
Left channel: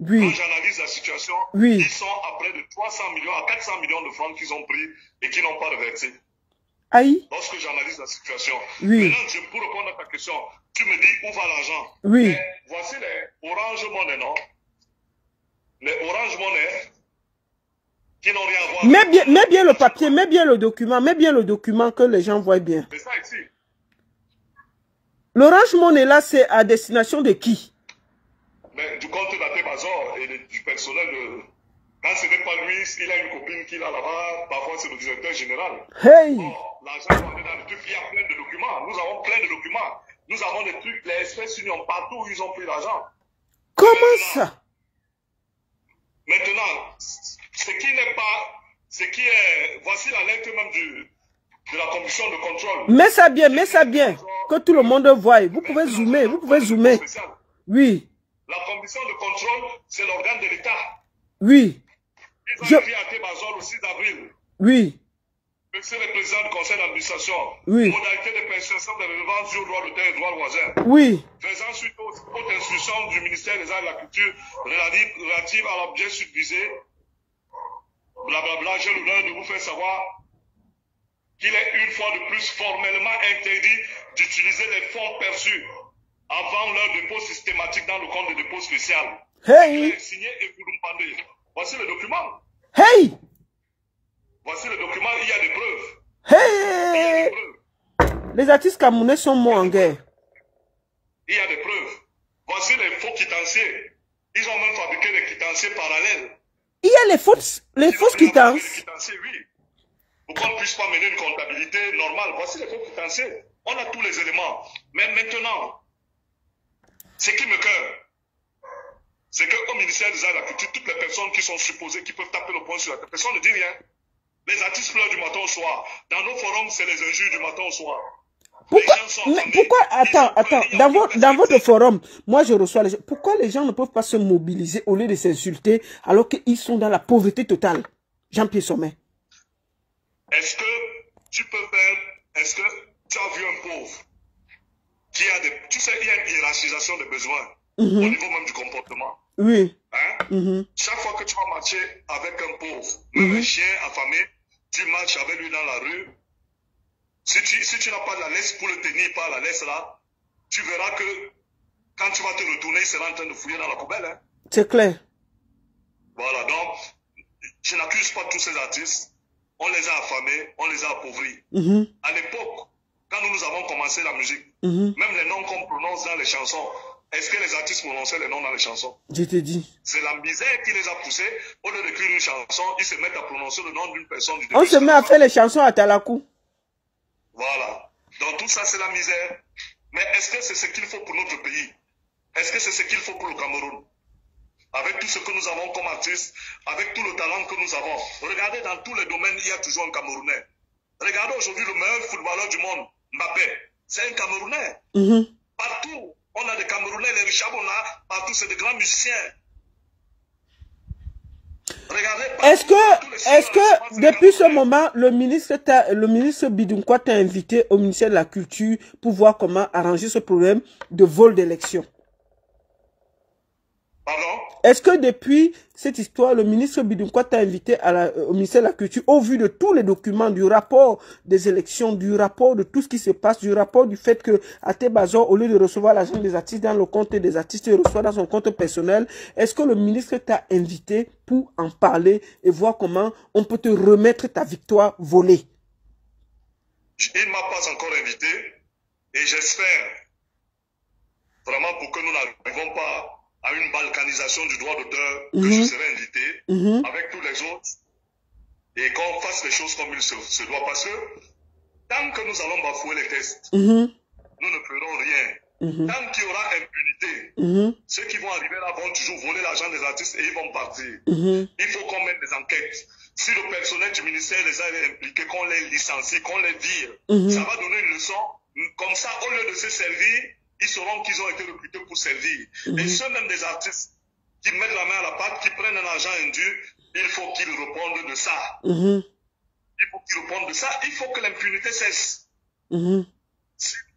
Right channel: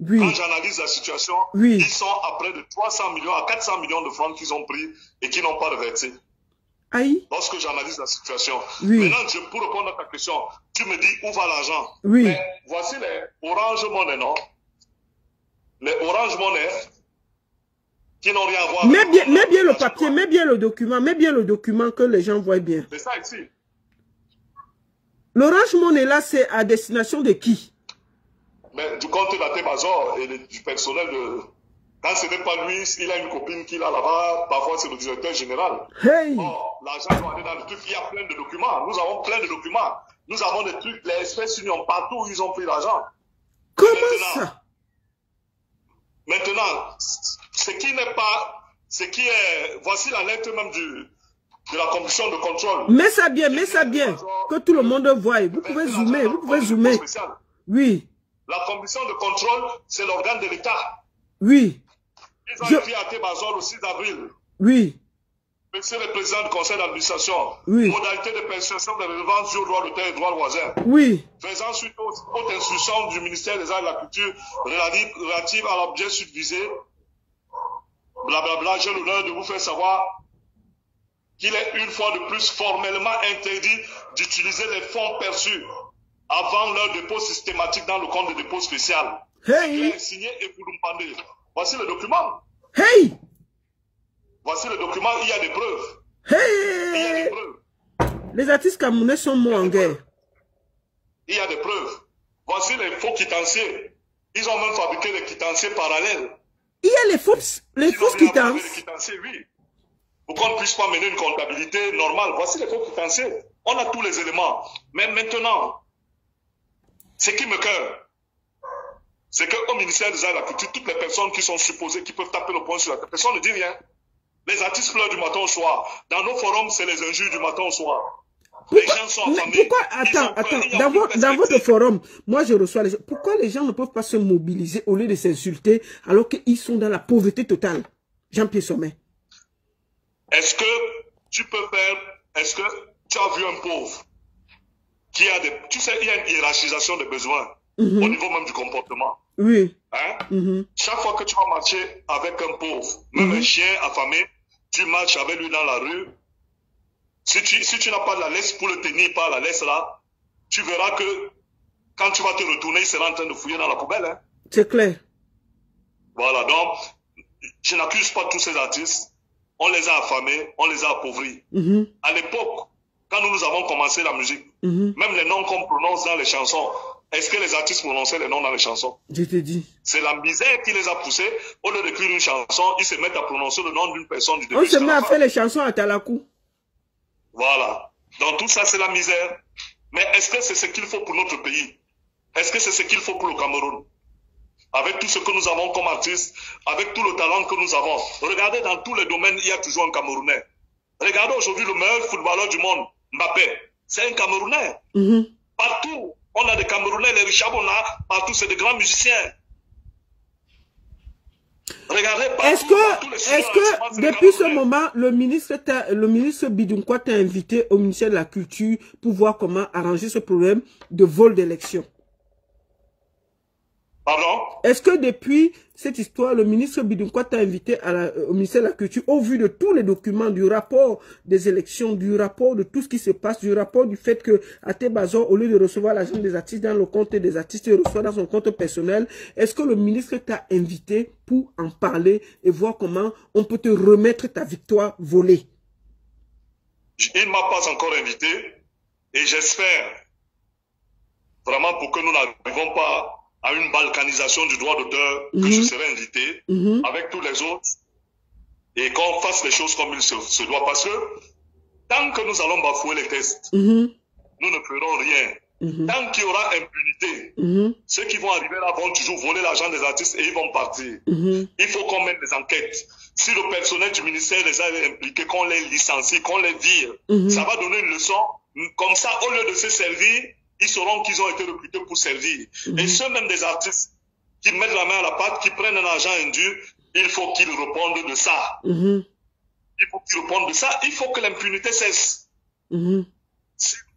oui, quand j'analyse la situation, oui, ils sont à près de 300 millions à 400 millions de francs qu'ils ont pris et qui n'ont pas reversé. Aïe. Lorsque j'analyse la situation. Oui. Maintenant, pour répondre à ta question, tu me dis où va l'argent? Oui. Mais voici les Orange Money, non? Les Orange Money qui n'ont rien à voir avec... Mets bien le papier, mets bien le document que les gens voient bien. C'est ça ici. L'Orange Money là, c'est à destination de qui? Mais du compte d'Atebazor et du personnel de... Quand ce n'est pas lui, il a une copine qu'il a là-bas, parfois c'est le directeur général. Hey! L'argent doit aller dans le truc, il y a plein de documents. Nous avons plein de documents. Nous avons des trucs, les espèces unions partout où ils ont pris l'argent. Comment ça? Maintenant, ce qui n'est pas, ce qui est, voici la lettre même de la commission de contrôle. Mets ça bien, que tout le monde voie. Vous pouvez zoomer, Oui. La commission de contrôle, c'est l'organe de l'État. Oui. Ils ont écrit à Tébazor le 6 avril. Oui. Monsieur le président du conseil d'administration, oui, modalité de perception de relevance du droit d'auteur et droit voisin. Oui. Faisant suite aux instructions du ministère des Arts et de la Culture relative à l'objet subvisé, blablabla, j'ai l'honneur de vous faire savoir qu'il est une fois de plus formellement interdit d'utiliser les fonds perçus avant leur dépôt systématique dans le compte de dépôt spécial. Hey! Signé et Kouloumpandé. Voici le document. Hey! Voici le document, il y a des preuves. Hey! Il y a des preuves. Les artistes camerounais sont morts en guerre. Il y a des preuves. Voici les faux quitanciers. Ils ont même fabriqué des quitanciers parallèles. Il y a les fausses quittances. Oui. Pour qu'on ne puisse pas mener une comptabilité normale. Voici les faux quitanciers. On a tous les éléments. Mais maintenant, ce qui me cœur, c'est qu'au ministère des Arts et de la Culture, toutes les personnes qui sont supposées, qui peuvent taper le poing sur la tête, personne ne dit rien. Les artistes pleurent du matin au soir. Dans nos forums, c'est les injures du matin au soir. Dans votre forum, moi je reçois les gens. Pourquoi les gens ne peuvent pas se mobiliser au lieu de s'insulter alors qu'ils sont dans la pauvreté totale? Jean-Pierre Sommet. Est-ce que tu peux faire, est-ce que tu as vu un pauvre qui a des, tu sais, il y a une hiérarchisation des besoins au niveau même du comportement. Oui. Hein? Chaque fois que tu vas marcher avec un pauvre, même un chien affamé, tu marches avec lui dans la rue. Si tu n'as pas de la laisse pour le tenir par la laisse là, tu verras que quand tu vas te retourner, il sera en train de fouiller dans la poubelle. Hein. C'est clair. Voilà, donc, je n'accuse pas tous ces artistes. On les a affamés, on les a appauvris. À l'époque, quand nous avons commencé la musique, même les noms qu'on prononce dans les chansons, est-ce que les artistes prononçaient les noms dans les chansons? Je te dis. C'est la misère qui les a poussés. Au lieu d'écrire une chanson, ils se mettent à prononcer le nom d'une personne du début. On se met à faire les chansons à Talakou. Voilà. Donc tout ça, c'est la misère. Mais est-ce que c'est ce qu'il faut pour notre pays? Est-ce que c'est ce qu'il faut pour le Cameroun? Avec tout ce que nous avons comme artistes, avec tout le talent que nous avons. Regardez, dans tous les domaines, il y a toujours un Camerounais. Regardez aujourd'hui le meilleur footballeur du monde, Mbappé. C'est un Camerounais. Partout, on a des Camerounais, les Richard Bona, partout, c'est des grands musiciens. Regardez, est-ce que depuis ce moment, le ministre Bidounkwa t'a invité au ministère de la Culture pour voir comment arranger ce problème de vol d'élection? Pardon? Est-ce que depuis cette histoire, le ministre Bidounkwa t'a invité au ministère de la Culture, au vu de tous les documents, du rapport des élections, du rapport de tout ce qui se passe, du rapport du fait que Até Bazor, au lieu de recevoir l'argent des artistes dans le compte des artistes, il reçoit dans son compte personnel. Est-ce que le ministre t'a invité pour en parler et voir comment on peut te remettre ta victoire volée? Il ne m'a pas encore invité et j'espère vraiment pour que nous n'arrivons pas à une balkanisation du droit d'auteur, que je serai invité avec tous les autres et qu'on fasse les choses comme il se doit. Parce que tant que nous allons bafouer les tests, nous ne ferons rien. Tant qu'il y aura impunité, ceux qui vont arriver là vont toujours voler l'argent des artistes et ils vont partir. Il faut qu'on mette des enquêtes. Si le personnel du ministère les a impliqués, qu'on les licencie, qu'on les vire, ça va donner une leçon. Comme ça, au lieu de se servir, ils sauront qu'ils ont été recrutés pour servir. Et ceux même des artistes qui mettent la main à la pâte, qui prennent un argent indu, il faut qu'ils répondent de ça. Il faut qu'ils répondent de ça. Il faut que l'impunité cesse. Si nous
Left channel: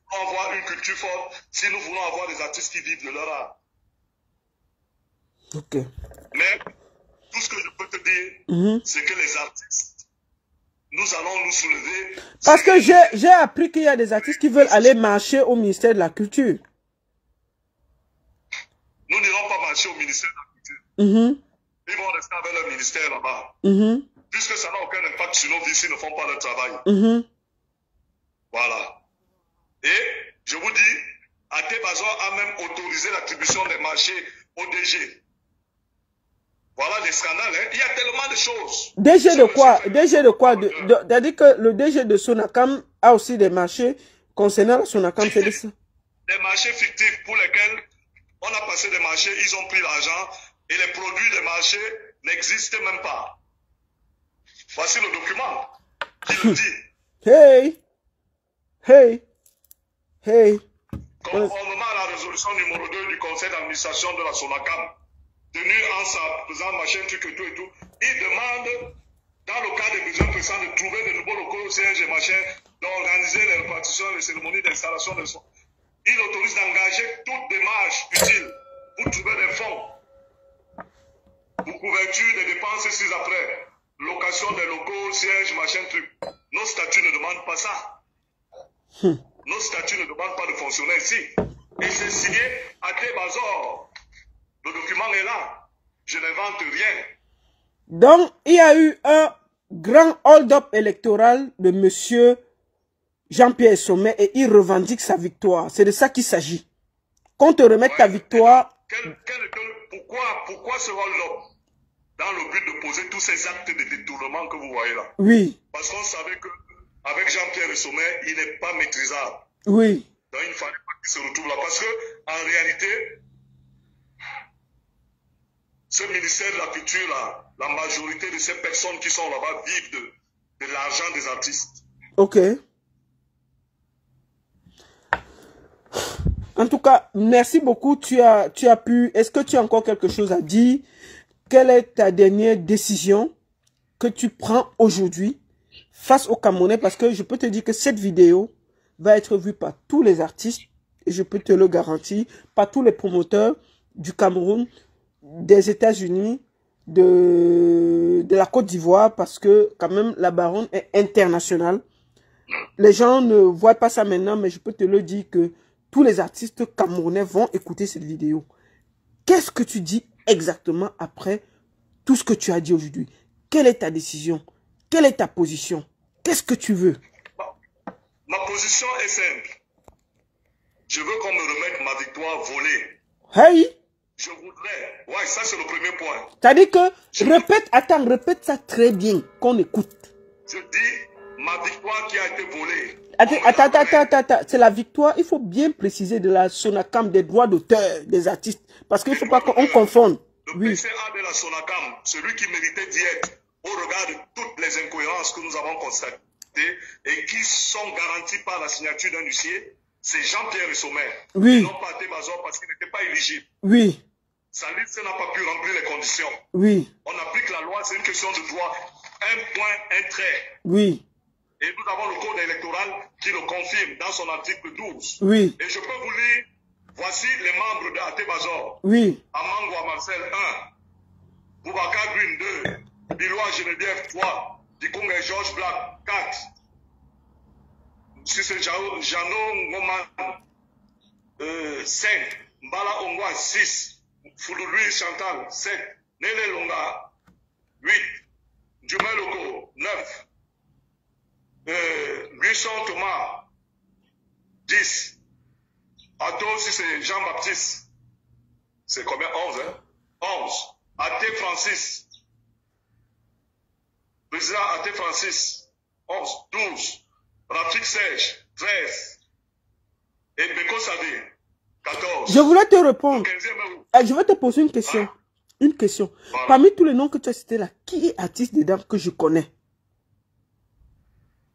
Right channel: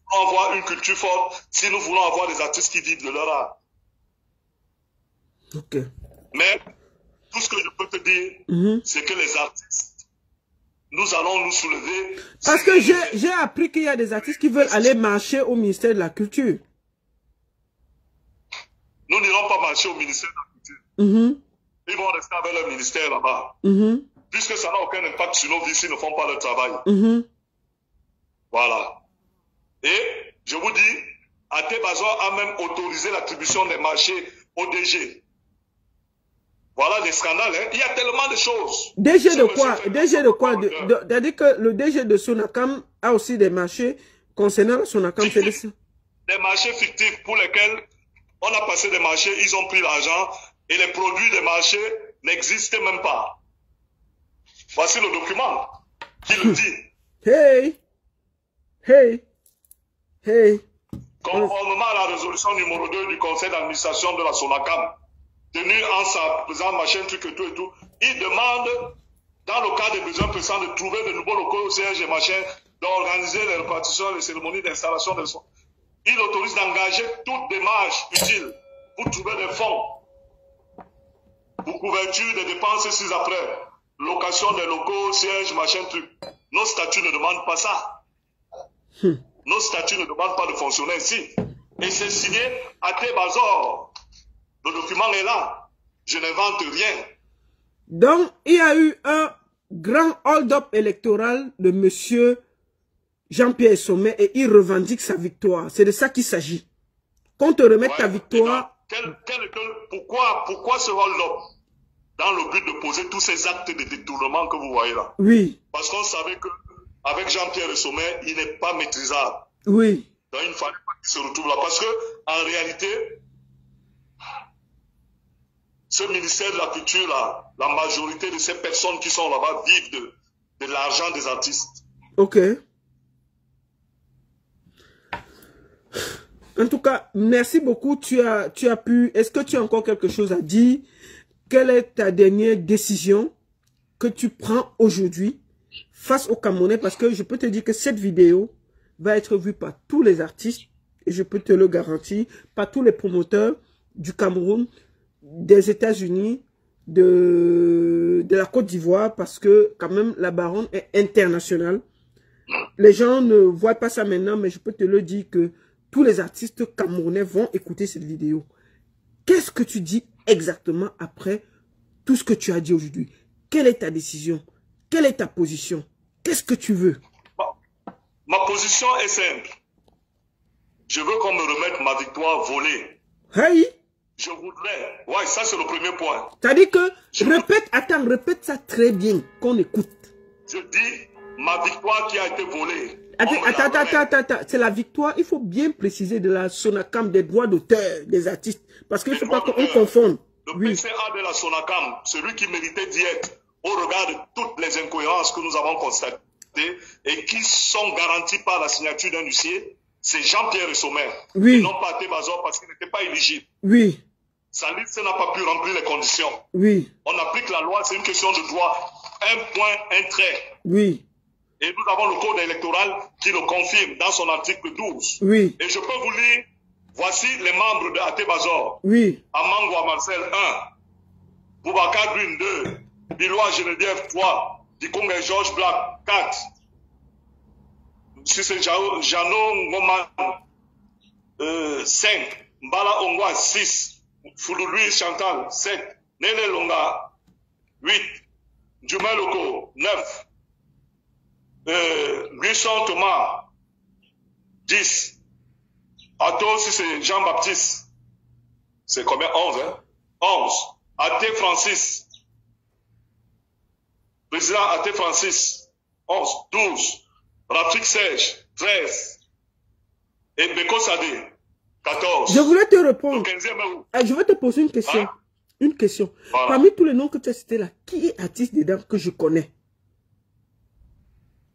voulons avoir une culture forte, si nous voulons avoir des artistes qui vivent de leur art. Mais tout ce que je peux te dire, c'est que les artistes, nous allons nous soulever. Parce que j'ai appris qu'il y a des artistes qui veulent aller marcher au ministère de la Culture. Nous n'irons pas marcher au ministère de la Culture. Ils vont rester avec leur ministère là-bas. Puisque ça n'a aucun impact sur nos vies s'ils ne font pas leur travail. Voilà. Et je vous dis, Até Bazor a même autorisé l'attribution des marchés au DG. Voilà des scandales, hein. Il y a tellement de choses. DG de quoi? DG de quoi? C'est-à-dire que le DG de Sonacam a aussi des marchés concernant le Sonacam. Des marchés fictifs pour lesquels on a passé des marchés, ils ont pris l'argent et les produits des marchés n'existent même pas. Voici le document qui le dit. Hey. Conformément à la résolution numéro 2 du conseil d'administration de la Sonacam, tenu en sa présence, machin, truc et tout, il demande, dans le cas des besoins pressants, de trouver de nouveaux locaux au siège et machin, d'organiser les répartitions, les cérémonies d'installation des soins. Il autorise d'engager toute démarche utile pour trouver des fonds pour couverture des dépenses ci-après, location des locaux, siège, machin, truc. Nos statuts ne demandent pas ça. Nos statuts ne demandent pas de fonctionner ici. Et c'est signé Até Bazor. Le document est là. Je n'invente rien. Donc, il y a eu un grand hold-up électoral de monsieur Jean-Pierre Sommet et il revendique sa victoire. C'est de ça qu'il s'agit. Qu'on te remette ta victoire. Pourquoi ce hold-up? Dans le but de poser tous ces actes de détournement que vous voyez là. Oui. Parce qu'on savait qu'avec Jean-Pierre Sommet, il n'est pas maîtrisable. Oui. Donc il ne fallait pas qu'il se retrouve là. Parce que, en réalité, ce ministère de la Culture, là, la majorité de ces personnes qui sont là-bas vivent de l'argent des artistes. Ok. En tout cas, merci beaucoup. Tu as pu... Est-ce que tu as encore quelque chose à dire? Quelle est ta dernière décision que tu prends aujourd'hui face aux Camerounais? Parce que je peux te dire que cette vidéo va être vue par tous les artistes, et je peux te le garantir, par tous les promoteurs du Cameroun, des États-Unis, de la Côte d'Ivoire, parce que quand même la baronne est internationale. Les gens ne voient pas ça maintenant, mais je peux te le dire que tous les artistes camerounais vont écouter cette vidéo. Qu'est-ce que tu dis exactement après tout ce que tu as dit aujourd'hui? Quelle est ta décision? Quelle est ta position? Qu'est-ce que tu veux? Ma position est simple. Je veux qu'on me remette ma victoire volée. Hey! Je voudrais... Ouais, ça c'est le premier point. C'est-à-dire que... répète ça très bien, qu'on écoute. Je dis, ma victoire qui a été volée. Attends. C'est la victoire, il faut bien préciser, de la Sonacam, des droits d'auteur des artistes. Parce qu'il ne faut pas qu'on confonde. Le PCA de la Sonacam, celui qui méritait d'y être, au regard de toutes les incohérences que nous avons constatées et qui sont garanties par la signature d'un huissier, c'est Jean-Pierre Sommer. Oui. Ils n'ont pas été Bazor parce qu'il n'était pas éligible. Oui. Sa liste n'a pas pu remplir les conditions. Oui. On applique la loi, c'est une question de droit. Un point, un trait. Oui. Et nous avons le code électoral qui le confirme dans son article 12. Oui. Et je peux vous lire, voici les membres de Até Bazor. Oui. Amangwa Marcel 1, Boubacar Green 2, Bilois Geneviève 3, Dikonga George Black 4, Sissé Jano Ngoman 5, Mbala Ongwa 6, Fouloulouis Chantal 7, Nele Longa 8, Djumel Loko 9, Guisson Thomas 10, Ato Sissé Jean-Baptiste, c'est combien? 11, hein? 11. Até Francis. Président Até Francis. 11. 12. Rafik Serge. 13. Et Beko Sadé. 14. Je voulais te répondre. 15e. Je vais te poser une question. Hein? Une question. Voilà. Parmi tous les noms que tu as cités là, qui est artiste dedans que je connais?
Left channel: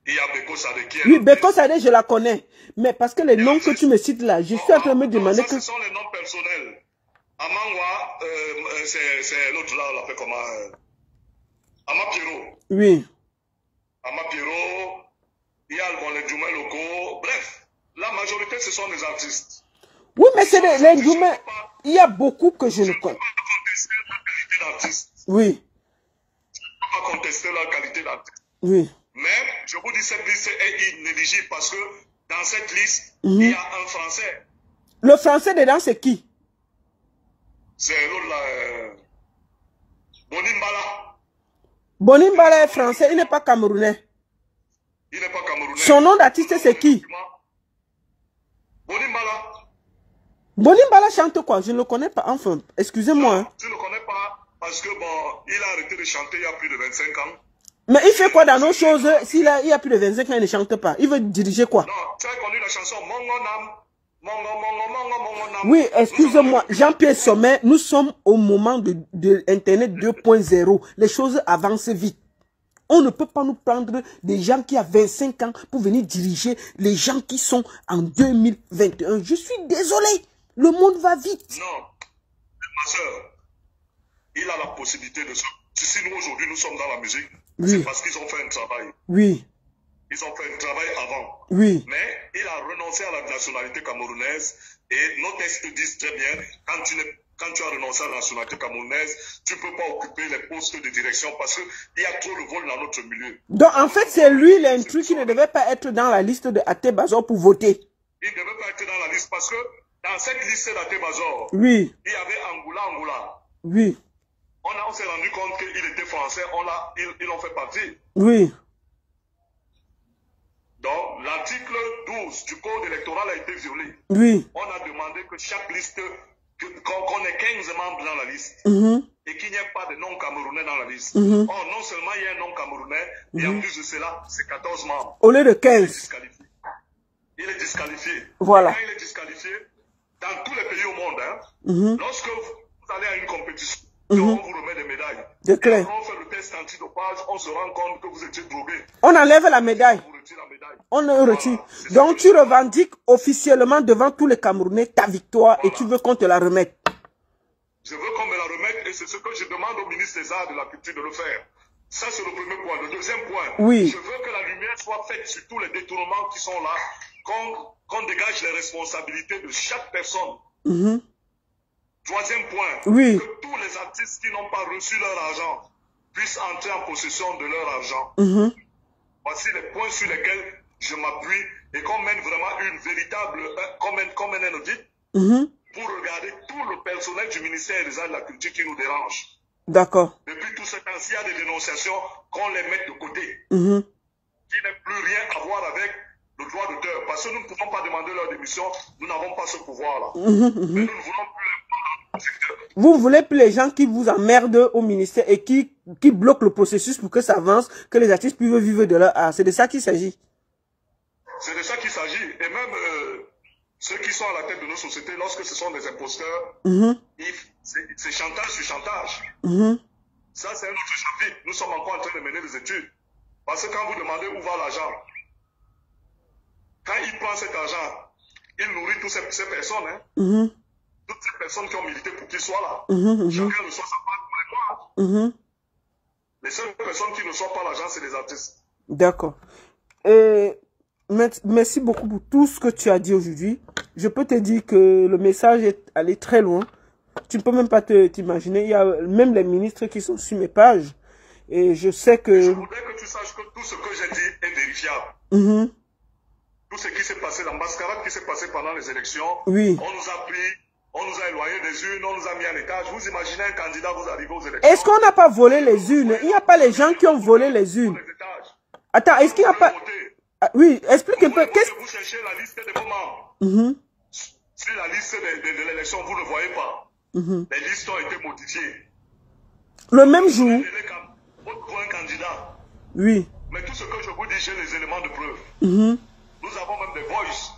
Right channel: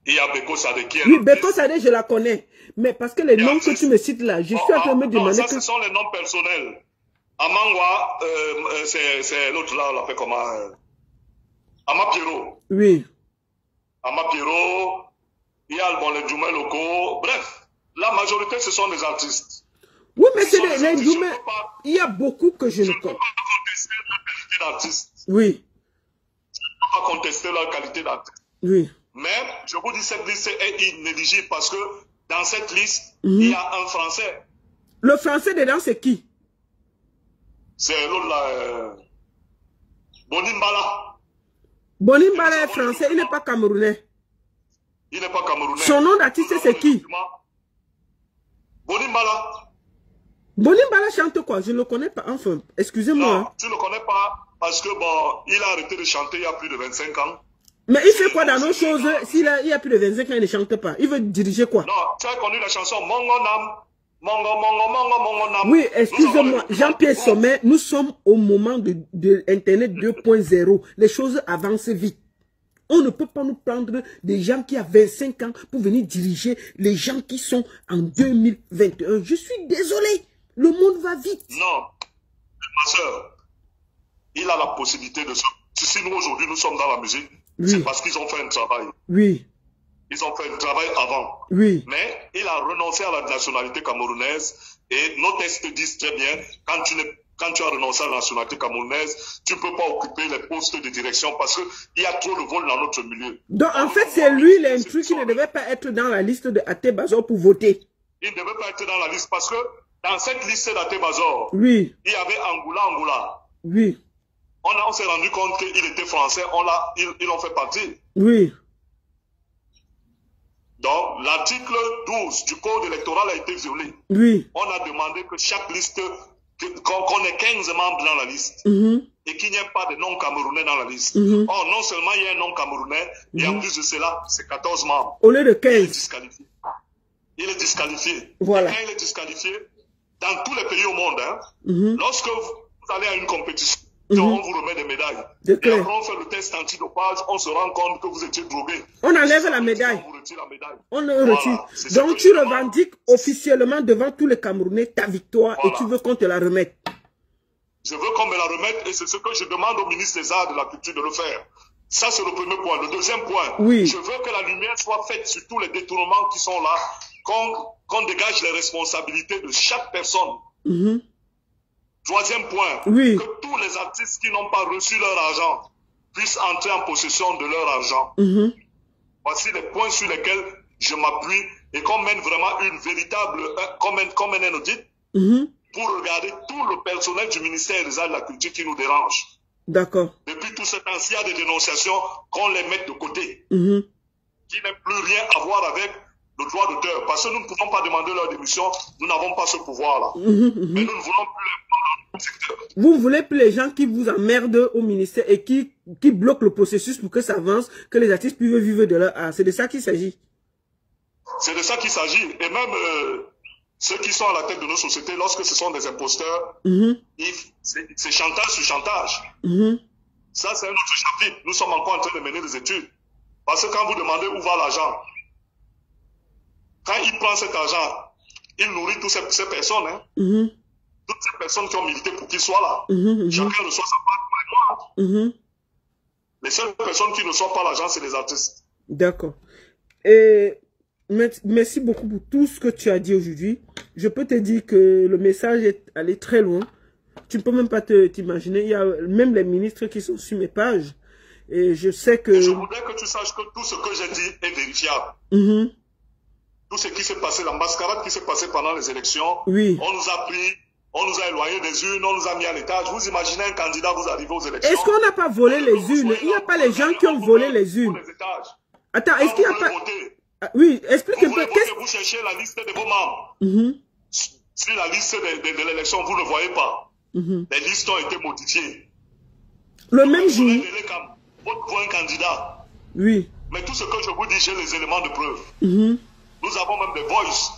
Il y a Beko Sadé qui est... Oui, Beko Sadé, je la connais. Mais parce que les noms que tu me cites là, je suis en train de me demander ça, que... ce sont les noms personnels. Amangwa, c'est l'autre là, on l'appelle comment? Amapiro. Oui. Amapiro, il y a les Djoumel locaux. Bref, la majorité, ce sont des artistes. Oui, mais c'est les Djoumel. Il y a beaucoup que je ne connais pas. Je ne peux pas contester leur qualité d'artiste. Oui. Je ne peux pas contester leur qualité d'artiste. Oui. Mais, je vous dis, cette liste est inéligible parce que dans cette liste, il y a un Français. Le Français dedans, c'est qui? C'est l'autre là, Bonimbala. Bonimbala est français, il n'est pas camerounais. Il n'est pas camerounais. Son nom d'artiste, c'est qui? Bonimbala. Bonimbala chante quoi? Je ne le connais pas. Enfin, excusez-moi. Tu ne le connais pas parce que bon, il a arrêté de chanter il y a plus de 25 ans. Mais il fait quoi dans nos choses? S'il y a plus de 25 ans, il ne chante pas. Il veut diriger quoi? Non, tu as connu la chanson Mongo Nam. Mongo Nam. Oui, excusez-moi, Jean-Pierre Sommer, nous sommes au moment de Internet 2.0. Les choses avancent vite. On ne peut pas nous prendre des gens qui ont 25 ans pour venir diriger les gens qui sont en 2021. Je suis désolé, le monde va vite. Non, ma soeur, il a la possibilité de se... Si nous aujourd'hui nous sommes dans la musique, oui, c'est parce qu'ils ont fait un travail. Oui. Ils ont fait un travail avant. Oui. Mais il a renoncé à la nationalité camerounaise et nos textes disent très bien, quand tu as renoncé à la nationalité camerounaise, tu ne peux pas occuper les postes de direction parce qu'il y a trop de vol dans notre milieu. Donc en fait, c'est lui l'intrus qui ne devait pas être dans la liste de Até Bazor pour voter. Il ne devait pas être dans la liste parce que dans cette liste d'Até Bazor, oui, il y avait Angoula. Oui. On s'est rendu compte qu'il était français, ils en fait partie. Oui. Donc, l'article 12 du code électoral a été violé. Oui. On a demandé que chaque liste, qu'on ait 15 membres dans la liste et qu'il n'y ait pas de non-camerounais dans la liste. Or, non seulement il y a un non-camerounais, et en plus de cela, c'est 14 membres. Au lieu de 15. Il est disqualifié. Voilà. Quand il est disqualifié, dans tous les pays au monde, hein, lorsque vous allez à une compétition, on vous remet des médailles. C'est clair. Quand on fait le test antidopage, on se rend compte que vous étiez drogué. On enlève la médaille. On retire la médaille. On le retire. Donc tu revendiques officiellement devant tous les Camerounais ta victoire et tu veux qu'on te la remette. Je veux qu'on me la remette et c'est ce que je demande au ministre des Arts et de la Culture de le faire. Ça, c'est le premier point. Le deuxième point, je veux que la lumière soit faite sur tous les détournements qui sont là, qu'on dégage les responsabilités de chaque personne. Troisième point, que tous les artistes qui n'ont pas reçu leur argent puissent entrer en possession de leur argent. Voici les points sur lesquels je m'appuie et qu'on mène vraiment une véritable, qu'on mène un audit pour regarder tout le personnel du ministère des Arts et de la Culture qui nous dérange. D'accord. Depuis tout ce temps, s'il y a des dénonciations, qu'on les mette de côté. Qui n'aient plus rien à voir avec le droit d'auteur. Parce que nous ne pouvons pas demander leur démission, nous n'avons pas ce pouvoir-là. Mais nous ne voulons plus les prendre dans le secteur. Vous ne voulez plus les gens qui vous emmerdent au ministère et qui bloquent le processus pour que ça avance, que les artistes puissent vivre de leur art. C'est de ça qu'il s'agit. C'est de ça qu'il s'agit. Et même ceux qui sont à la tête de nos sociétés, lorsque ce sont des imposteurs, c'est chantage sur chantage. Ça, c'est un autre chapitre. Nous sommes encore en train de mener des études. Parce que quand vous demandez où va l'argent, quand il prend cet argent, il nourrit toutes ces personnes. Toutes ces personnes qui ont milité pour qu'il soit là. Chacun reçoit sa part de mémoire. Les seules personnes qui ne reçoivent pas l'argent, c'est les artistes. D'accord. Et merci beaucoup pour tout ce que tu as dit aujourd'hui. Je peux te dire que le message est allé très loin. Tu ne peux même pas t'imaginer. Il y a même les ministres qui sont sur mes pages. Et je sais que... Je voudrais que tu saches que tout ce que j'ai dit est vérifiable. Tout ce qui s'est passé, la mascarade qui s'est passée pendant les élections, on nous a pris, on nous a éloignés des urnes, on nous a mis à l'étage. Vous imaginez un candidat, vous arrivez aux élections. Est-ce qu'on n'a pas volé les urnes? Il n'y a pas les gens qui ont volé les urnes. Attends, est-ce qu'il n'y a pas... oui, explique un peu. Vous cherchez la liste de vos membres. Sur la liste de l'élection, vous ne voyez pas. Les listes ont été modifiées. Le même jour. Pour un candidat. Oui. Mais tout ce que je vous dis, j'ai les éléments de preuve. Nous avons même des voices.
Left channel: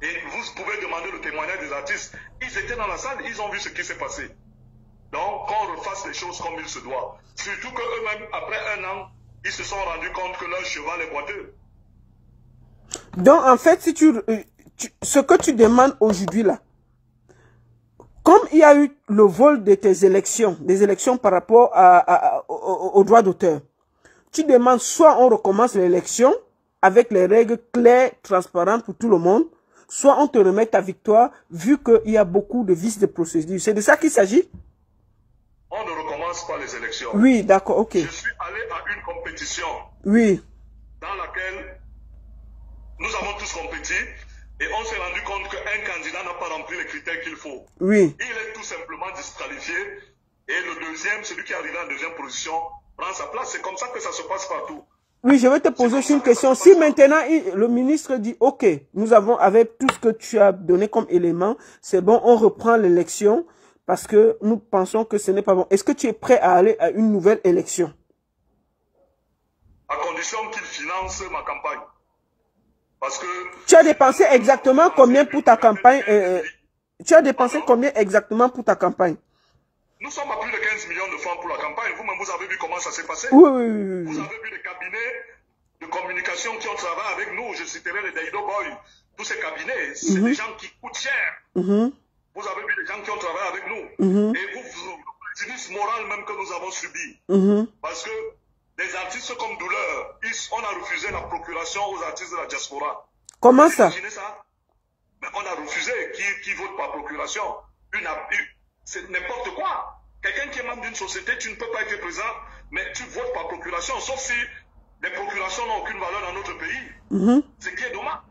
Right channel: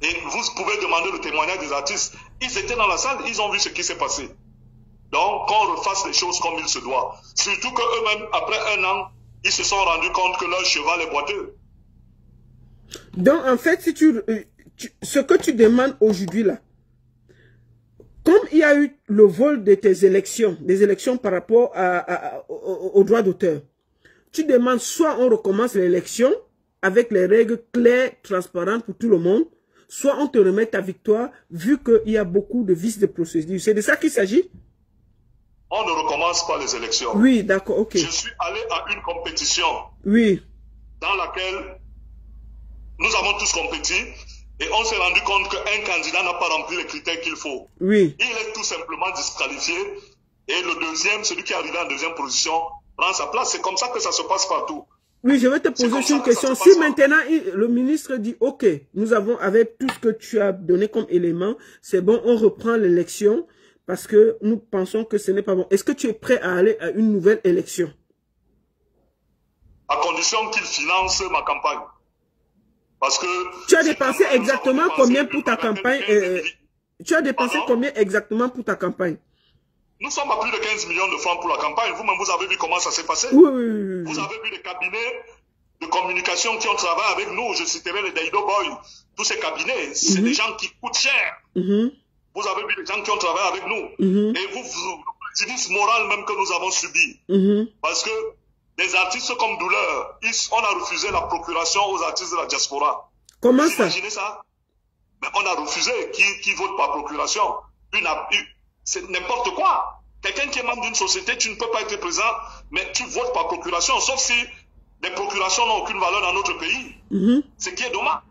Et vous pouvez demander le témoignage des artistes. Ils étaient dans la salle, ils ont vu ce qui s'est passé. Donc, qu'on refasse les choses comme il se doit. Surtout qu'eux-mêmes, après un an, ils se sont rendus compte que leur cheval est boiteux. Donc, en fait, si ce que tu demandes aujourd'hui là, comme il y a eu le vol de tes élections, des élections par rapport au droit d'auteur, tu demandes soit on recommence l'élection avec les règles claires, transparentes pour tout le monde, soit on te remet ta victoire vu qu'il y a beaucoup de vices de procédure. C'est de ça qu'il s'agit? On ne recommence pas les élections. Oui, d'accord, ok. Je suis allé à une compétition. Oui. Dans laquelle nous avons tous compéti. Et on s'est rendu compte qu'un candidat n'a pas rempli les critères qu'il faut. Oui. Il est tout simplement disqualifié. Et le deuxième, celui qui est arrivé en deuxième position, prend sa place. C'est comme ça que ça se passe partout. Oui, je vais te poser une question. Si maintenant le ministre dit, OK, nous avons, avec tout ce que tu as donné comme élément, c'est bon, on reprend l'élection parce que nous pensons que ce n'est pas bon. Est-ce que tu es prêt à aller à une nouvelle élection? À condition qu'il finance ma campagne. Parce que tu as dépensé exactement combien pour ta campagne? Tu as dépensé combien exactement pour ta campagne? Nous sommes à plus de 15 millions de francs pour la campagne. Vous-même, vous avez vu comment ça s'est passé? Oui, oui, oui. Vous avez vu les cabinets de communication qui ont travaillé avec nous. Je citerai les Daido Boy. Tous ces cabinets, c'est des gens qui coûtent cher. Vous avez vu les gens qui ont travaillé avec nous. Et vous, le préjudice moral même que nous avons subi. Parce que les artistes comme Douleur, on a refusé la procuration aux artistes de la diaspora. Comment ça? Vous imaginez ça? Mais on a refusé qui vote par procuration. C'est n'importe quoi. Quelqu'un qui est membre d'une société, tu ne peux pas être présent, mais tu votes par procuration, sauf si les procurations n'ont aucune valeur dans notre pays. Ce qui est dommage.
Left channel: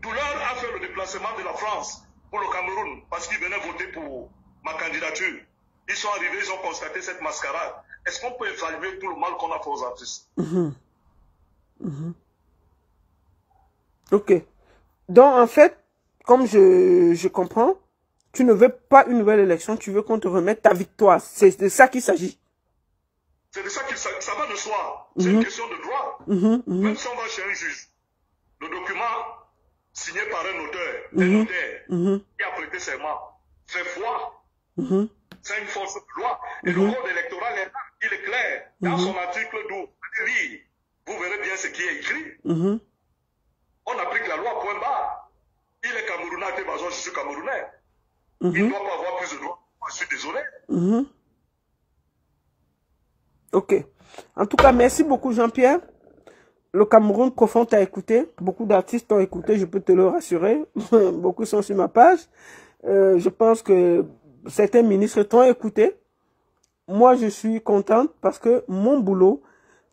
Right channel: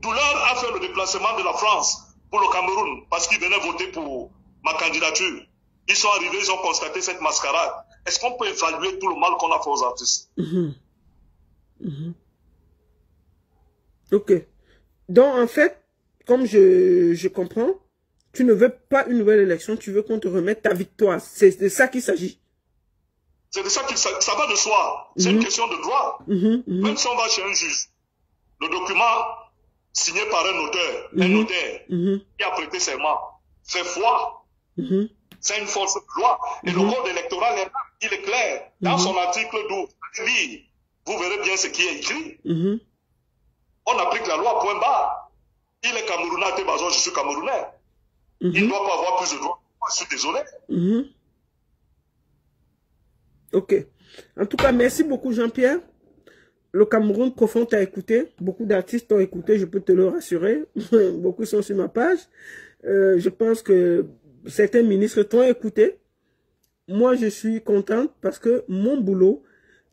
Douleur a fait le déplacement de la France pour le Cameroun parce qu'il venait voter pour ma candidature. Ils sont arrivés, ils ont constaté cette mascarade. Est-ce qu'on peut évaluer tout le mal qu'on a fait aux artistes? Ok. Donc, en fait, comme je comprends, tu ne veux pas une nouvelle élection, tu veux qu'on te remette ta victoire. C'est de ça qu'il s'agit. C'est de ça qu'il s'agit. Ça va de soi. C'est une question de droit. Même si on va chez un juge, le document signé par un notaire, qui a prêté serment, fait foi. C'est une force de loi. Et le code électoral, il est clair. Dans son article 12, vous verrez bien ce qui est écrit. On applique la loi, point barre. Il est Camerounais, je suis Camerounais. Il ne doit pas avoir plus de droits. Je suis désolé. Ok. En tout cas, merci beaucoup Jean-Pierre. Le Cameroun profond t'a écouté. Beaucoup d'artistes t'ont écouté, je peux te le rassurer. Beaucoup sont sur ma page. Je pense que certains ministres t'ont écouté. Moi, je suis contente parce que mon boulot,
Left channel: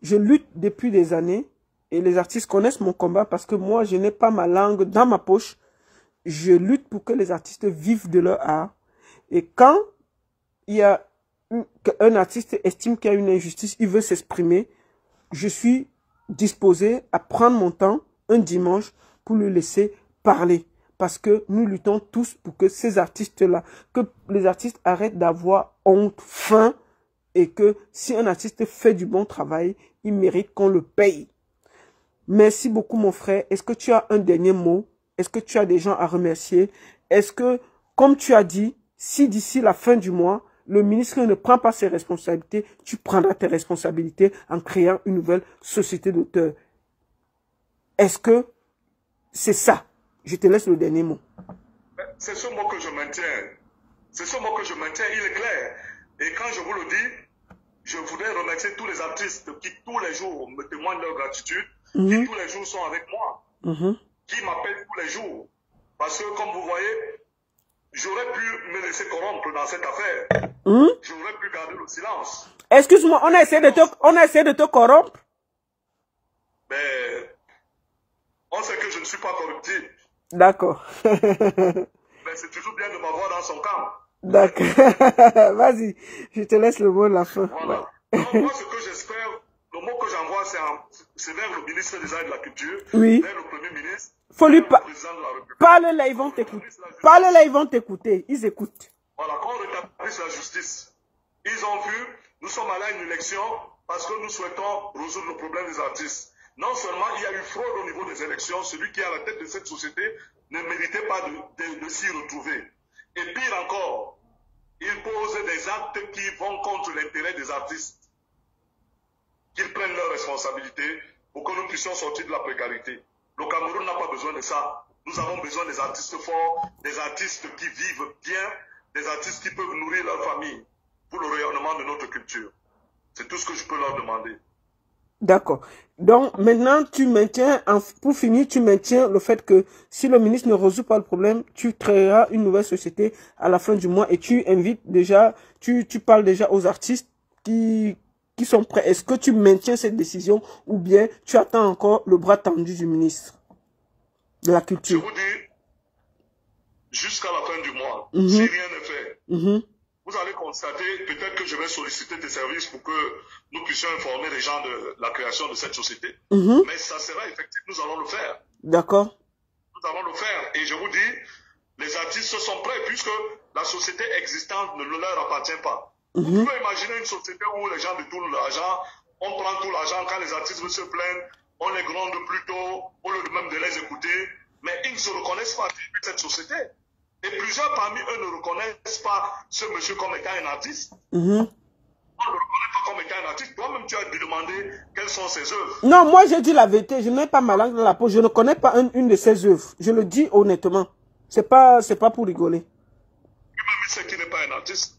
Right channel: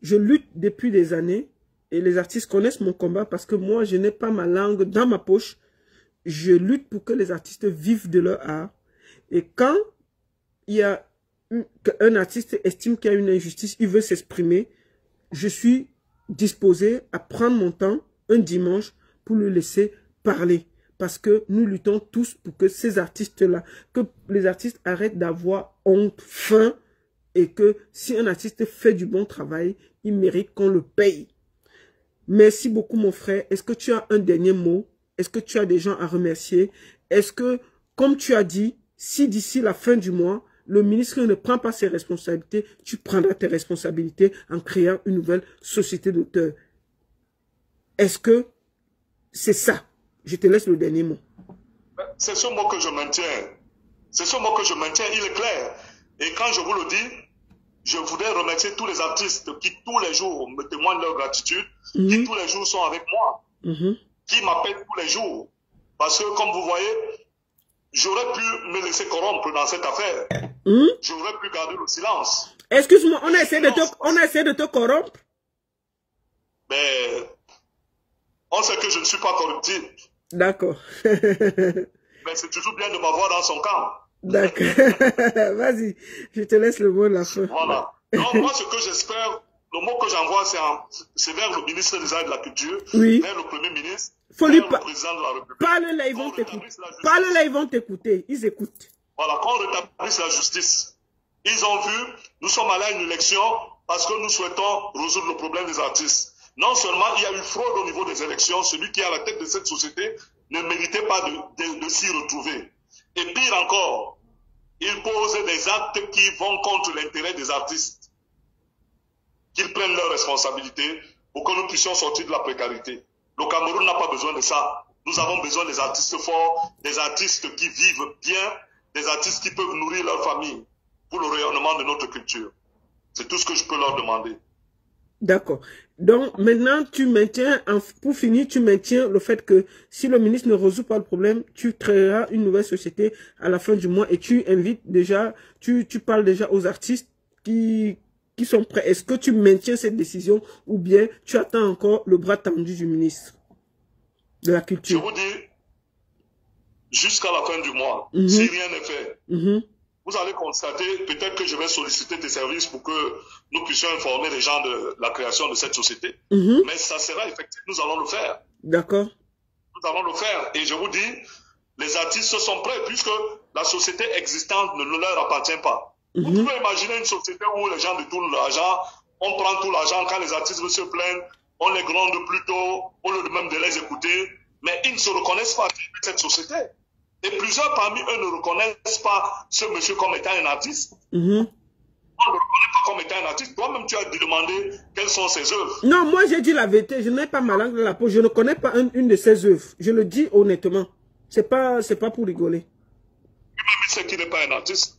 je lutte depuis des années et les artistes connaissent mon combat parce que moi, je n'ai pas ma langue dans ma poche. Je lutte pour que les artistes vivent de leur art. Et quand il y a un artiste estime qu'il y a une injustice, il veut s'exprimer, je suis disposé à prendre mon temps un dimanche pour le laisser parler. Parce que nous luttons tous pour que ces artistes-là, que les artistes arrêtent d'avoir honte, faim, et que si un artiste fait du bon travail, il mérite qu'on le paye. Merci beaucoup mon frère. Est-ce que tu as un dernier mot? Est-ce que tu as des gens à remercier? Est-ce que, comme tu as dit, si d'ici la fin du mois, le ministre ne prend pas ses responsabilités, tu prendras tes responsabilités en créant une nouvelle société d'auteurs. Est-ce que c'est ça? Je te laisse le dernier mot. C'est ce mot que je maintiens. C'est ce mot que je maintiens, il est clair. Et quand je vous le dis, je voudrais remercier tous les artistes qui tous les jours me témoignent leur gratitude, qui tous les jours sont avec moi, qui m'appellent tous les jours. Parce que comme vous voyez, j'aurais pu me laisser corrompre dans cette affaire. J'aurais pu garder le silence. Excuse-moi, on a essayé de te corrompre? Mais on sait que je ne suis pas corruptible. D'accord. Mais c'est toujours bien de m'avoir dans son camp. D'accord. Vas-y, je te laisse le mot de la fin. Voilà. Donc moi, ce que j'espère, le mot que j'envoie, c'est vers le ministre des Arts et de la Culture, vers le Premier ministre, faut lui vers le président de la République. Parle-là, ils vont t'écouter. Parle-là, ils vont t'écouter. Ils écoutent. Voilà, qu'on rétablisse la justice. Ils ont vu, nous sommes allés à une élection parce que nous souhaitons résoudre le problème des artistes. Non seulement il y a eu fraude au niveau des élections, celui qui est à la tête de cette société ne méritait pas de s'y retrouver. Et pire encore, il pose des actes qui vont contre l'intérêt des artistes. Qu'ils prennent leurs responsabilités pour que nous puissions sortir de la précarité. Le Cameroun n'a pas besoin de ça. Nous avons besoin des artistes forts, des artistes qui vivent bien, des artistes qui peuvent nourrir leur famille pour le rayonnement de notre culture. C'est tout ce que je peux leur demander. D'accord. Donc, maintenant, tu maintiens, pour finir, tu maintiens le fait que si le ministre ne résout pas le problème, tu créeras une nouvelle société à la fin du mois et tu invites déjà, tu parles déjà aux artistes qui sont prêts. Est-ce que tu maintiens cette décision ou bien tu attends encore le bras tendu du ministre de la Culture? Je vous dis, jusqu'à la fin du mois, si rien n'est fait, vous allez constater, peut-être que je vais solliciter tes services pour que nous puissions informer les gens de la création de cette société. Mais ça sera effectif, nous allons le faire. D'accord. Nous allons le faire. Et je vous dis, les artistes sont prêts puisque la société existante ne leur appartient pas. Vous pouvez imaginer une société où les gens détournent l'argent, on prend tout l'argent, quand les artistes se plaignent, on les gronde plutôt, au lieu même de les écouter, mais ils ne se reconnaissent pas dans cette société. Et plusieurs parmi eux ne reconnaissent pas ce monsieur comme étant un artiste. On ne le reconnaît pas comme étant un artiste. Toi-même, tu as demandé quelles sont ses œuvres. Non, moi j'ai dit la vérité. Je n'ai pas ma langue dans la peau. Je ne connais pas une de ses œuvres. Je le dis honnêtement. C'est pas pour rigoler. Lui-même, il sait qu'il n'est pas un artiste.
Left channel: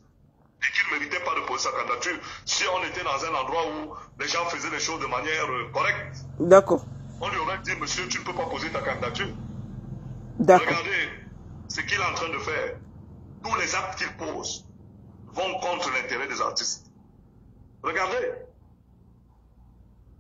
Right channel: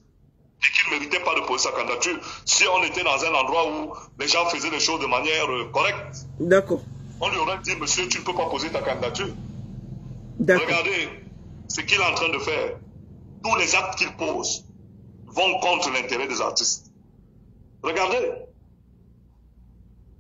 Et qu'il ne méritait pas de poser sa candidature. Si on était dans un endroit où les gens faisaient les choses de manière correcte. D'accord. On lui aurait dit, monsieur, tu ne peux pas poser ta candidature. D'accord. Regardez ce qu'il est en train de faire. Tous les actes qu'il pose vont contre l'intérêt des artistes. Regardez.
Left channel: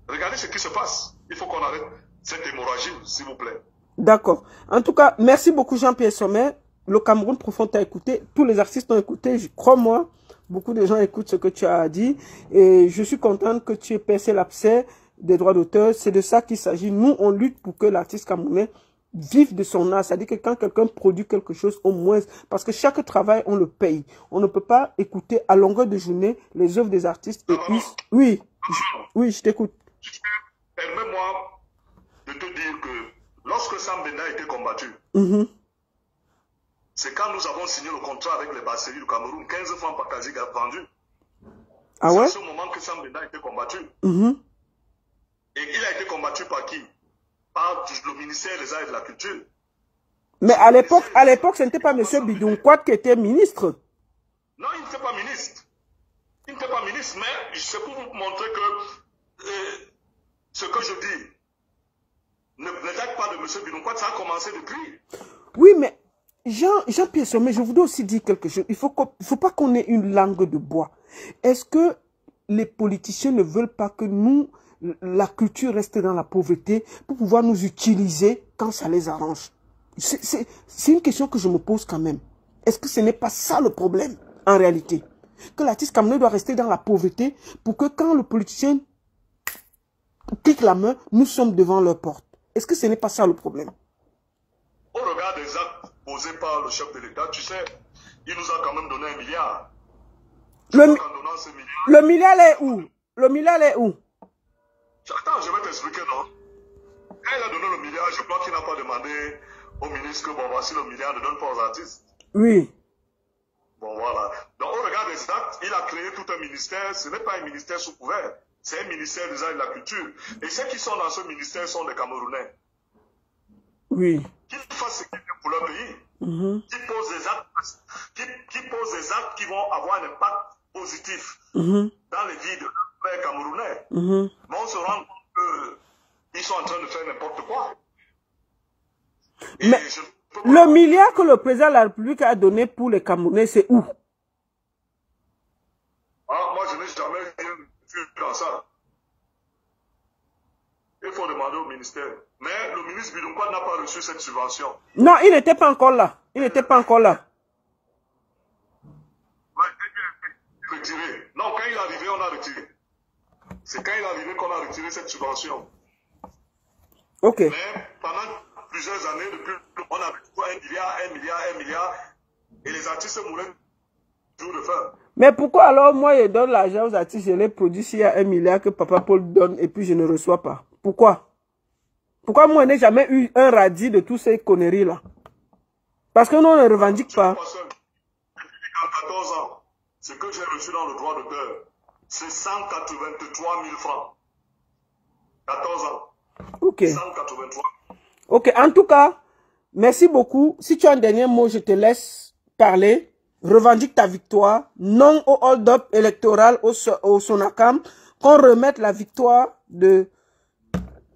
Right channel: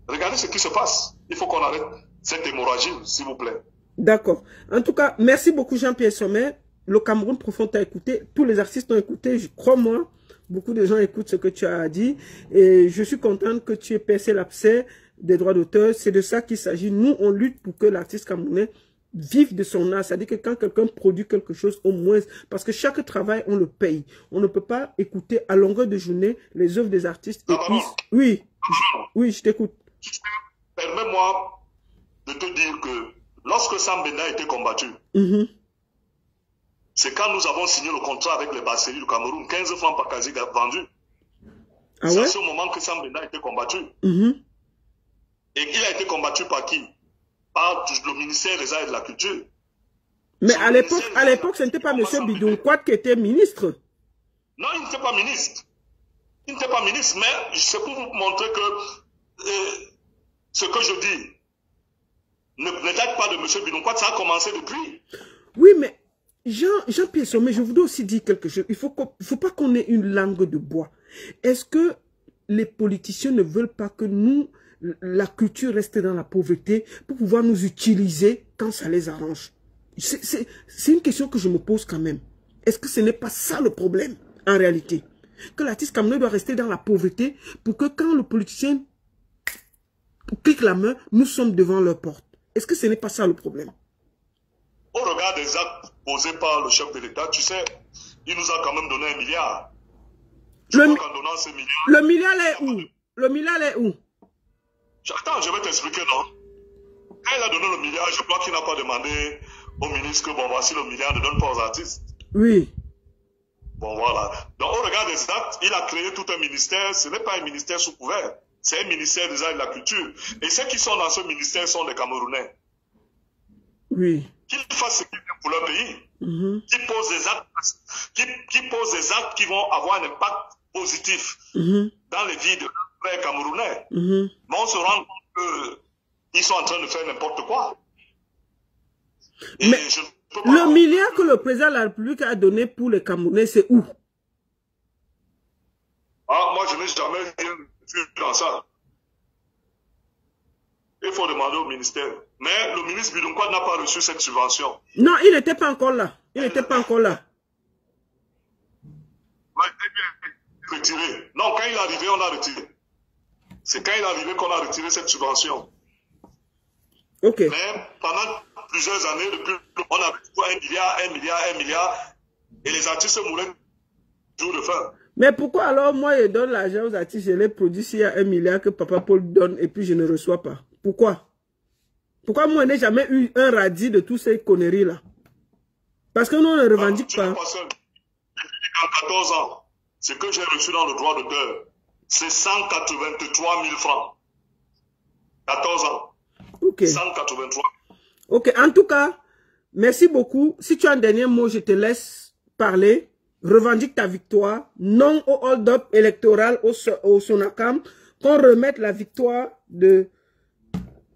Regardez ce qui se passe. Il faut qu'on arrête cette hémorragie, s'il vous plaît. D'accord. En tout cas, merci beaucoup Jean-Pierre Sommet. Le Cameroun profond t'a écouté. Tous les artistes ont écouté. Crois-moi, beaucoup de gens écoutent ce que tu as dit. Et je suis contente que tu aies percé l'abcès des droits d'auteur. C'est de ça qu'il s'agit. Nous, on lutte pour que l'artiste camerounais vive de son art. C'est-à-dire que quand quelqu'un produit quelque chose, au moins, parce que chaque travail, on le paye. On ne peut pas écouter à longueur de journée les œuvres des artistes. Et oui, je t'écoute. Permets-moi de te dire que lorsque Sam Benda a été combattu, c'est quand nous avons signé le contrat avec les brasseries du Cameroun, 15 francs par casier vendu. Ah ouais? C'est à ce moment que Sam Benda a été combattu. Et il a été combattu par qui? Par le ministère des Arts et de la Culture. Mais à l'époque, ce n'était pas M. Bidounkouat qui était ministre. Non, il n'était pas ministre. Il n'était pas ministre, mais c'est pour vous montrer que ce que je dis ne date pas de M. Bidounkouat, ça a commencé depuis. Oui, mais Jean-Pierre Sommet, je voudrais aussi dire quelque chose. Il faut pas qu'on ait une langue de bois. Est-ce que les politiciens ne veulent pas que nous, la culture reste dans la pauvreté pour pouvoir nous utiliser quand ça les arrange? C'est une question que je me pose quand même. Est-ce que ce n'est pas ça le problème en réalité? Que l'artiste camerounais doit rester dans la pauvreté pour que quand le politicien clique la main, nous sommes devant leur porte. Est-ce que ce n'est pas ça le problème? Au regard des actes posés par le chef de l'État, tu sais, il nous a quand même donné 1 milliard. Le milliard est où? Le milliard est où? Attends, je vais t'expliquer, non? Quand il a donné le milliard, je crois qu'il n'a pas demandé au ministre que, bon, voici le milliard, ne donne pas aux artistes. Oui. Bon, voilà. Donc, au regard des actes, il a créé tout un ministère. Ce n'est pas un ministère sous couvert. C'est un ministère des arts et de la culture. Et ceux qui sont dans ce ministère sont des Camerounais. Oui. Qu'ils fassent ce qu'ils veulent pour leur pays. Qui posent des actes qui vont avoir un impact positif dans les vies de frères Camerounais. Mais on se rend compte qu'ils sont en train de faire n'importe quoi. Et mais le milliard que le président de la République a donné pour les Camerounais, c'est où? Ah, moi, je n'ai jamais vu dans ça. Il faut demander au ministère. Mais le ministre Bidounkwa n'a pas reçu cette subvention. Non, il n'était pas encore là. Il n'était pas encore là. Ouais, retiré. Non, quand il est arrivé, on a retiré. C'est quand il est arrivé qu'on a retiré cette subvention. Ok. Mais pendant plusieurs années, depuis, on a reçu 1 milliard, et les artistes mouraient jour de faim. Mais pourquoi alors moi je donne l'argent aux artistes, je les produis s'il y a 1 milliard que Papa Paul donne et puis je ne reçois pas? Pourquoi? Pourquoi moi je n'ai jamais eu un radis de toutes ces conneries-là? Parce que nous on ne revendique pas. En 14 ans, ce que j'ai reçu dans le droit d'auteur, c'est 183 000 francs. 14 ans. Ok. 183. Ok, en tout cas, merci beaucoup. Si tu as un dernier mot, je te laisse parler. Revendique ta victoire. Non au hold-up électoral au Sonacam. Qu'on remette la victoire de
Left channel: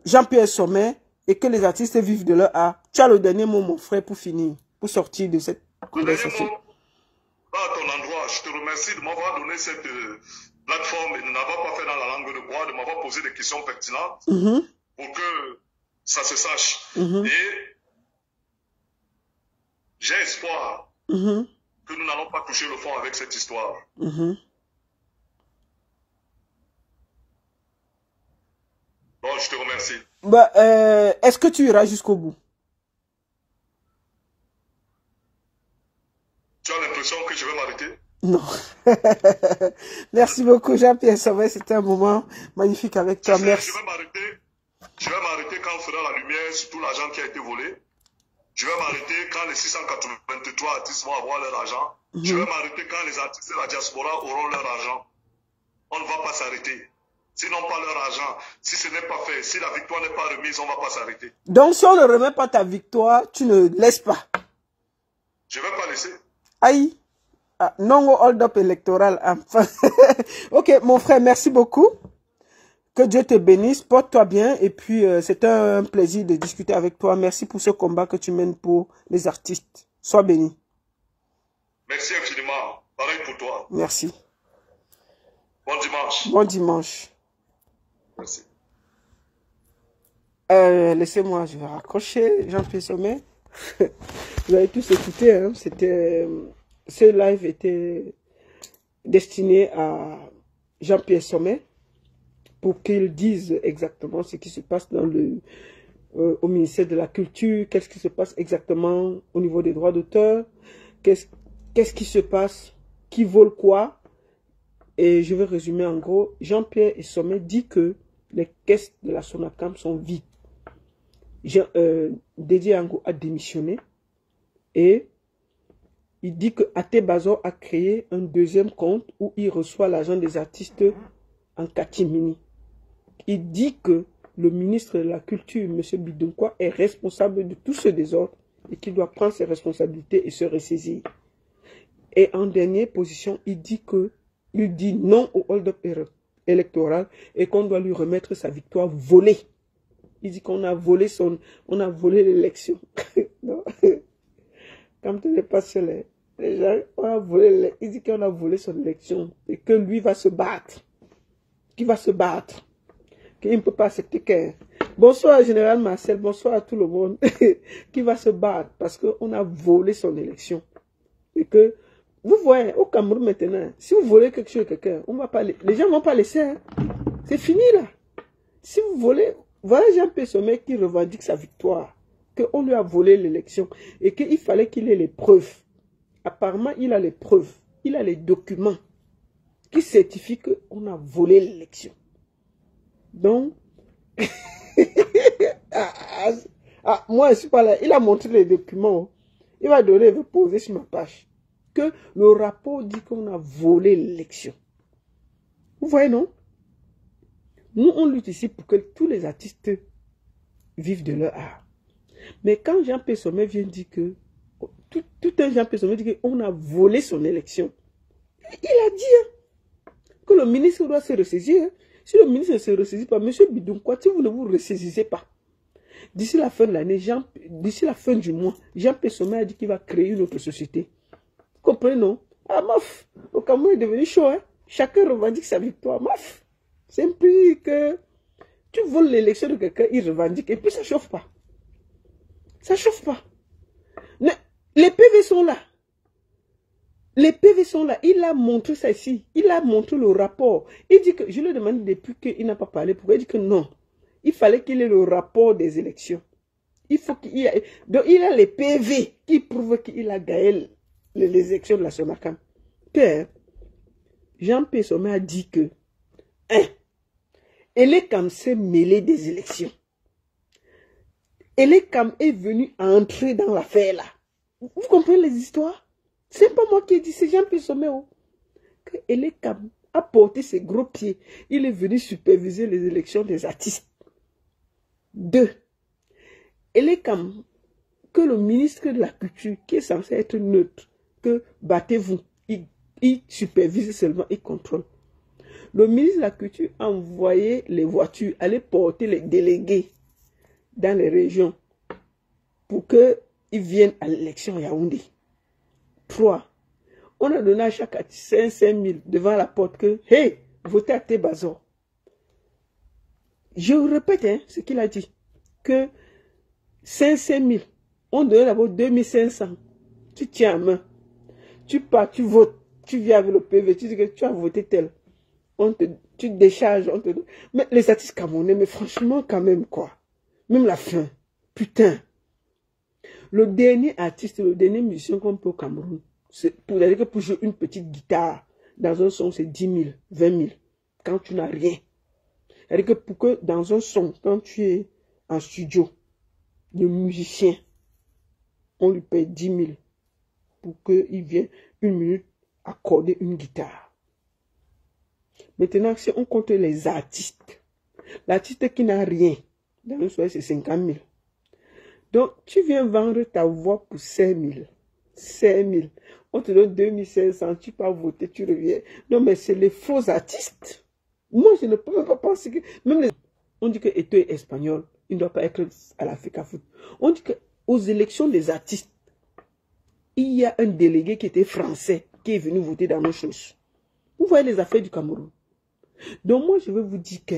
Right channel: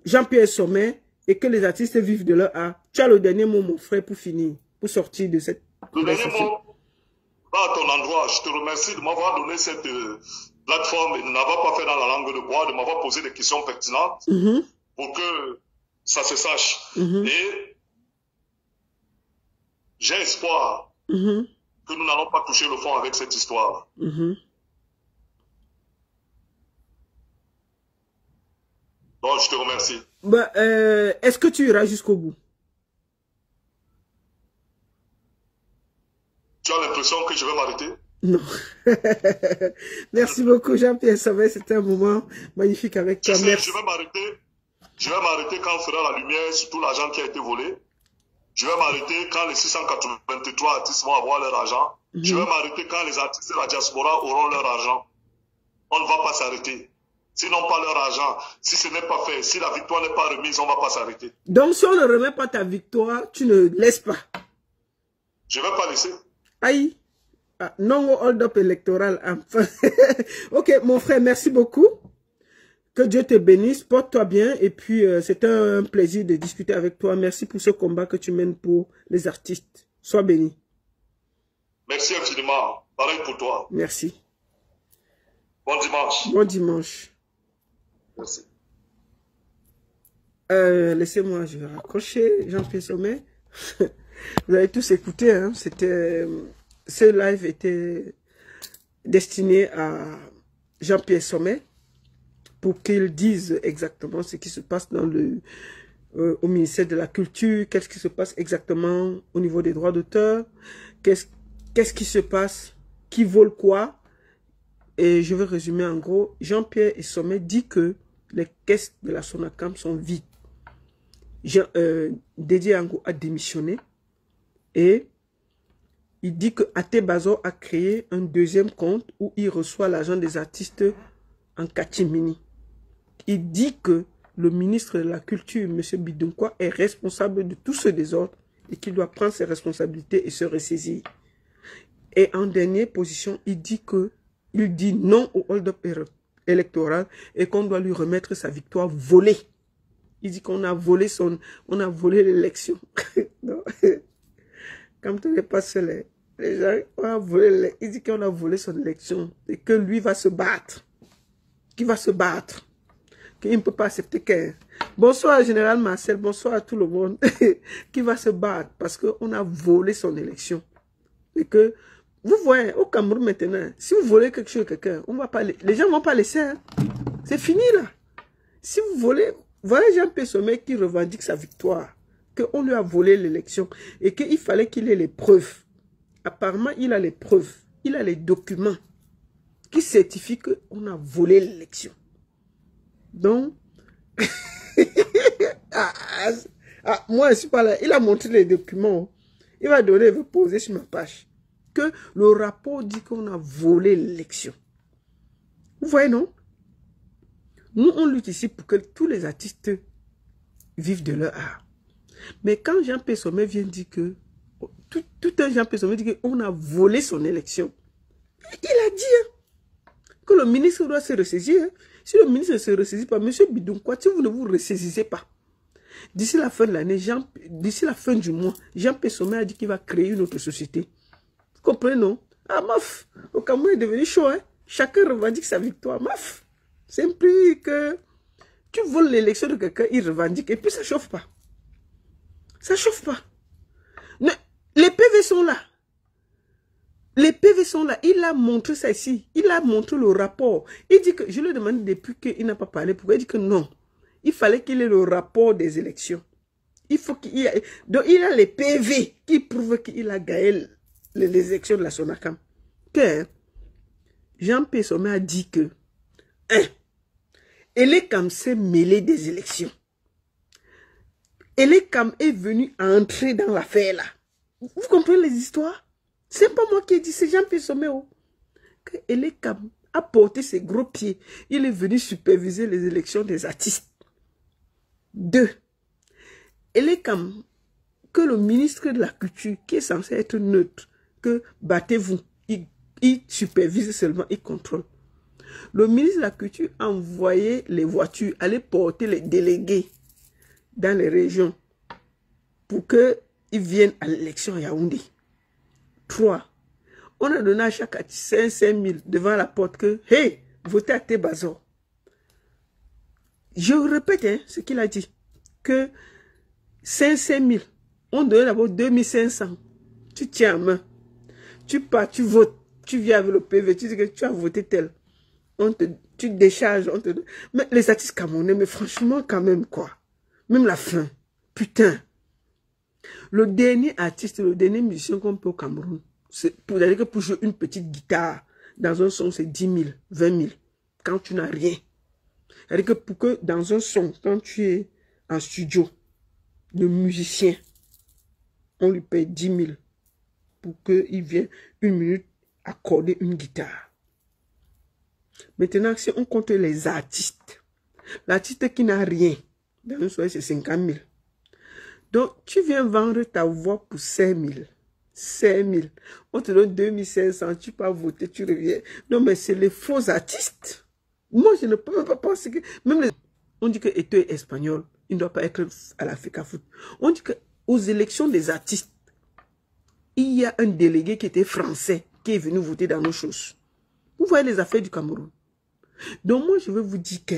Jean-Pierre Sommet et que les artistes vivent de leur art. Tu as le dernier mot, mon frère, pour finir, pour sortir de cette conversation. Le dernier mot, à ton endroit, je te remercie de m'avoir donné cette plateforme et de n'avoir pas fait dans la langue de bois, de m'avoir posé des questions pertinentes pour que ça se sache. Et j'ai espoir que nous n'allons pas toucher le fond avec cette histoire. Donc, je te remercie. Bah, est-ce que tu iras jusqu'au bout? Tu as l'impression que je vais m'arrêter? Non. Merci beaucoup, Jean-Pierre Sommet. C'était un moment magnifique avec toi. Merci. Je vais m'arrêter quand on fera la lumière sur tout l'argent qui a été volé. Je vais m'arrêter quand les 683 artistes vont avoir leur argent. Je vais m'arrêter quand les artistes de la diaspora auront leur argent. On ne va pas s'arrêter. S'ils n'ont pas leur argent, si ce n'est pas fait, si la victoire n'est pas remise, on ne va pas s'arrêter. Donc, si on ne remet pas ta victoire, tu ne laisses pas? Je ne vais pas laisser. Aïe. Ah, non au hold-up électoral. Enfin. Ok, mon frère, merci beaucoup. Que Dieu te bénisse, porte-toi bien. Et puis, c'est un plaisir de discuter avec toi. Merci pour ce combat que tu mènes pour les artistes. Sois béni. Merci infiniment. Pareil pour toi. Merci. Bon dimanche. Bon dimanche. Merci. Laissez-moi, je vais raccrocher. Jean-Pierre Sommet. Vous avez tous écouté. Hein? Ce live était destiné à Jean-Pierre Sommet pour qu'il dise exactement ce qui se passe dans au ministère de la Culture, qu'est-ce qui se passe exactement au niveau des droits d'auteur, qu'est-ce qui se passe, qui vole quoi. Et je vais résumer en gros. Jean-Pierre Sommet dit que les caisses de la Sonacam sont vides. Dédié Ango a démissionné et il dit que Até Bazor a créé un deuxième compte où il reçoit l'argent des artistes en catimini. Il dit que le ministre de la Culture, M. Bidounkwa, est responsable de tout ce désordre et qu'il doit prendre ses responsabilités et se ressaisir. Et en dernière position, il dit non au hold-up électoral et qu'on doit lui remettre sa victoire volée. Il dit qu'on a volé l'élection. Quand on n'est pas seul, les gens, il dit qu'on a volé son élection et que lui va se battre. Qui va se battre? qu'il ne peut pas accepter qu'un. Bonsoir, Général Marcel, bonsoir à tout le monde qui va se battre parce qu'on a volé son élection. Et que, vous voyez, au Cameroun maintenant, si vous volez quelque chose à quelqu'un, les gens ne vont pas laisser. Hein. C'est fini là. Si vous volez, voilà Jean-Pierre Sommet qui revendique sa victoire, qu'on lui a volé l'élection et qu'il fallait qu'il ait les preuves. Apparemment, il a les preuves, il a les documents qui certifient qu'on a volé l'élection. Donc, moi, je suis pas là. Il a montré les documents. Il va donner, il va poser sur ma page. Que le rapport dit qu'on a volé l'élection. Vous voyez, non? Nous, on lutte ici pour que tous les artistes vivent de leur art. Mais quand Jean-Pierre Sommet vient dire que, tout un Jean-Pierre Sommet dit qu'on a volé son élection, il a dit hein, que le ministre doit se ressaisir. Hein. Si le ministre ne se ressaisit pas, M. Bidounkwa, si vous ne vous ressaisissez pas, d'ici la fin de l'année, d'ici la fin du mois, Jean-Pierre Sommet a dit qu'il va créer une autre société. Vous comprenez, non? Ah, maf, au Cameroun est devenu chaud, hein? Chacun revendique sa victoire, maf. C'est un prix que tu voles l'élection de quelqu'un, il revendique, et puis ça ne chauffe pas. Ça ne chauffe pas. Mais les PV sont là. Les PV sont là. Il a montré ça ici. Il a montré le rapport. Il dit que, je lui ai demandé depuis qu'il n'a pas parlé, pourquoi il dit que non. Il fallait qu'il ait le rapport des élections. Il faut qu'il y ait... Donc il a les PV qui prouvent qu'il a gagné les élections de la Sonacam. Que Jean-Pierre Sommet a dit que Elekam s'est mêlé des élections. Elekam est venu entrer dans l'affaire là. Vous comprenez les histoires? C'est pas moi qui ai dit, c'est Jean-Pierre Sommet. Que Elekam a porté ses gros pieds. Il est venu superviser les élections des artistes. 2. Elekam, que le ministre de la Culture, qui est censé être neutre, que battez-vous, il supervise seulement, il contrôle. Le ministre de la Culture a envoyé les voitures aller porter les délégués dans les régions pour qu'ils viennent à l'élection à Yaoundé. 3. On a donné à chaque artiste 5 000 devant la porte que, hey, votez à Tébazor. Je répète hein, ce qu'il a dit, que 5 000, on donne d'abord 2500. Tu tiens en main, tu pars, tu votes, tu viens avec le PV, tu dis que tu as voté tel. Tu décharges, on te... Mais les artistes camerounais, mais franchement quand même quoi. Même la fin, putain. Le dernier artiste, le dernier musicien qu'on peut au Cameroun, c'est pour dire que pour jouer une petite guitare dans un son, c'est 10 000, 20 000. Quand tu n'as rien. C'est-à-dire que pour que dans un son, quand tu es en studio, le musicien, on lui paye 10 000 pour qu'il vienne 1 minute accorder une guitare. Maintenant, si on compte les artistes, l'artiste qui n'a rien, dans une soirée, c'est 50 000. Donc, tu viens vendre ta voix pour 5 000. 5 000. On te donne 2500, tu peux voter, tu reviens. Non, mais c'est les faux artistes. Moi, je ne peux même pas penser que... Même les... On dit que Eto est espagnol, il ne doit pas être à l'Africa Foot. On dit qu'aux élections des artistes, il y a un délégué qui était français, qui est venu voter dans nos choses. Vous voyez les affaires du Cameroun. Donc moi, je veux vous dire que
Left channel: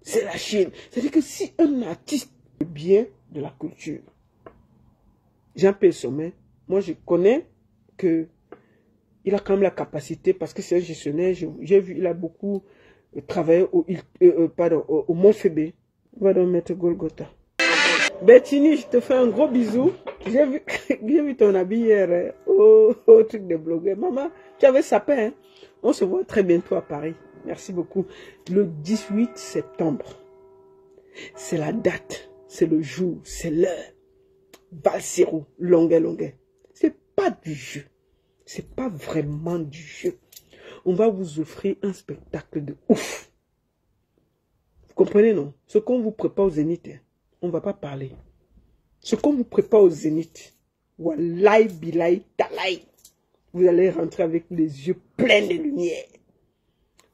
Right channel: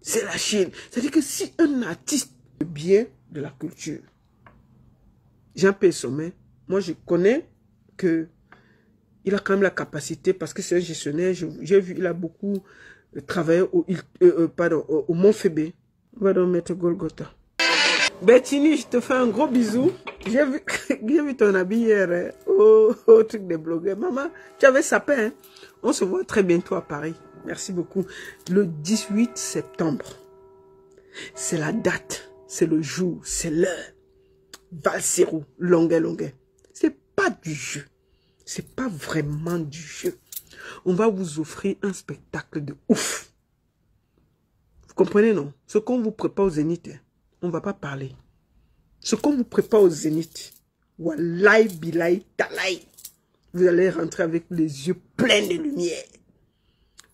c'est la Chine. C'est-à-dire que si un artiste est bien de la culture, Jean-Pierre Sommet, moi je connais que il a quand même la capacité, parce que c'est un gestionnaire, j'ai vu, il a beaucoup travaillé au Mont-Fébé. On va donc mettre Golgotha. Bettini, je te fais un gros bisou. J'ai vu ton habit hier au truc des blogueurs. Maman, tu avais sapé, hein? On se voit très bientôt à Paris. Merci beaucoup. Le 18 septembre. C'est la date, c'est le jour, c'est l'heure. Valsero, Longuet. C'est pas du jeu. C'est pas vraiment du jeu. On va vous offrir un spectacle de ouf. Vous comprenez, non? Ce qu'on vous prépare au Zénith, on ne va pas parler. Ce qu'on vous prépare au Zénith, wallahi billahi talaï, vous allez rentrer avec les yeux pleins de lumière.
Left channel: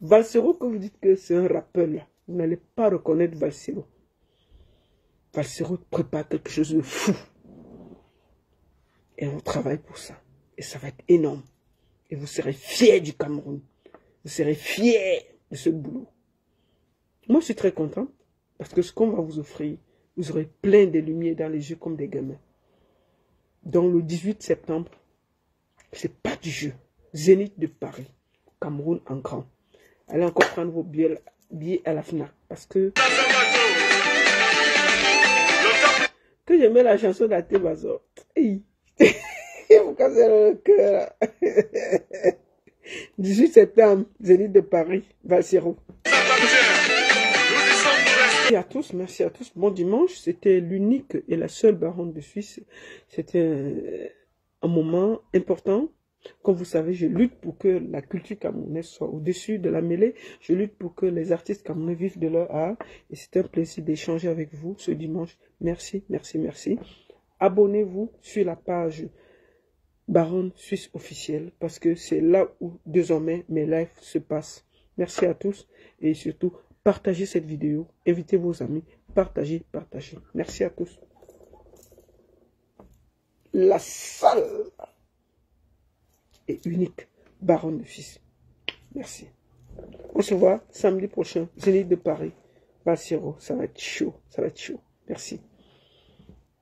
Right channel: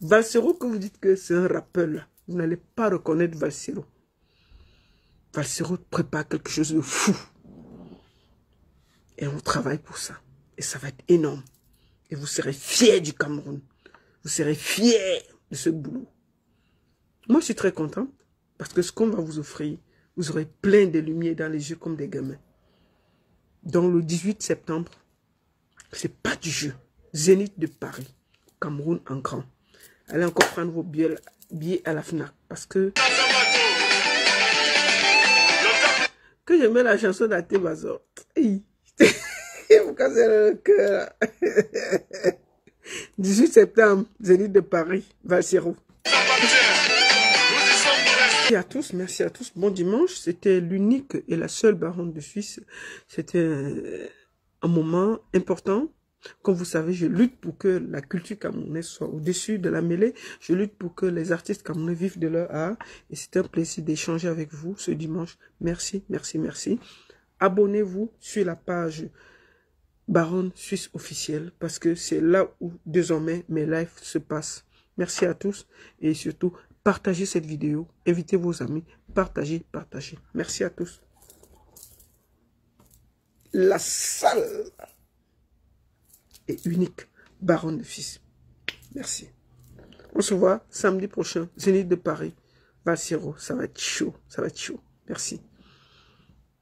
Valsero, que vous dites que c'est un rappeur, là, vous n'allez pas reconnaître Valsero. Valsero prépare quelque chose de fou. Et on travaille pour ça. Et ça va être énorme. Et vous serez fiers du Cameroun. Vous serez fiers de ce boulot. Moi, je suis très content parce que ce qu'on va vous offrir, vous aurez plein de lumière dans les yeux comme des gamins. Donc, le 18 septembre, c'est pas du jeu. Zénith de Paris, Cameroun en grand. Allez encore prendre vos billets à la FNAC parce que j'aimais la chanson d'Até Bazor. Vous cassez le cœur. 18 septembre, Zénith de Paris, Valsero. Merci à tous, merci à tous. Bon dimanche, c'était l'unique et la seule baronne de Suisse. C'était un moment important. Comme vous savez, je lutte pour que la culture camerounaise soit au-dessus de la mêlée. Je lutte pour que les artistes camerounais vivent de leur art. Et c'est un plaisir d'échanger avec vous ce dimanche. Merci, merci, merci. Abonnez-vous sur la page Baronne Suisse officielle parce que c'est là où désormais mes lives se passent. Merci à tous et surtout, partagez cette vidéo. Invitez vos amis. Partagez, partagez. Merci à tous. La salle est unique, Baronne de Suisse. Merci. On se voit samedi prochain, Zénith de Paris, Valsero. Ça va être chaud, ça va être chaud. Merci.